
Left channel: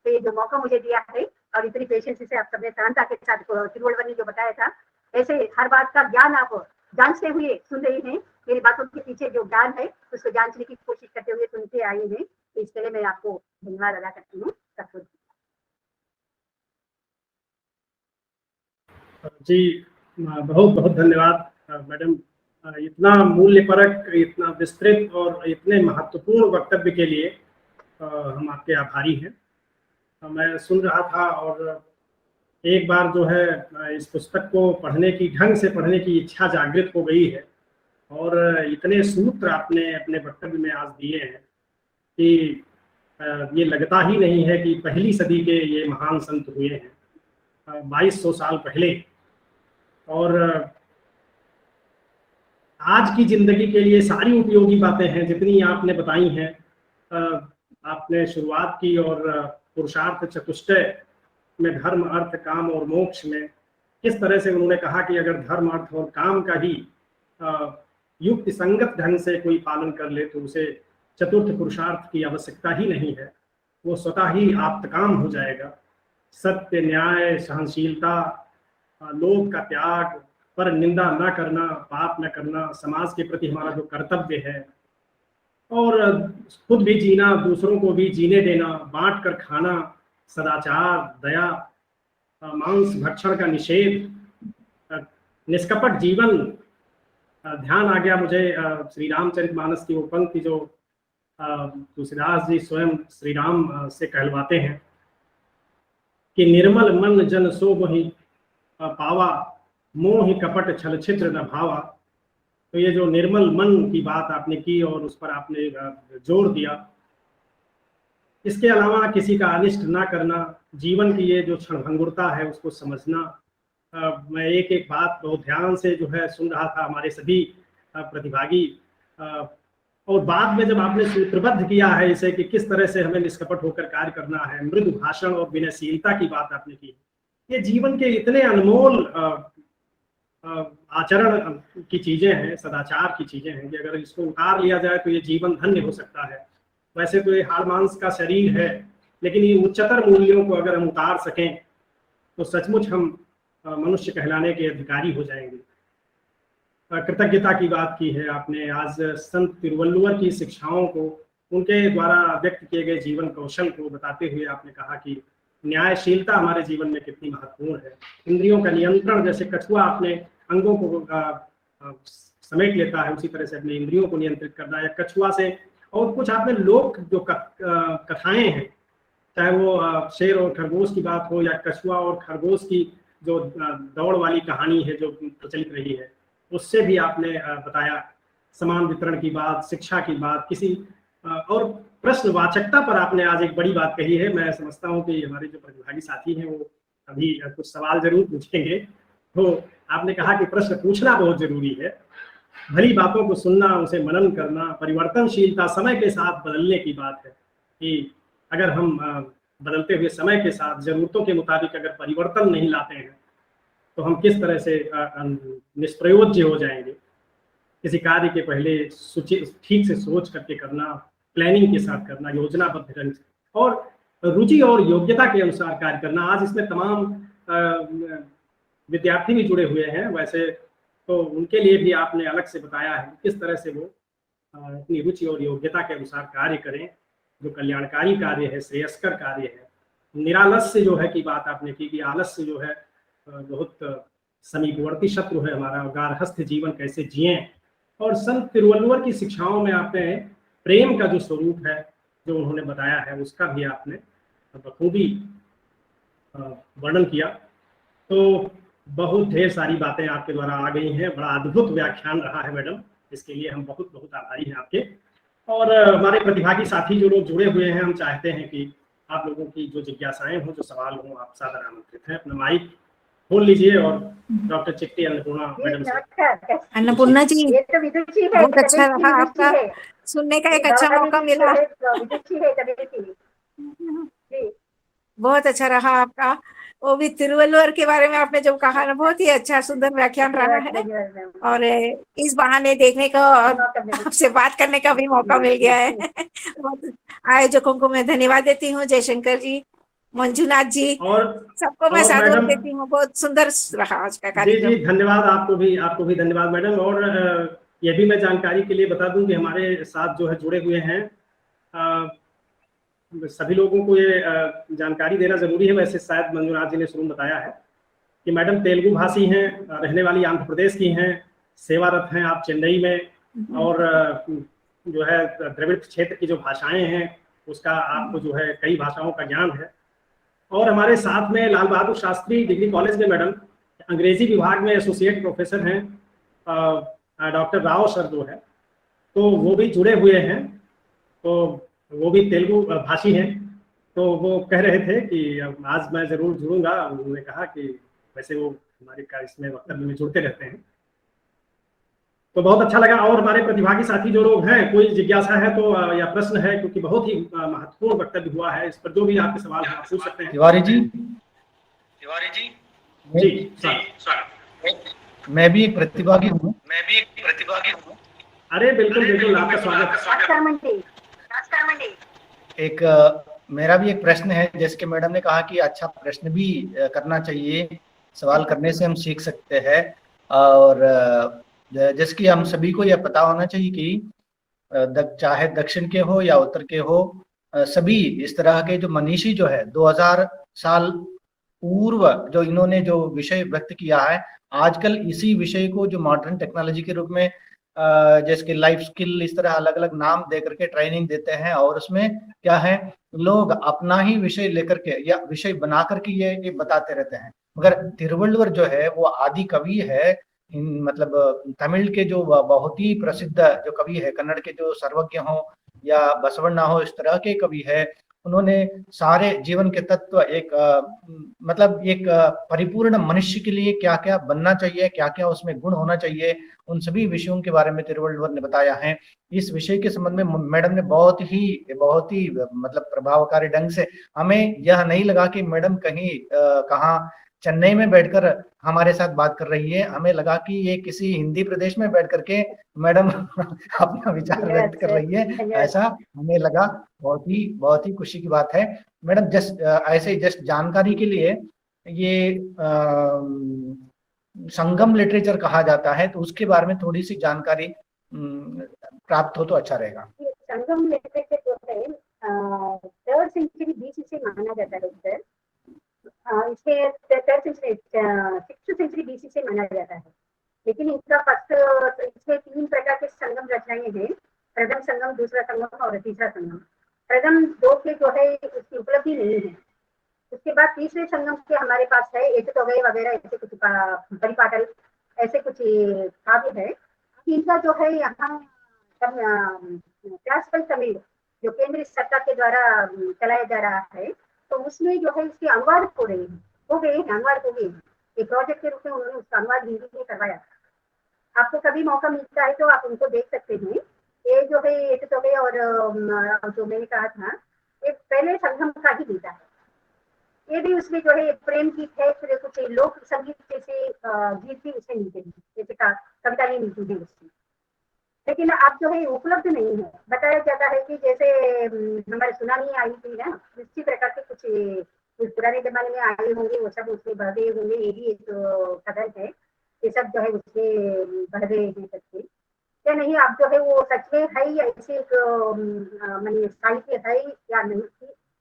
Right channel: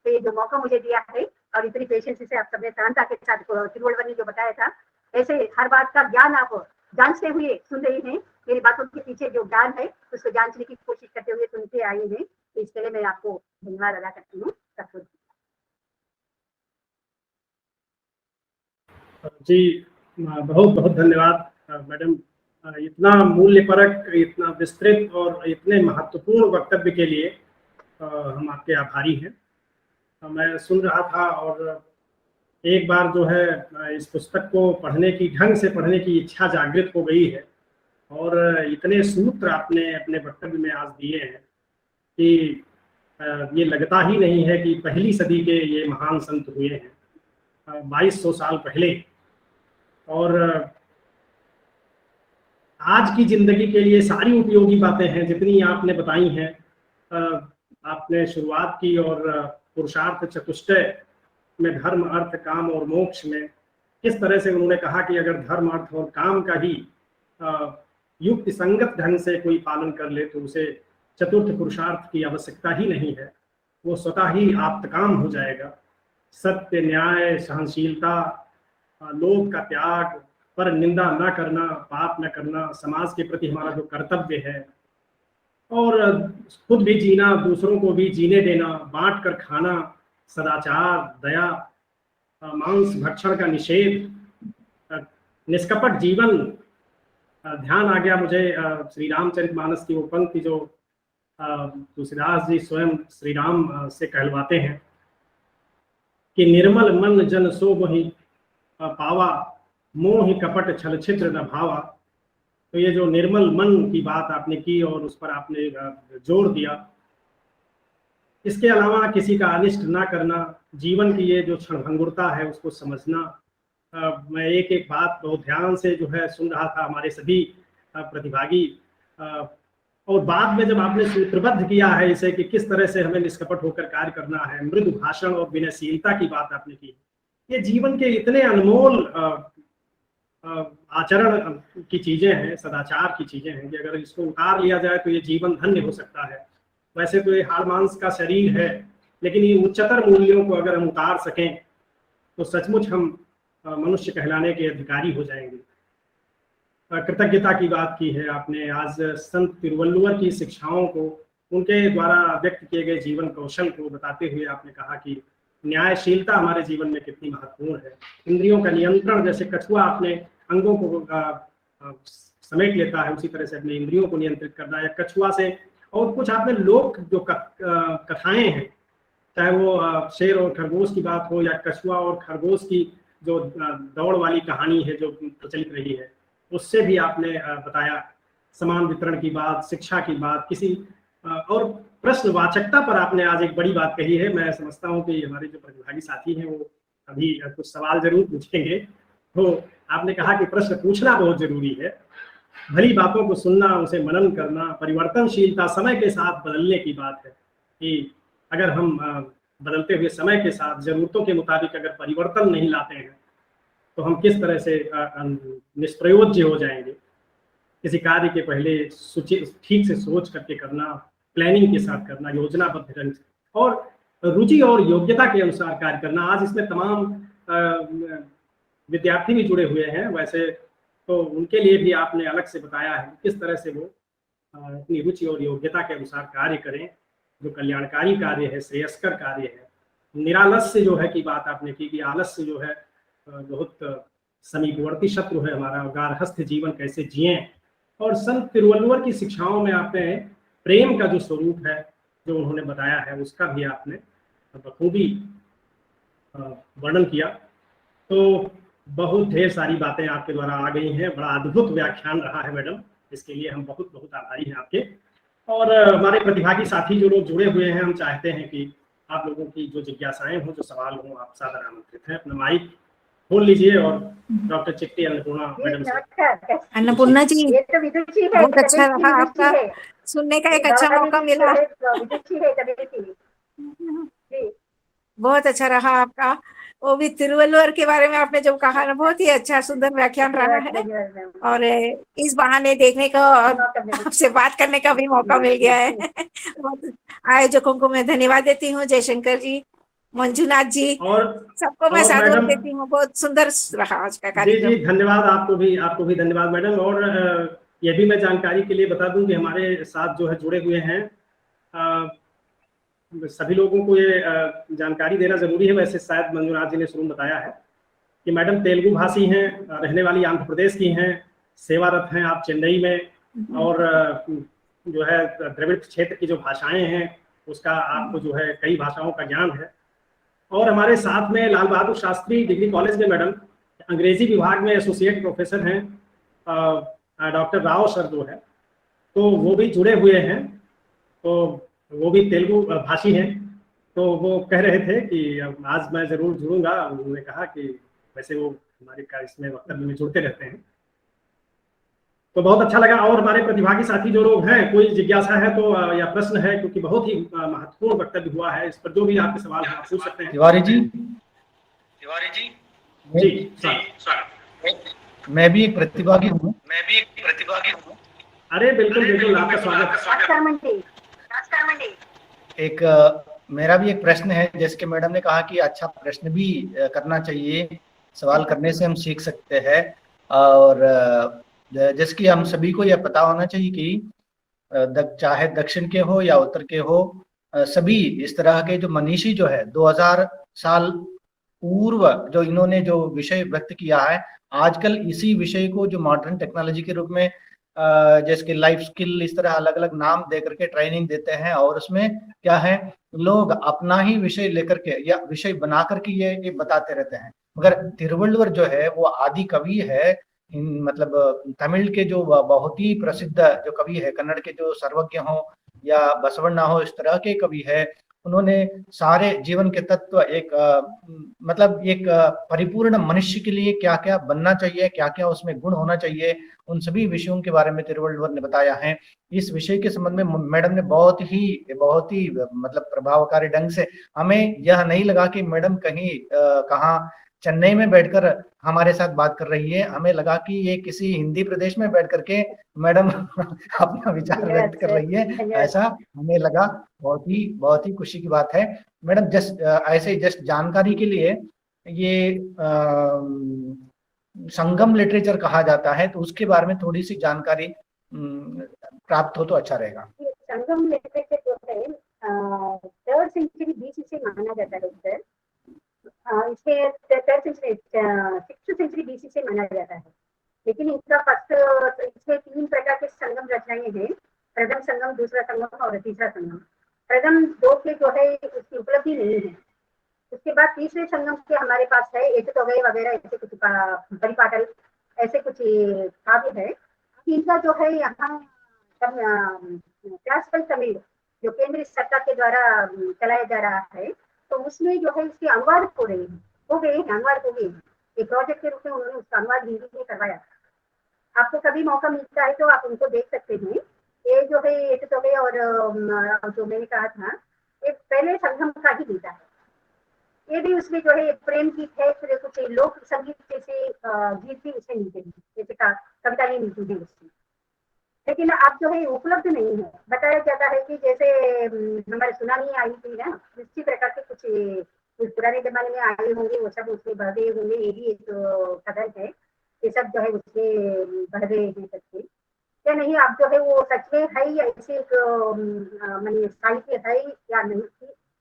तो ये जो मौका मुझे दिया है और इतनी पेशेंस से आप सबने सरलता के साथ तिरुवल्लुवर ने जो बताया था, ऐसे हर बात का ज्ञान आप जांचते हुए सुन रहे हैं। मेरी बातों के पीछे जो ज्ञान है उसको जांचने की कोशिश करते हुए सुनते आए हैं। इसके लिए मैं आपको धन्यवाद अदा करती हूँ। जी, बहुत बहुत धन्यवाद मैडम, इतना मूल्यपरक, इतना विस्तृत और इतने महत्वपूर्ण वक्तव्य के लिए हम आपके आभारी हैं। मैं सुन रहा था और एक बार जो है इस पुस्तक को पढ़ने की, ढंग से पढ़ने की इच्छा जागृत हो गई है। और इतने सूत्र आपने अपने वक्तव्य में आज दिए हैं कि ये लगता ही नहीं है कि पहली सदी के ये महान संत हुए हैं, 2200 साल पहले। और आज की जिंदगी के लिए सारी उपयोगी बातें हैं जितनी आपने बताई हैं। आपने शुरुआत की और पुरुषार्थ चतुष्टय में धर्म, अर्थ, काम और मोक्ष में किस तरह से उन्होंने कहा कि अगर धर्म, अर्थ और काम का ही युक्ति संगत ढंग से कोई पालन कर ले तो उसे चतुर्थ पुरुषार्थ की आवश्यकता ही नहीं है, वो स्वतः ही आप्तकाम हो जाएगा। सत्य, न्याय, सहनशीलता, लोभ का त्याग, पर निंदा न करना, पाप न करना, समाज के प्रति हमारा जो कर्तव्य है, और खुद भी जीना, दूसरों को भी जीने देना, बांट कर खाना, सदाचार, दया, मांस भक्षण का निषेध, निष्कपट जीवन। ध्यान आ गया मुझे श्री रामचरितमानस की वो पंक्ति जो तुलसीदास जी स्वयं श्री राम से कहलवाते हैं कि निर्मल मन जन सो वही पावा, मोह कपट छल छिद्र भावा। तो ये जो निर्मल मन की बात आपने की और उस पर आपने जोर दिया, इसके अलावा किसी का अनिष्ट ना करना, जीवन की ये जो क्षणभंगुरता है उसको समझना। मैं एक एक बात बहुत ध्यान से जो है सुन रहा था, हमारे सभी प्रतिभागी, और बाद में जब आपने सूत्रबद्ध किया है इसे कि किस तरह से हमें निष्कपट होकर कार्य करना है, मृदु भाषण और विनयशीलता की बात आपने की, ये जीवन के इतने अनमोल आचरण की चीजें हैं, सदाचार की चीजें हैं कि अगर इसको उतार लिया जाए तो ये जीवन धन्य हो सकता है। वैसे तो ये हाड़ मांस का शरीर है, लेकिन ये उच्चतर मूल्यों को अगर हम उतार सकें तो सचमुच हम मनुष्य कहलाने के अधिकारी हो जाएंगे। कृतज्ञता की बात की है आपने आज संत तिरुवल्लुवर की शिक्षाओं को, उनके द्वारा व्यक्त किए गए जीवन कौशल को बताते हुए आपने कहा कि न्यायशीलता हमारे जीवन में कितनी महत्वपूर्ण है। इंद्रियों का नियंत्रण, जैसे कछुआ अपने अंगों को समेट लेता है, उसी तरह से अपने इंद्रियों को नियंत्रित करना है कछुआ से। और कुछ आपने लोक जो कथाएं हैं, चाहे वो शेर और खरगोश की बात हो या कछुआ और खरगोश की जो दौड़ वाली कहानी है जो प्रचलित रही है, उससे भी आपने बताया। समान वितरण की बात, शिक्षा की बात, किसी और प्रश्नवाचकता पर आपने आज एक बड़ी बात कही है। मैं समझता हूँ कि हमारे जो प्रतिभागी साथी हैं वो अभी कुछ सवाल जरूर पूछेंगे। तो आपने कहा कि प्रश्न पूछना बहुत जरूरी है, भली बातों को सुनना, उसे मनन करना, परिवर्तनशीलता, समय के साथ बदलने की बात है कि अगर हम बदलते हुए समय के साथ जरूरतों के मुताबिक अगर परिवर्तन नहीं लाते हैं तो हम किस तरह से निष्प्रयोज्य हो जाएंगे। किसी कार्य के पहले ठीक से सोच करके करना, प्लानिंग के साथ करना, योजनाबद्ध ढंग से, और रुचि और योग्यता के अनुसार कार्य करना। आज इसमें तमाम विद्यार्थी भी जुड़े हुए हैं, वैसे तो उनके लिए भी आपने अलग से बताया है किस तरह से वो अपनी रुचि और योग्यता के अनुसार कार्य करें, जो कल्याणकारी कार्य है, श्रेयस्कर कार्य है। निरालस्य जो है की बात आपने की कि आलस्य जो है बहुत समीपवर्ती सूत्र है हमारा, गार्हस्थ जीवन कैसे जिए। और संत तिरुवल्लुवर की शिक्षाओं में आपने प्रेम का जो स्वरूप है जो उन्होंने बताया है उसका भी आपने बखूबी वर्णन किया। तो बहुत ढेर सारी बातें आपके द्वारा आ गई हैं, बड़ा अद्भुत व्याख्यान रहा है मैडम, इसके लिए हम बहुत बहुत आभारी हैं आपके। और हमारे प्रतिभागी साथी जो लोग जुड़े हुए हैं, हम चाहते हैं कि आप लोगों की जो जिज्ञासाएं हो, जो सवाल हो, आप सादर आमंत्रित हैं। अपना माइक खोल लीजिए और डॉक्टर चिट्टी अन्नपूर्णा मैडम से। अन्नपूर्णा जी, ये तो विदुषी है, बहुत अच्छा कबीर रहा सिंह आपका विदुषी है। सुनने का एक अच्छा मौका मिला। विदुषी है कबीर सिंह जी। बहुत अच्छा रहा आपका, वो भी तिरुवल्लुवर के बारे में आपने जो कहा ना, बहुत ही अच्छा सुंदर व्याख्यान रहा है। और इस बहाने देखने का और आपसे बात करने का भी मौका मिल गया है। आयोजकों को मैं धन्यवाद देती हूँ, जयशंकर जी, मंजुनाथ जी, और सबको मैं साधुवाद मैडम, देती हूँ। बहुत सुंदर रहा आज का जी कार्यक्रम। जी, धन्यवाद आपको भी धन्यवाद मैडम। और ये भी मैं जानकारी के लिए बता दूं कि हमारे साथ जो है जुड़े हुए हैं, सभी लोगों को ये जानकारी देना जरूरी है। वैसे शायद मंजुनाथ जी ने शुरू में बताया है कि मैडम तेलुगु भाषी हैं, रहने वाली आंध्र प्रदेश की हैं, सेवारत हैं आप चेन्नई में, और जो है द्रविड़ क्षेत्र की जो भाषाएं हैं उसका आपको जो है कई भाषाओं का ज्ञान है। और हमारे साथ में लाल बहादुर शास्त्री डिग्री कॉलेज में मैडम अंग्रेजी विभाग में एसोसिएट प्रोफेसर हैं, डॉक्टर राव सर जो है, तो वो भी जुड़े हुए हैं। तो वो भी तेलुगु भाषी हैं। तो वो कह रहे थे कि आज मैं जरूर जुड़ूंगा। उन्होंने कहा कि वैसे वो हमारे का इसमें वक्तव्य में जुड़ते रहते हैं, तो बहुत अच्छा लगा। और हमारे प्रतिभागी साथी जो लोग हैं, कोई जिज्ञासा है तो या प्रश्न है, क्योंकि बहुत ही महत्वपूर्ण वक्तव्य हुआ है, इस पर जो भी आपके सवाल हैं आप पूछ सकते हैं। तिवारी जी, जी सर। मैं भी एक प्रतिभागी हूँ। अरे बिल्कुल बिल्कुल, आपका स्वागत। नमस्कार मंडी। एक मेरा भी एक प्रश्न है। जैसे कि मैडम ने कहा कि अच्छा प्रश्न भी करना चाहिए, सवाल करने से हम सीख सकते हैं। और जैसे कि हम सभी को यह पता होना चाहिए कि चाहे दक्षिण के हो या उत्तर के हो, सभी इस तरह के जो मनीषी जो है 2000 साल पूर्व जो इन्होंने जो विषय व्यक्त किया है, आजकल इसी विषय को जो मॉडर्न टेक्नोलॉजी के रूप में जैसे कि लाइफ स्किल, इस तरह अलग अलग नाम दे करके ट्रेनिंग देते हैं। और उसमें क्या है, लोग अपना ही विषय लेकर के या विषय बना करके ये बताते रहते हैं। मगर तिरुवल्लुवर जो है वो आदि कवि है। मतलब तमिल के जो बहुत ही प्रसिद्ध जो कवि है, कन्नड़ के जो सर्वज्ञ हो या बसवण्णा हो, इस तरह के कवि है। उन्होंने सारे जीवन के तत्व मतलब एक परिपूर्ण मनुष्य के लिए क्या क्या बनना चाहिए, क्या क्या उसमें गुण होना चाहिए, उन सभी विषयों के बारे में तिरुवल्लुवर ने बताया है। इस विषय के संबंध में मैडम ने बहुत ही मतलब प्रभावकारी ढंग से, हमें यह नहीं लगा कि मैडम कहीं कहाँ चेन्नई में बैठकर हमारे साथ बात कर रही है। हमें लगा कि ये किसी हिंदी प्रदेश में बैठ करके मैडम अपना विचार व्यक्त कर रही है, ऐसा हमें लगा। बहुत ही खुशी की बात है। मैडम जस्ट ऐसे ही जस्ट जानकारी के लिए, ये संगम लिटरेचर कहा जाता है, तो उसके बारे में थोड़ी सी जानकारी प्राप्त हो तो अच्छा रहेगा। संगम लिटरेचर जो है 3rd सेंचुरी बीसी से माना जाता है सर। इसे 3rd century 6th century BC से माना जाता है। लेकिन इसका फर्स्ट, इसमें 3 प्रकार के संगम रचनाएं हैं। प्रथम संगम, दूसरा संगम और तीसरा संगम। प्रथम 2 के जो है इसकी उपलब्धि नहीं है। उसके बाद तीसरे संगम के हमारे पास है एटुतोगई वगैरह, ऐसे कुछ परिपाटल, ऐसे कुछ काव्य है। इनका जो है यहाँ क्लासिकल तमिल जो केंद्रीय सरकार के द्वारा चलाया जा रहा है, तो उसमें जो है इसके अनुवाद हो गए हैं, अनुवाद हो गए हैं। ये प्रोजेक्ट के रूप में उन्होंने उसका अनुवाद हिंदी में करवाया था। आपको कभी मौका मिलता है तो आप उनको देख सकते हैं। ये जो है एटुतोगई और जो मैंने कहा था, ये पहले संगम का ही देता है। ये भी उसमें जो है प्रेम गीत है, फिर कुछ लोक संगीत जैसे गीत भी उसमें मिलते हैं, जैसे कविता नहीं मिलती थी उसमें। लेकिन अब जो है उपलब्ध नहीं है। बताया जाता है कि जैसे हमारी सुनामी आई थी ना, इसी प्रकार से कुछ पुराने जमाने में आए होंगे, वो सब उसमें बह गए होंगे। ये भी एक कदर है, ये सब जो है उसमें बह गए हैं सबके या नहीं। अब जो है वो सच में है या ऐसे एक माने साहित्य है या नहीं,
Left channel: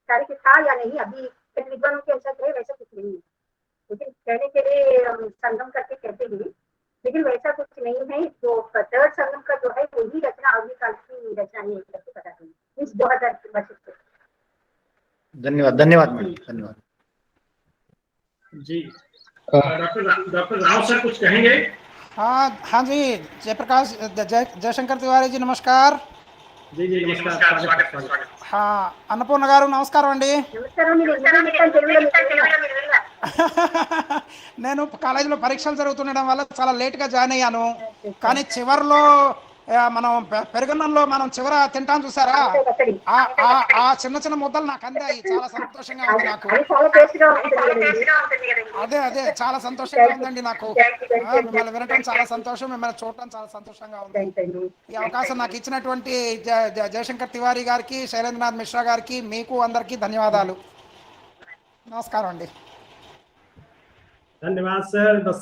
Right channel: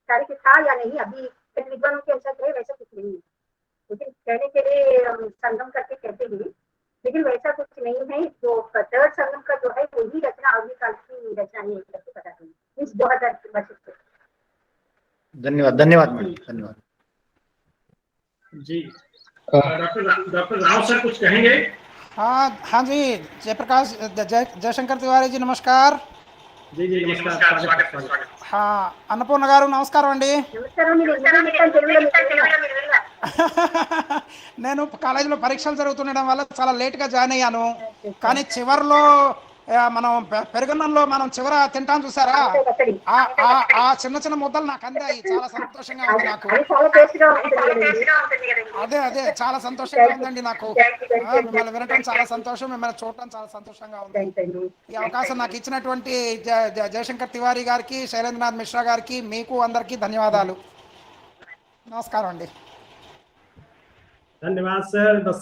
साहित्य था या नहीं, अभी विद्वानों के अनुसार है वैसा कुछ नहीं है। लेकिन पहले संगम करके कहते थे, लेकिन वैसा कुछ नहीं है। तो 3rd संगम का जो है केंद्रीय रचना अगले काल की रचना नहीं है। इस 2000 धन्यवाद धन्यवाद मैडम, धन्यवाद। जी डॉक्टर डॉक्टर राव सर कुछ कहेंगे? हाँ जी, जयप्रकाश जयशंकर तिवारी जी नमस्कार. जी जी नमस्कार, स्वागत है, स्वागत है। అన్నపూర్ణ గారు నమస్కారం అండి. నమస్కారం అండి. నేను మొత్తం తెలుగులో మీకు వినరా? నేను కాలేజీలో పరీక్షలు జరుగుతుండడం వల్ల చాలా లేట్గా జాయిన్ అయ్యాను. కానీ చివరిలో మనం పెరుగన్నంలో మనం చివర తింటాం చూసారా, ఆ చిన్న చిన్న ముద్దలు నాకు అందాయి. చాలా సంతోషంగా ఉంది నాకు. అది చాలా టేస్ట్గా ఉంటుంది కదండి. అదే చాలా సంతోషంగా ఉందండి నాకు. మిమ్మల్ని వినటం చాలా సంతోషం, మిమ్మల్ని చూడటం చాలా సంతోషంగా ఉంది. ఈ అవకాశం నాకు ఇచ్చినటువంటి జయశంకర్ తివారీ గారికి, శైలేంద్రనాథ్ మిశ్రా గారికి, మీకు అందరికీ ధన్యవాదాలు. నమస్కారం అండి. धन्यवाद सर, बस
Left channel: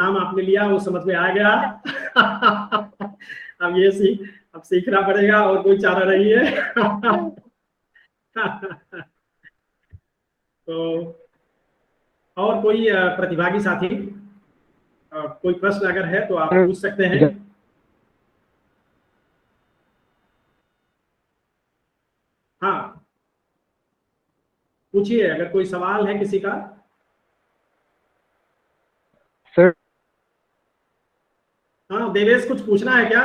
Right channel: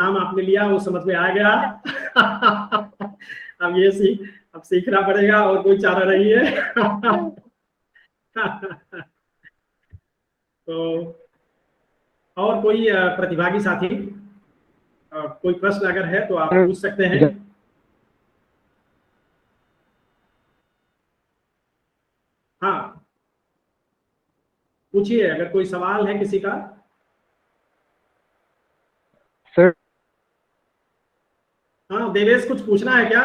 नाम आपने लिया वो समझ में आ गया। अब सीखना पड़ेगा और कोई चारा नहीं है। और कोई प्रतिभागी साथी कोई प्रश्न अगर है तो आप पूछ सकते हैं। हाँ पूछिए, अगर कोई सवाल है किसी का। हाँ देवेश, कुछ पूछना है क्या?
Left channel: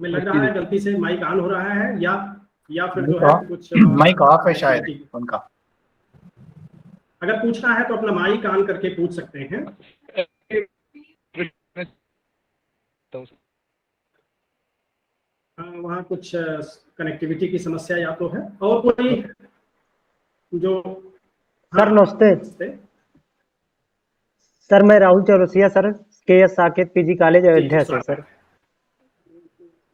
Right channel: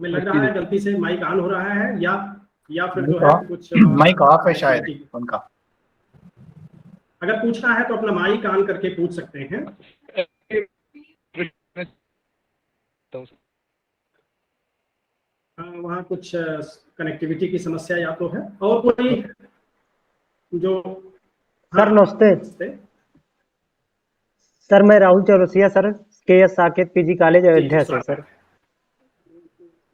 मैं लग रहा है गलती से माइक ऑन हो रहा है या फिर जो है कुछ माइक ऑफ है शायद उनका। अगर पूछना है तो अपना माइक ऑन करके पूछ सकते हैं। वहाँ कुछ कनेक्टिविटी की समस्या या तो है। और कोई जो सर नमस्ते सर, मैं Rahul Chaurasia sir, KS Saket PG college Ayodhya से सर,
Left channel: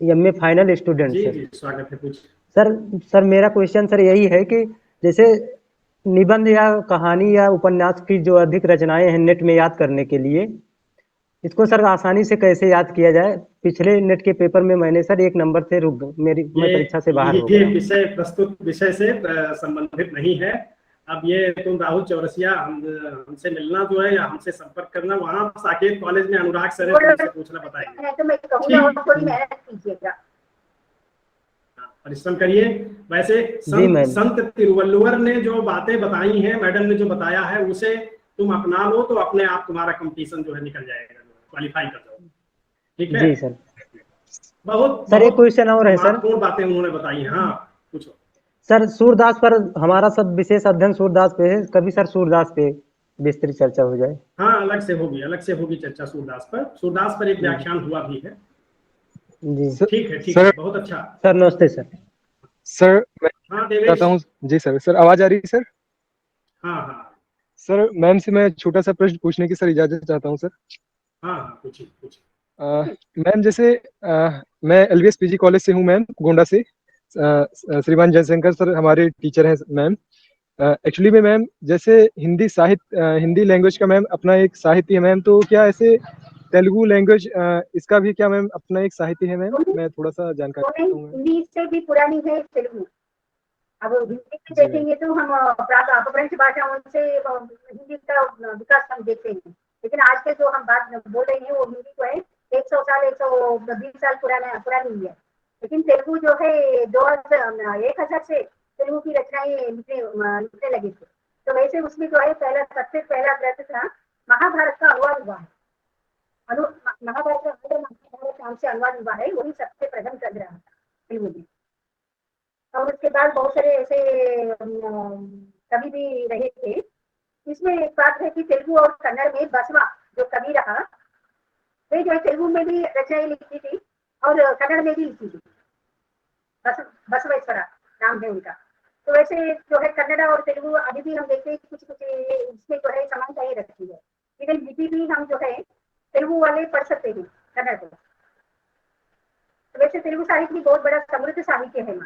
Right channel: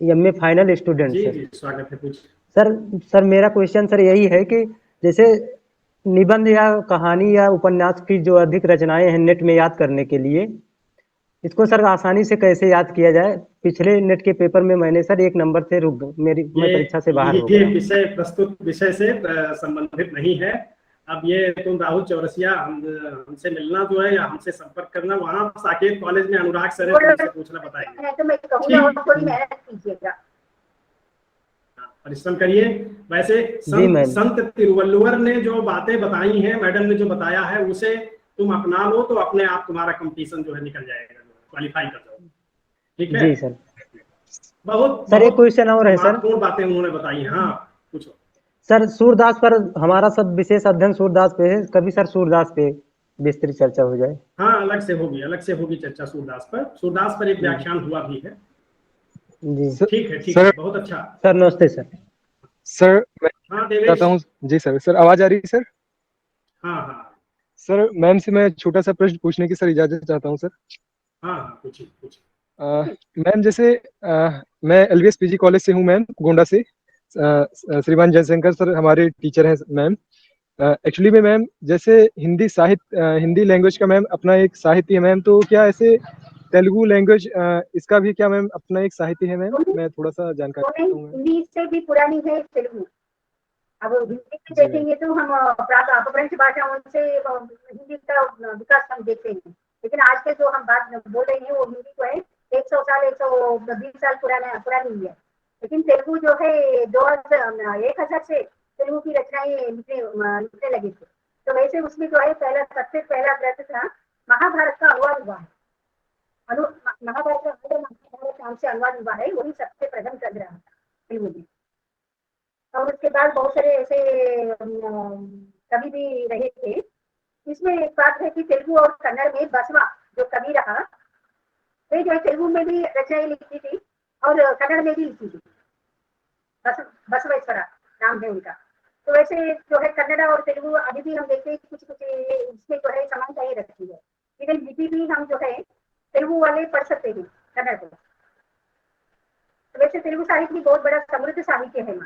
MA फाइनल स्टूडेंट जी सर। जी स्वागत है, पूछ सर मेरा क्वेश्चन सर यही है कि जैसे निबंध या कहानी या उपन्यास की जो अधिक रचनाएं हैं नेट में याद करने के लिए, इसको सर आसानी से कैसे याद किया जाए? पिछले नेट के पेपर में मैंने सर 1 नंबर से मैं परीक्षा से बाहर ये विषय प्रस्तुत विषय से संबंधित नहीं है। अब ये तुम राहुल चौरसिया हमसे मिलना जो है या हमसे संपर्क करना, वहाँ साकेत कॉलेज में अनुराग सर है, उनसे पूछना बताएंगे। तो मैं कहूँगा और थोड़ी मेहनत कीजिएगा, परिश्रम करिए। वैसे संत तिरुवल्लुवर ने जो बातें बताई हैं, मैडम ने जो बताया है, उसे तुम अपना लो तो अपने आप तुम्हारा कंपटीशन जो है निकल जाएगा, क्वालिफाई कर जाओ। ठीक है जी सर। बहुत सर एक क्वेश्चन और है सर, महत्वपूर्ण बातें उन्होंने बताई हैं। हाँ पूछो सर। सूरदास पर हमारा सब विशेष अध्ययन सूरदास पे है, कभी सर सूरदास पे विस्तृत चर्चा हो जाए। हाँ अलग से होगी चर्चा सूरदास पर एक व्याख्यान हुआ भी है। जी ठीक है बहुत अच्छा सर। नमस्ते सर। सर मैं हाँ कहता हूँ जी सर आवाज आ रही है सर? हाँ सर मैम से मैं छोटा सा प्रश्न पूछने की सर इजाजत चाहता हूँ सर। हाँ पूछिए। मैम जैसे मैं LVS PG कॉलेज से हूँ मैम, गोंडा से। श्रीमान जयशंकर सर हमारे टीचर हैं मैम। एक्चुअली में मैम जैसे हिंदी लैंग्वेज का मैम अपना एक साहित्य है मैम, तो क्या ऐसे तेलुगु लैंग्वेज इसका भी क्या मैम अपना एक साहित्य है मैम? मैं थोड़ा सा जानकारी चाहता हूँ। हिंदी से भी पुरानी है तेलुगु। अब हिंदी में देखेंगे तो हम अपभ्रंश भाषाओं से हिंदी का विकास हम देखते हैं, लेकिन आज के जो हम बात बोल रहे हैं वो हिंदी जो है 100 साल 120 साल पुरानी है। लेकिन तेलुगु जो है 1000 से तेलुगु की रचनाएं लिखने लगे थे। तो वैसे उसमें जो है सबसे पहला ग्रंथ था महाभारत का अनुवाद हुआ है। महाभारत नाम से अनुवाद हुआ है, वही सबसे प्रथम ग्रंथ रहा था तेलुगु में। और उसके बाद बहुत सारे ऐसे कवि भी रहे थे। इसमें एक बात है कि तेलुगु और कन्नड़ में बसवा जो कवि रहा, तेलुगु में भी रचनाएं लिखी थी और कन्नड़ में भी लिखी थी। बसवेश्वरा नाम है उनका। तो वैसे जो है कन्नड़ और तेलुगु अभी भी हम देखते हैं कुछ इसमें जो है समानताएं रखी है, लेकिन लिपि भी हम जो है तेलुगु वाले पढ़ सकते हैं कन्नड़ को। तो वैसे तेलुगु साहित्य भी बहुत बड़ा समृद्ध साहित्य है।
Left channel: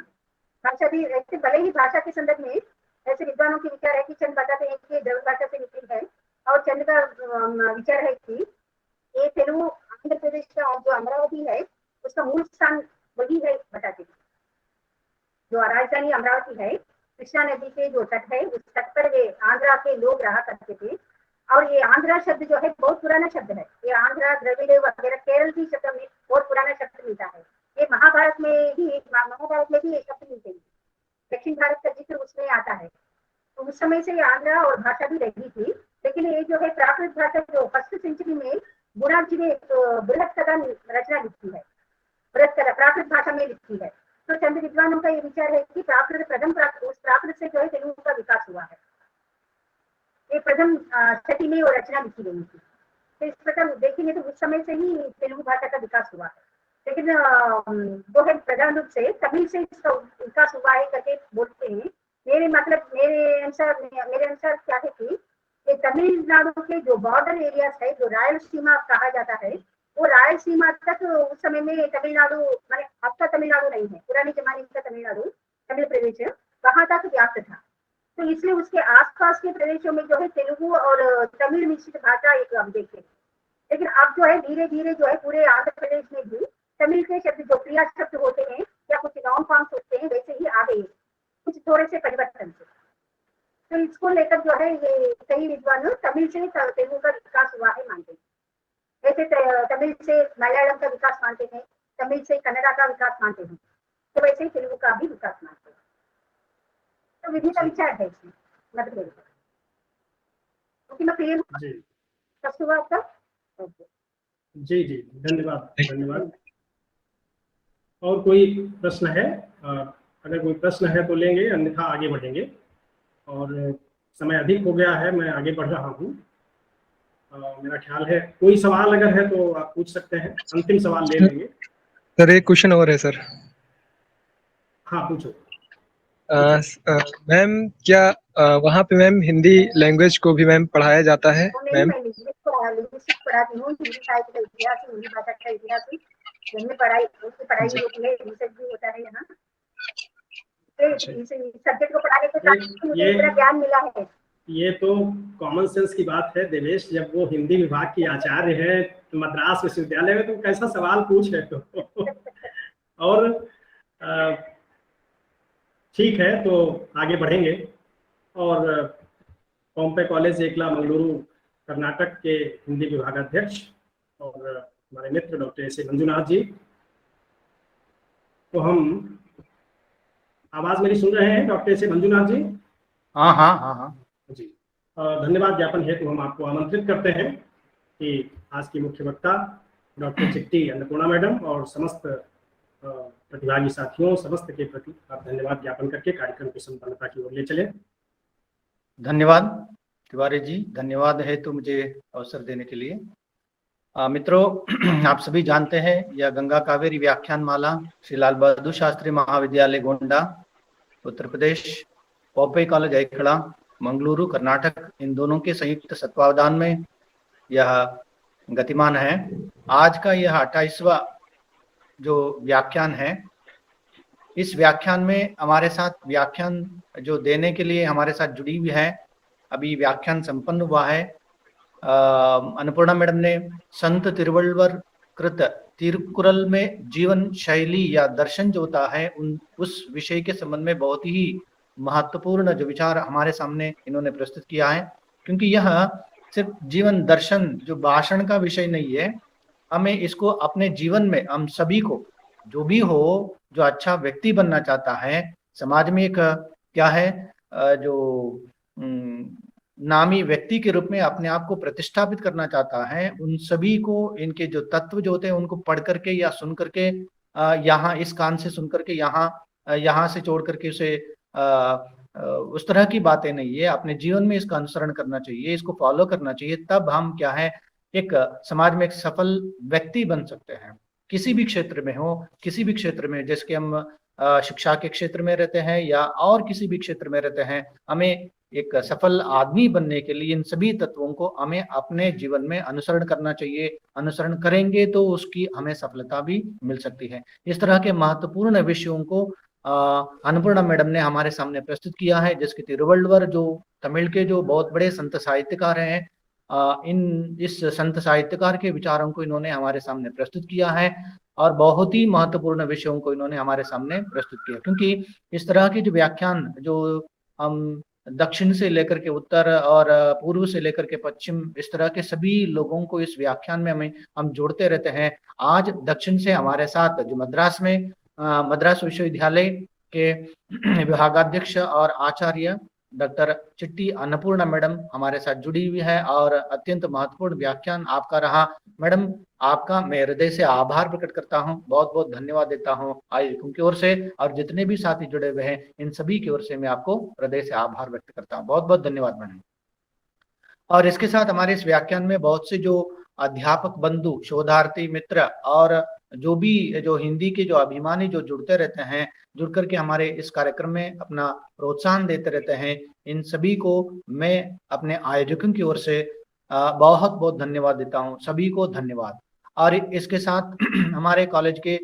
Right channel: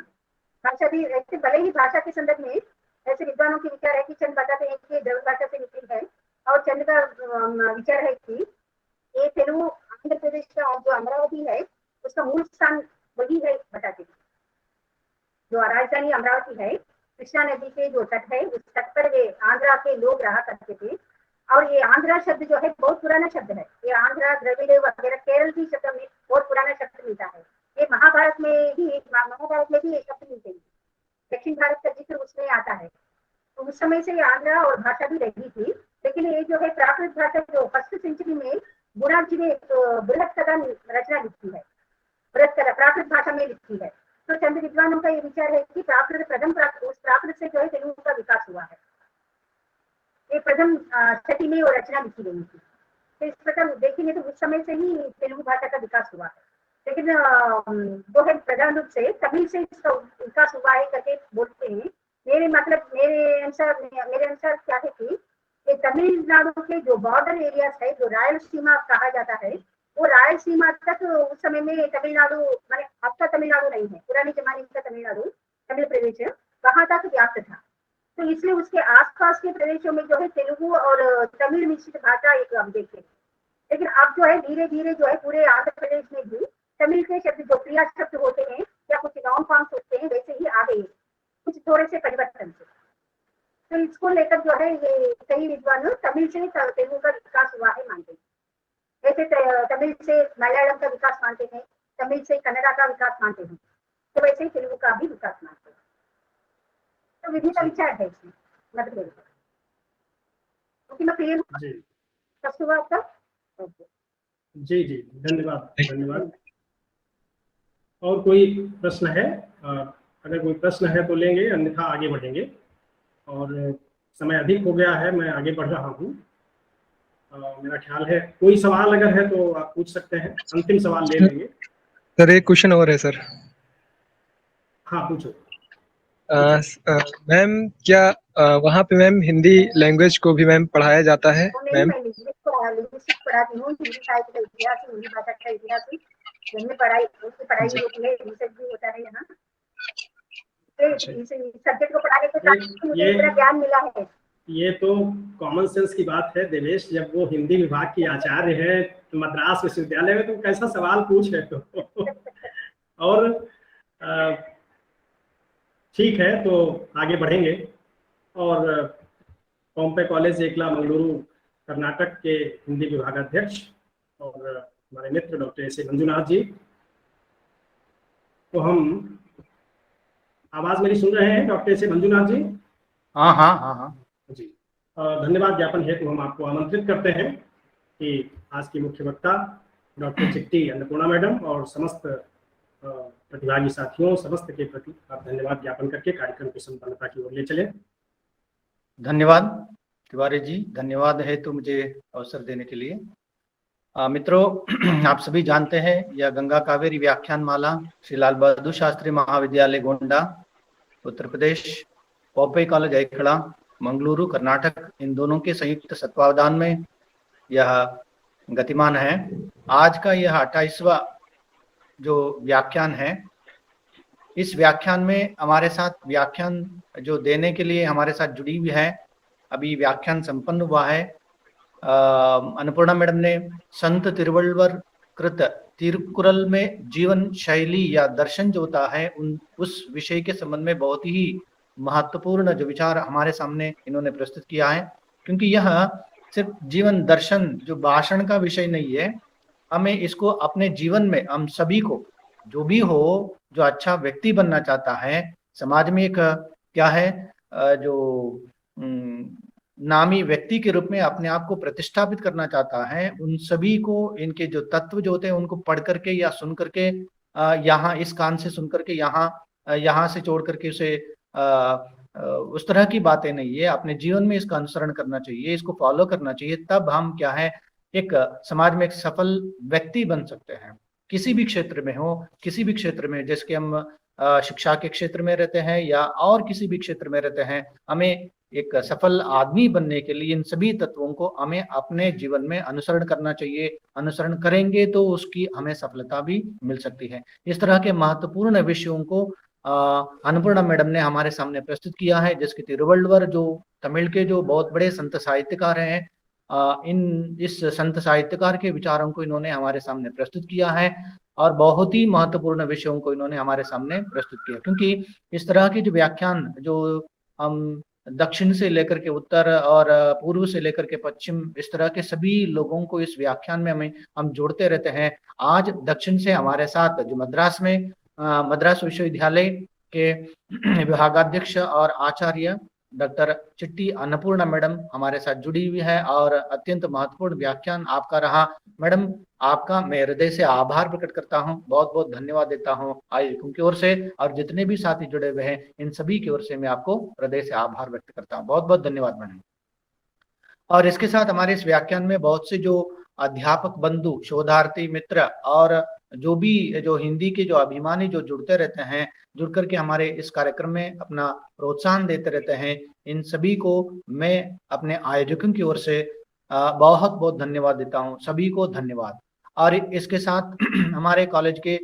भाषा भी ऐसे भले ही भाषा के संदर्भ में जैसे विद्वानों के विचार है कि चंद बताते हैं कि द्रविड़ भाषा से निकली है, और चंद का विचार है कि ये तेलुगु आंध्र प्रदेश का जो अमरावती है उसका मूल स्थान वही है बताते हैं। जो राजधानी अमरावती है, कृष्णा नदी के जो तट है, उस तट पर ये आंध्र के लोग रहा करते थे। और ये आंध्रा शब्द जो है बहुत पुराना शब्द है। ये आंध्रा द्रविड़ वगैरह केरल की शब्द में बहुत पुराना शब्द मिलता है। ये महाभारत में भी ये शब्द मिलते हैं। दक्षिण भारत का जिक्र उसमें आता है। प्रथम छठी में वो रचना लिखी गई थी। तो इस प्रकार देखेंगे तो उस समय से ही तेलुगु भाषा का विकास हुआ है। लेकिन जो है प्रधान रूप से तमिल से इसका विकास हुआ है करके बोलते हैं। मेरे अनुसार क्या है कि तमिलनाडु के जो बॉर्डर एरियाज है, जो रायलसीमा कहा जाता है, वो रायलसीमा तक उस समय में तमिलनाडु माने अब का तमिलनाडु नहीं है, पुराने जमाने का तमिलनाडु, तमिल प्रदेश वहां तक व्याप्त था। तो इसलिए उसके आसपास के प्रदेशों में जो है तेलुगु और तमिल मिश्रित भाषा एक अब देखते हैं। लेकिन अब जो है धीरे धीरे जो है पूरे आंध्र प्रदेश में भी तमिल के शब्द जो क्रिया शब्द होते हैं या कुछ नाउन फॉर्म्स होते हैं वैसे ही आ गए, कुछ थोड़े से परिवर्तन से। तो इसको लेकर जो है ये कई विद्वान तमिल से तेलुगु का विकास हुआ है मानते हैं। ऐसे तमिल से मलयालम का विकास मानते हैं, तमिल से कन्नड़ा का विकास मानते हैं, तो वैसे ही तेलुगु का भी विकास मानते हैं। तो विभिन्न विचार है इसमें मतलब क्लियर जी हुआ आपका? जी जी, धन्यवाद धन्यवाद। और कोई प्रश्न है? अगर कोई प्रश्न है तो लेंगे, अन्यथा आगे बढ़ेंगे। और समय अधिक हो गया है, मैं आगे बढ़ रहा हूँ। मेरा ख्याल है कोई सवाल अगर है तो आप पूछ सकते हैं, अंतिम सवाल ले लेंगे। सर एक क्वेश्चन और है सर। हाँ पूछो। मैम क्या वहाँ पे मैम हिंदी लैंग्वेज को भी मैम पढ़ाया जाता है मैम? मैं लिंग्विस्टिक पढ़ाती हूँ, हिंदी साहित्य का इतिहास, हिंदी भाषा का इतिहास, उनकी पढ़ाई होती है, रिसर्च भी होता है यहाँ। इस सब्जेक्ट को पढ़ाने के साथ मुझे इतना ज्ञान मिला है। ये तो कॉमन सेंस की बात है देवेश, जब वो हिंदी विभाग की आचार्य है मद्रास विश्वविद्यालय में, तो कैसा सवाल पूछ रहे तो और ठीक है, तो आगे बढ़ेंगे। और पॉम्पे कॉलेज एकला मंगलुरु कर्नाटक के हिंदी विभागाध्यक्ष और हमारे मित्र डॉक्टर एस ए मंजुनाथ जी, तो हम आवाज मेरी सुन रहे हैं डॉक्टर एस ए मंजुनाथ जी? हाँ हाँ हाँ हाँ जी। धन्यवाद ज्ञापन हेतु हम आपको आमंत्रित करते हैं कि आज की मुख्य वक्ता डॉक्टर चिट्टी अन्नपूर्णा मैडम और समस्त प्रतिभागी साथियों समस्त के प्रति आप धन्यवाद ज्ञापन करके कार्यक्रम की संपन्नता की ओर ले चले। धन्यवाद तिवारी जी, धन्यवाद है तो मुझे अवसर देने के लिए। मित्रों, आप सभी जानते हैं यह गंगा कावेरी व्याख्यान माला श्री लाल बहादुर शास्त्री महाविद्यालय गोंडा उत्तर प्रदेश, पॉम्पे कॉलेज एकला मंगलुरु कर्नाटक, इन दोनों के संयुक्त तत्वावधान में यह गतिमान है। आज का यह 28वां जो व्याख्यान है, इस व्याख्यान में हमारे साथ व्याख्यान जो देने के लिए हमारे साथ जुड़ी हुई है, अभी व्याख्यान संपन्न हुआ है। अन्नपूर्णा मैडम ने संत तिरुवल्लुवर तिरुकुरल में जीवन शैली या दर्शन जो होता है उस विषय के संबंध में बहुत ही महत्वपूर्ण जो विचार हमारे सामने इन्होंने प्रस्तुत किया है। क्योंकि यहाँ सिर्फ जीवन दर्शन जो भाषण का विषय नहीं है, हमें इसको अपने जीवन में हम सभी को जो भी हो, जो अच्छा व्यक्ति बनना चाहता है, समाज में एक क्या है जो नामी व्यक्ति के रूप में अपने आप को प्रतिष्ठापित करना चाहता है, उन सभी को इनके जो तत्व जो होते हैं उनको पढ़ करके या सुन करके यहाँ इस कान से सुन करके यहाँ से छोड़ करके उसे उस तरह की बातें नहीं है, अपने जीवन में इसका अनुसरण करना चाहिए, इसको फॉलो करना चाहिए। तब हम क्या है एक समाज में एक सफल व्यक्ति बन सकते हैं, किसी भी क्षेत्र में हो, किसी भी क्षेत्र में, जैसे कि हम शिक्षा के क्षेत्र में रहते हैं या और किसी भी क्षेत्र में रहते हैं, हमें एक सफल आदमी बनने के लिए इन सभी तत्वों को हमें अपने जीवन में अनुसरण करना चाहिए। अनुसरण करेंगे तो उसकी हमें सफलता भी मिल सकती है। इस तरह के महत्वपूर्ण विषयों को अन्नपूर्णा मैडम ने हमारे सामने प्रस्तुत किया है, जिसके तिरुवल्लुवर जो तमिल के जो बहुत बड़े संत साहित्यकार हैं, इस संत साहित्यकार के विचारों को इन्होंने हमारे सामने प्रस्तुत किया है और बहुत ही महत्वपूर्ण विषयों को इन्होंने हमारे सामने प्रस्तुत किया। क्योंकि इस तरह के व्याख्यान दक्षिण से लेकर के उत्तर और पूर्व से लेकर के पश्चिम, इस तरह के सभी लोगों को इस व्याख्यान में हम जोड़ते रहते हैं। आज दक्षिण से हमारे साथ मद्रास में मद्रास विश्वविद्यालय के विभागाध्यक्ष और आचार्य डॉक्टर चिट्टी अन्नपूर्णा मैडम हमारे साथ जुड़ी हुई है और अत्यंत महत्वपूर्ण व्याख्यान आपका रहा। मैडम, आपका मैं हृदय से आभार प्रकट करता हूं, बहुत बहुत धन्यवाद देता हूं आयुक्त की ओर से और जितने भी साथी जुड़े हुए हैं इन सभी की ओर से मैं आपको हृदय से आभार व्यक्त करता हूं। बहुत बहुत धन्यवाद मैडम। और इसके साथ हमारे इस व्याख्यान में बहुत से जो अध्यापक बंधु, शोधार्थी मित्र और जो भी जो हिंदी के जो अभिमानी जो जुड़ते रहते हैं, जुड़ करके हमारे इस कार्यक्रम में अपना प्रोत्साहन देते रहते हैं, इन सभी को मैं अपने आयोजकों की ओर से बहुत बहुत धन्यवाद देता हूँ। सभी को धन्यवाद। और इसके साथ हमारे कॉलेज के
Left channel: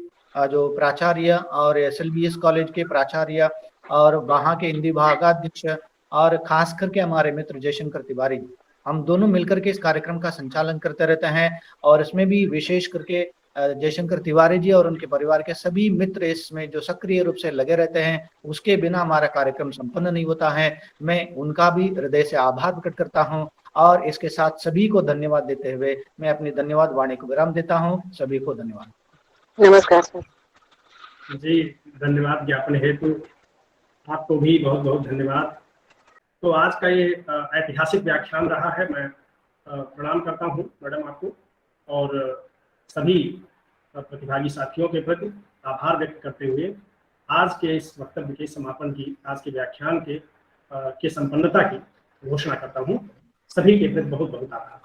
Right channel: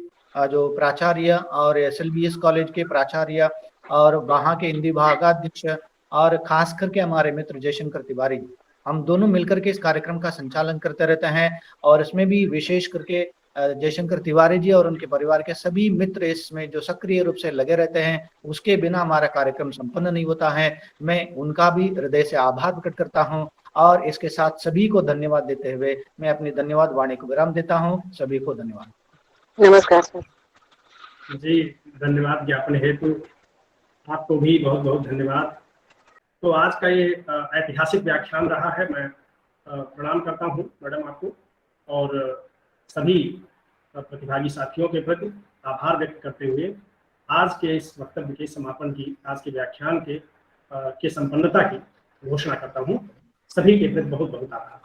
जो प्राचार्य और SLBS कॉलेज के प्राचार्य और वहाँ के हिंदी विभागाध्यक्ष और खास करके हमारे मित्र जयशंकर तिवारी, हम दोनों मिलकर के इस कार्यक्रम का संचालन करते रहते हैं। और इसमें भी विशेष करके जयशंकर तिवारी जी और उनके परिवार के सभी मित्र इसमें जो सक्रिय रूप से लगे रहते हैं, उसके बिना हमारा कार्यक्रम संपन्न नहीं होता है। मैं उनका भी हृदय से आभार प्रकट करता हूँ और इसके साथ सभी को धन्यवाद देते हुए मैं अपनी धन्यवाद वाणी को विराम देता हूँ। सभी को धन्यवाद। नमस्कार सर। जी, धन्यवाद ज्ञापन हेतु आपको भी बहुत बहुत धन्यवाद। तो आज का ये ऐतिहासिक व्याख्यान रहा है। मैं प्रणाम करता हूँ मैडम आपको और सभी प्रतिभागी साथियों के प्रति आभार व्यक्त करते हुए आज के इस वक्तव्य के समापन की, आज के व्याख्यान के की संपन्नता की घोषणा करता हूँ। सभी के प्रति बहुत बहुत आभार।